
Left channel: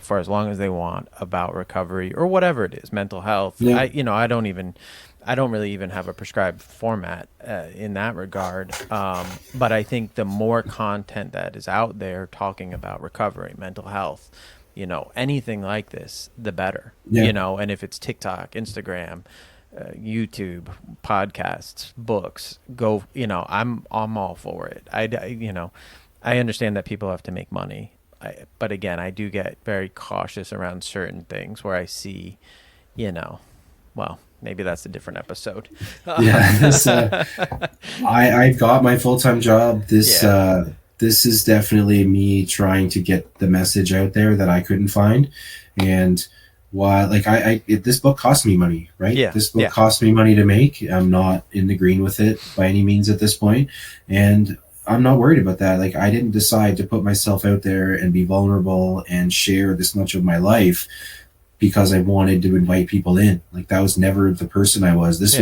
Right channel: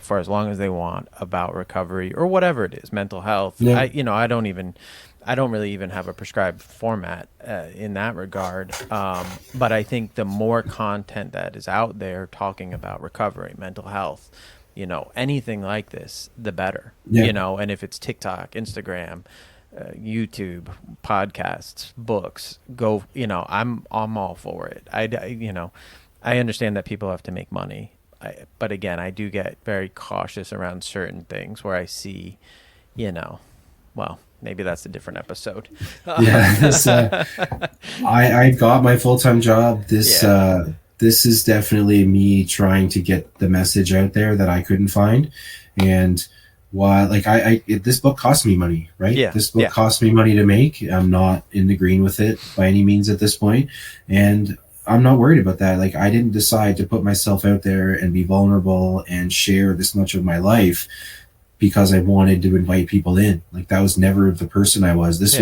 for as long as they want about recovery or whatever it is, mental health. Yeah. I don't really even have a prescribed format in that regard. But I think the more content that is out there talking about recovery, mental health, anything like this, the better, and if it's TikTok, Instagram, YouTube, podcasts, books, go, I'm all for it. I understand that people have to make money. But again, I do get very cautious around certain things where I see, well, maybe that's a different episode. I got my full-time job. This is definitely me trying to get the message out there that I couldn't find. And this book cost me money, right? Yeah. This book cost me money to make. I'm not in the green with it by any means at this point. And I'm not worried about that. Like, I didn't decide to put myself out there and be vulnerable and share this much of my life because I wanted to invite people in. Like that was never the person I was. This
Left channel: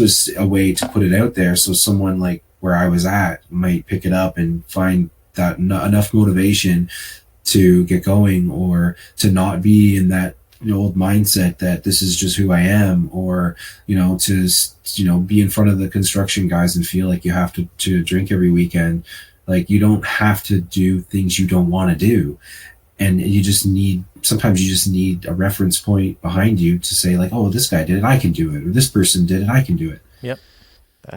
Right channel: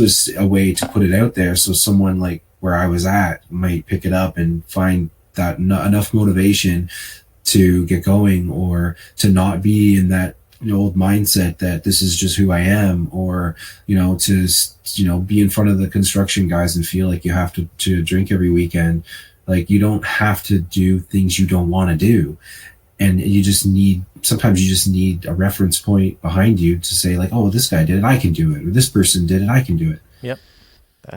was a way to put it out there so someone like where I was at might pick it up and find that enough motivation to get going, or to not be in that old mindset that this is just who I am, or to be in front of the construction guys and feel like you have to drink every weekend. Like you don't have to do things you don't want to do, and sometimes you just need a reference point behind you to say like, oh, this guy did it, I can do it, or this person did it, I can do it. Yep.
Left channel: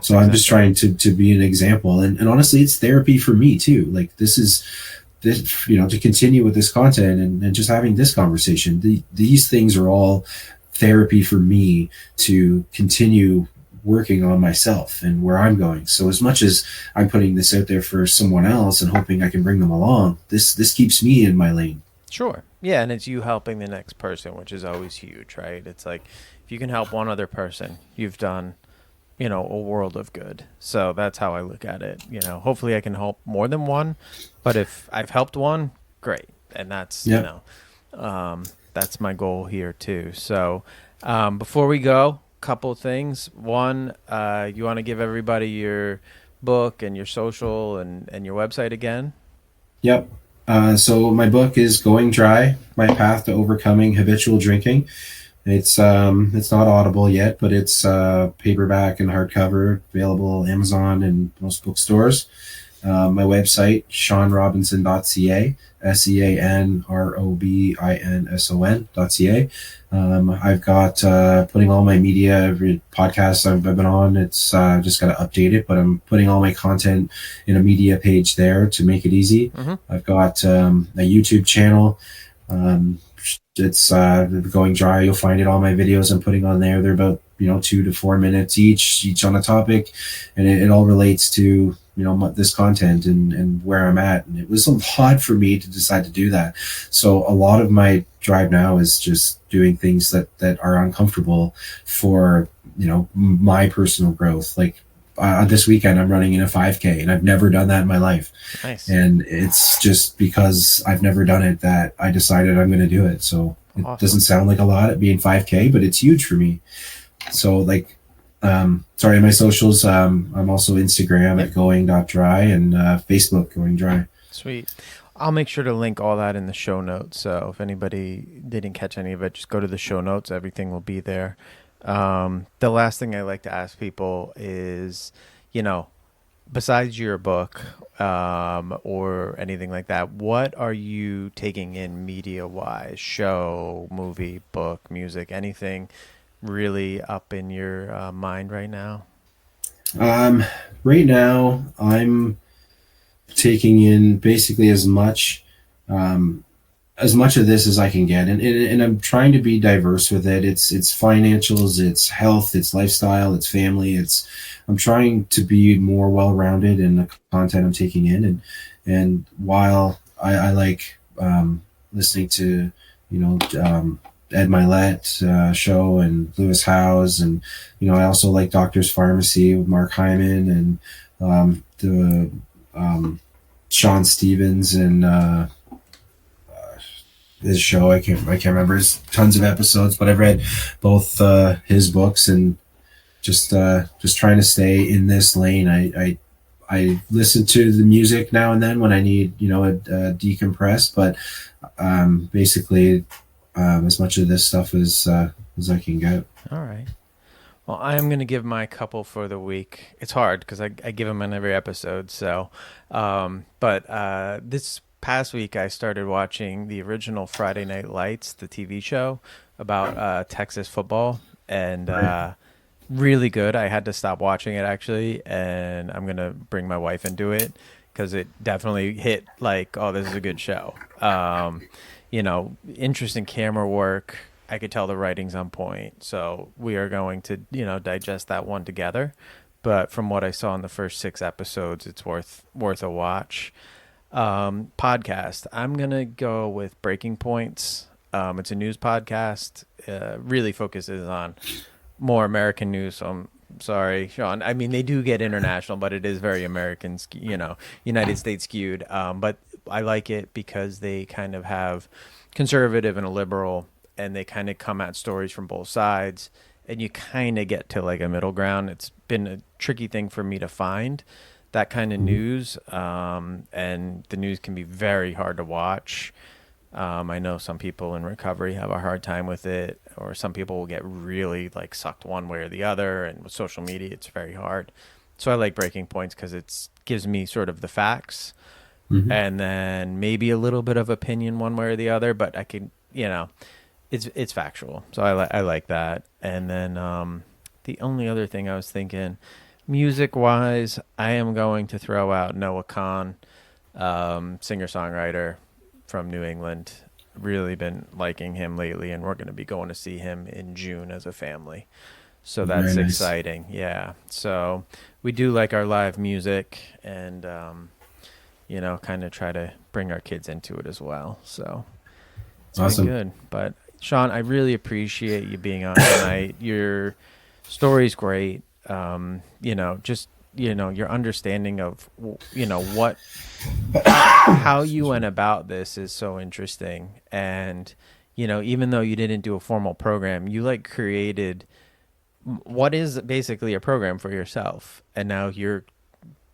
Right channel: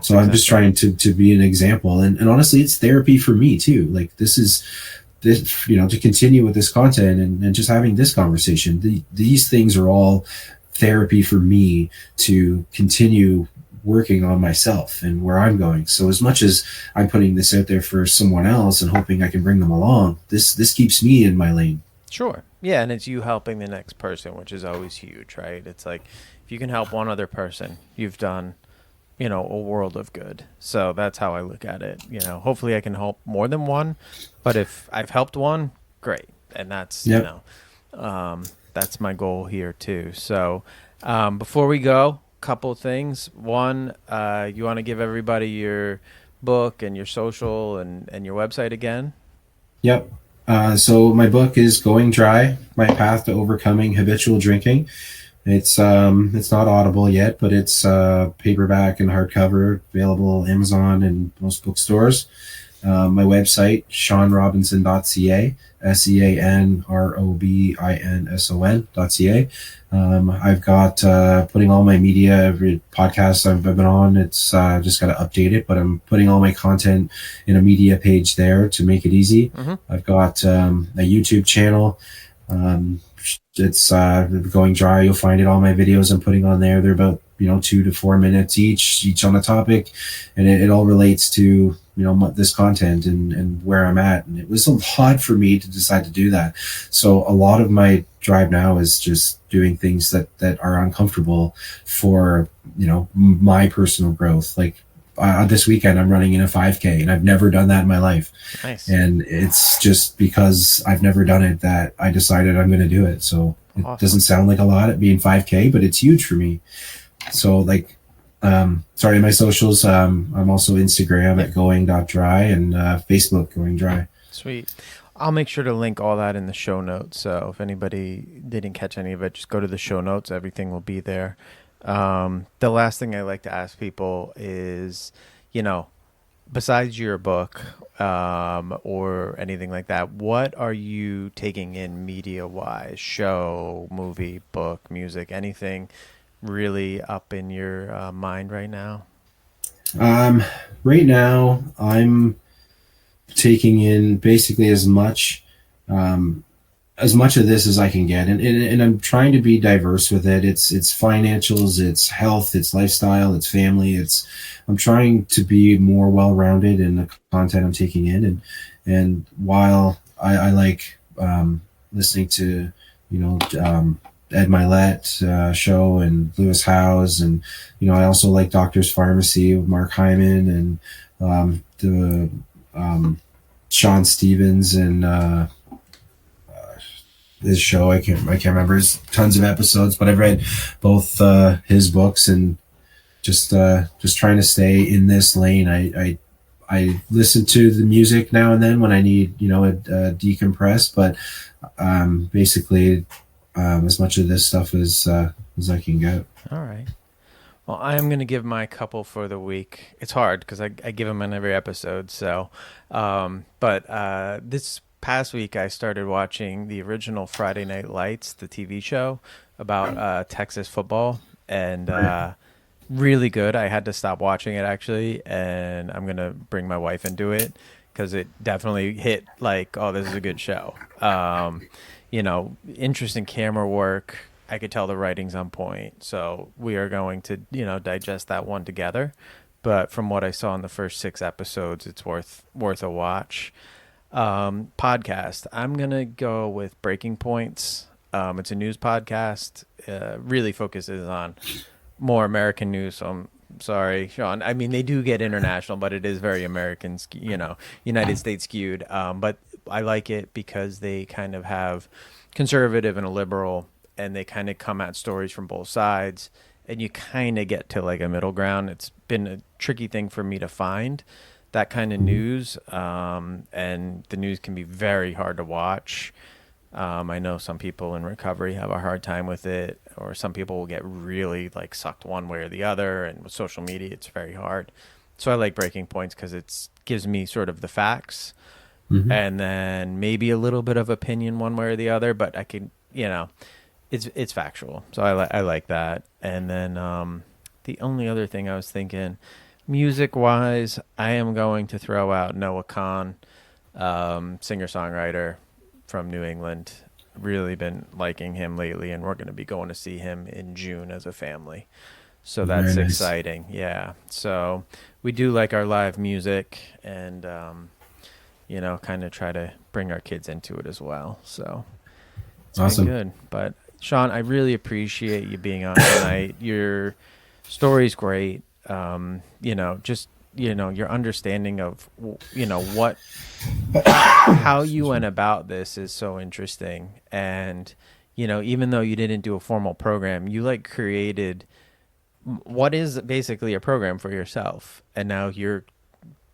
So I'm just trying to be an example, and honestly, it's therapy for me too. Like this, to continue with this content and just having this conversation. These things are all therapy for me to continue working on myself and where I'm going. So as much as I'm putting this out there for someone else and hoping I can bring them along, this keeps me in my lane. Sure. Yeah, and it's you helping the next person, which is always huge, right? It's like if you can help one other person, you've done a world of good. So that's how I look at it. Hopefully I can help more than one, but if I've helped one, great. And that's, that's my goal here too. So before we go, couple things. One, you want to give everybody your book and your social and your website again? Yep. So my book is Going Dry, My Path to Overcoming Habitual Drinking. It's not Audible yet, but it's paperback and hardcover, available Amazon and most bookstores. My website, seanrobinson.ca, seanrobinson.ca. I've got putting all my media, every podcast I've been on, it's just got to update it, but I'm putting all my content in a media page there to make it easy. Mm-hmm. I've got a YouTube channel. It's Going Dry. You'll find it. All my videos I'm putting on there, they're about 2 to 4 minutes each on a topic, and it all relates to this content and where I'm at. And it was a lot for me to decide to do that. So a lot of my drive now is just doing things that are uncomfortable for my personal growth. Like this weekend I'm running in a 5K, and I've never done that in my life. Nice. And it's just because I've never done it that I decided I'm going to do it. So it doesn't sound like a lot at being 5K, but it's huge for me. So like, my socials, I'm also Instagram at going.dry and Facebook Going Dry. Sweet. I'll make sure to link all that in the show notes. So if anybody didn't catch any of it, just go to the show notes. Everything will be there. The last thing I like to ask people is, besides your book, or anything like that, what are you taking in media wise? Show, movie, book, music, anything really up in your mind right now? Right now I'm taking in basically as much of this as I can get, and I'm trying to be diverse with it. It's financials, it's health, it's lifestyle, it's family. I'm trying to be more well-rounded in the content I'm taking in, and while I like listening to Ed Milet show and Lewis Howes, and I also like Doctor's Pharmacy with Mark Hyman, and the Sean Stevens and his show. I can't remember his tons of episodes, but I've read both his books, and just trying to stay in this lane. I listen to the music now and then when I need a decompress, but basically as much of this stuff as I can get. All right. Well, I'm going to give my couple for the week. It's hard because I give them in every episode. So, but this past week I started watching the original Friday Night Lights, the TV show about Texas football, and really good. I had to stop watching it actually, and I'm going to bring my wife into it because it definitely hit like, oh, this is a good show. Interesting camera work. I could tell the writing's on point. So we are going to, digest that one together. But from what I saw in the first 6 episodes, it's worth a watch. Podcast. I'm going to go with Breaking Points. It's a news podcast. Really focuses on more American news. So I'm sorry, Sean. I mean, they do get international, but it is very American, United States skewed. But I like it because they kind of have conservative and a liberal and they kind of come at stories from both sides, and you kind of get to like a middle ground. It's been a tricky thing for me to find that kind of news, and the news can be very hard to watch. I know some people in recovery have a hard time with it, or some people will get really like sucked one way or the other. And with social media, it's very hard. So I like Breaking Points because it gives me sort of the facts, and then maybe a little bit of opinion one way or the other, but I can, it's factual. So I like that. And then the only other thing I was thinking, music wise, I am going to throw out Noah Kahn, singer-songwriter from New England. Really been liking him lately, and we're going to be going to see him in June as a family. So that's Very nice. exciting. Yeah. So we do like our live music, and, kind of try to bring our kids into it as well. So it's Awesome. been good. But Sean, I really appreciate you being on tonight. Your story's great. Your understanding of, how you went about this is so interesting. And, even though you didn't do a formal program, you like created what is basically a program for yourself. And now you're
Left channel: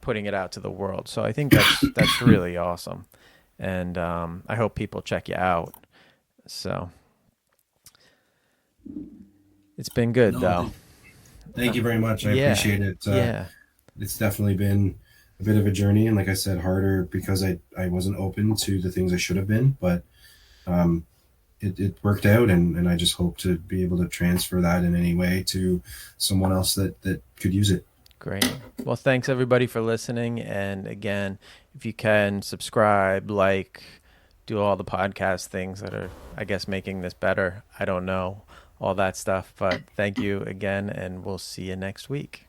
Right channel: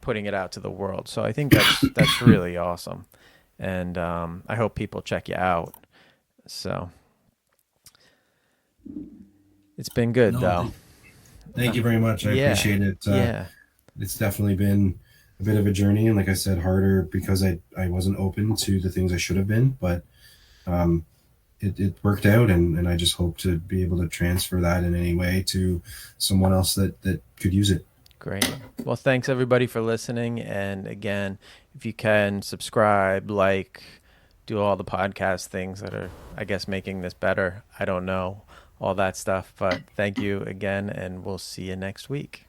putting it out to the world. So I think that's really awesome. And I hope people check you out. So it's been good, though. Thank you very much. I appreciate it. It's definitely been a bit of a journey, and like I said, harder because I wasn't open to the things I should have been, but it worked out, and I just hope to be able to transfer that in any way to someone else that could use it. Great. Well, thanks everybody for listening. And again, if you can subscribe, do all the podcast things that are, I guess, making this better. I don't know all that stuff, but thank you again, and we'll see you next week.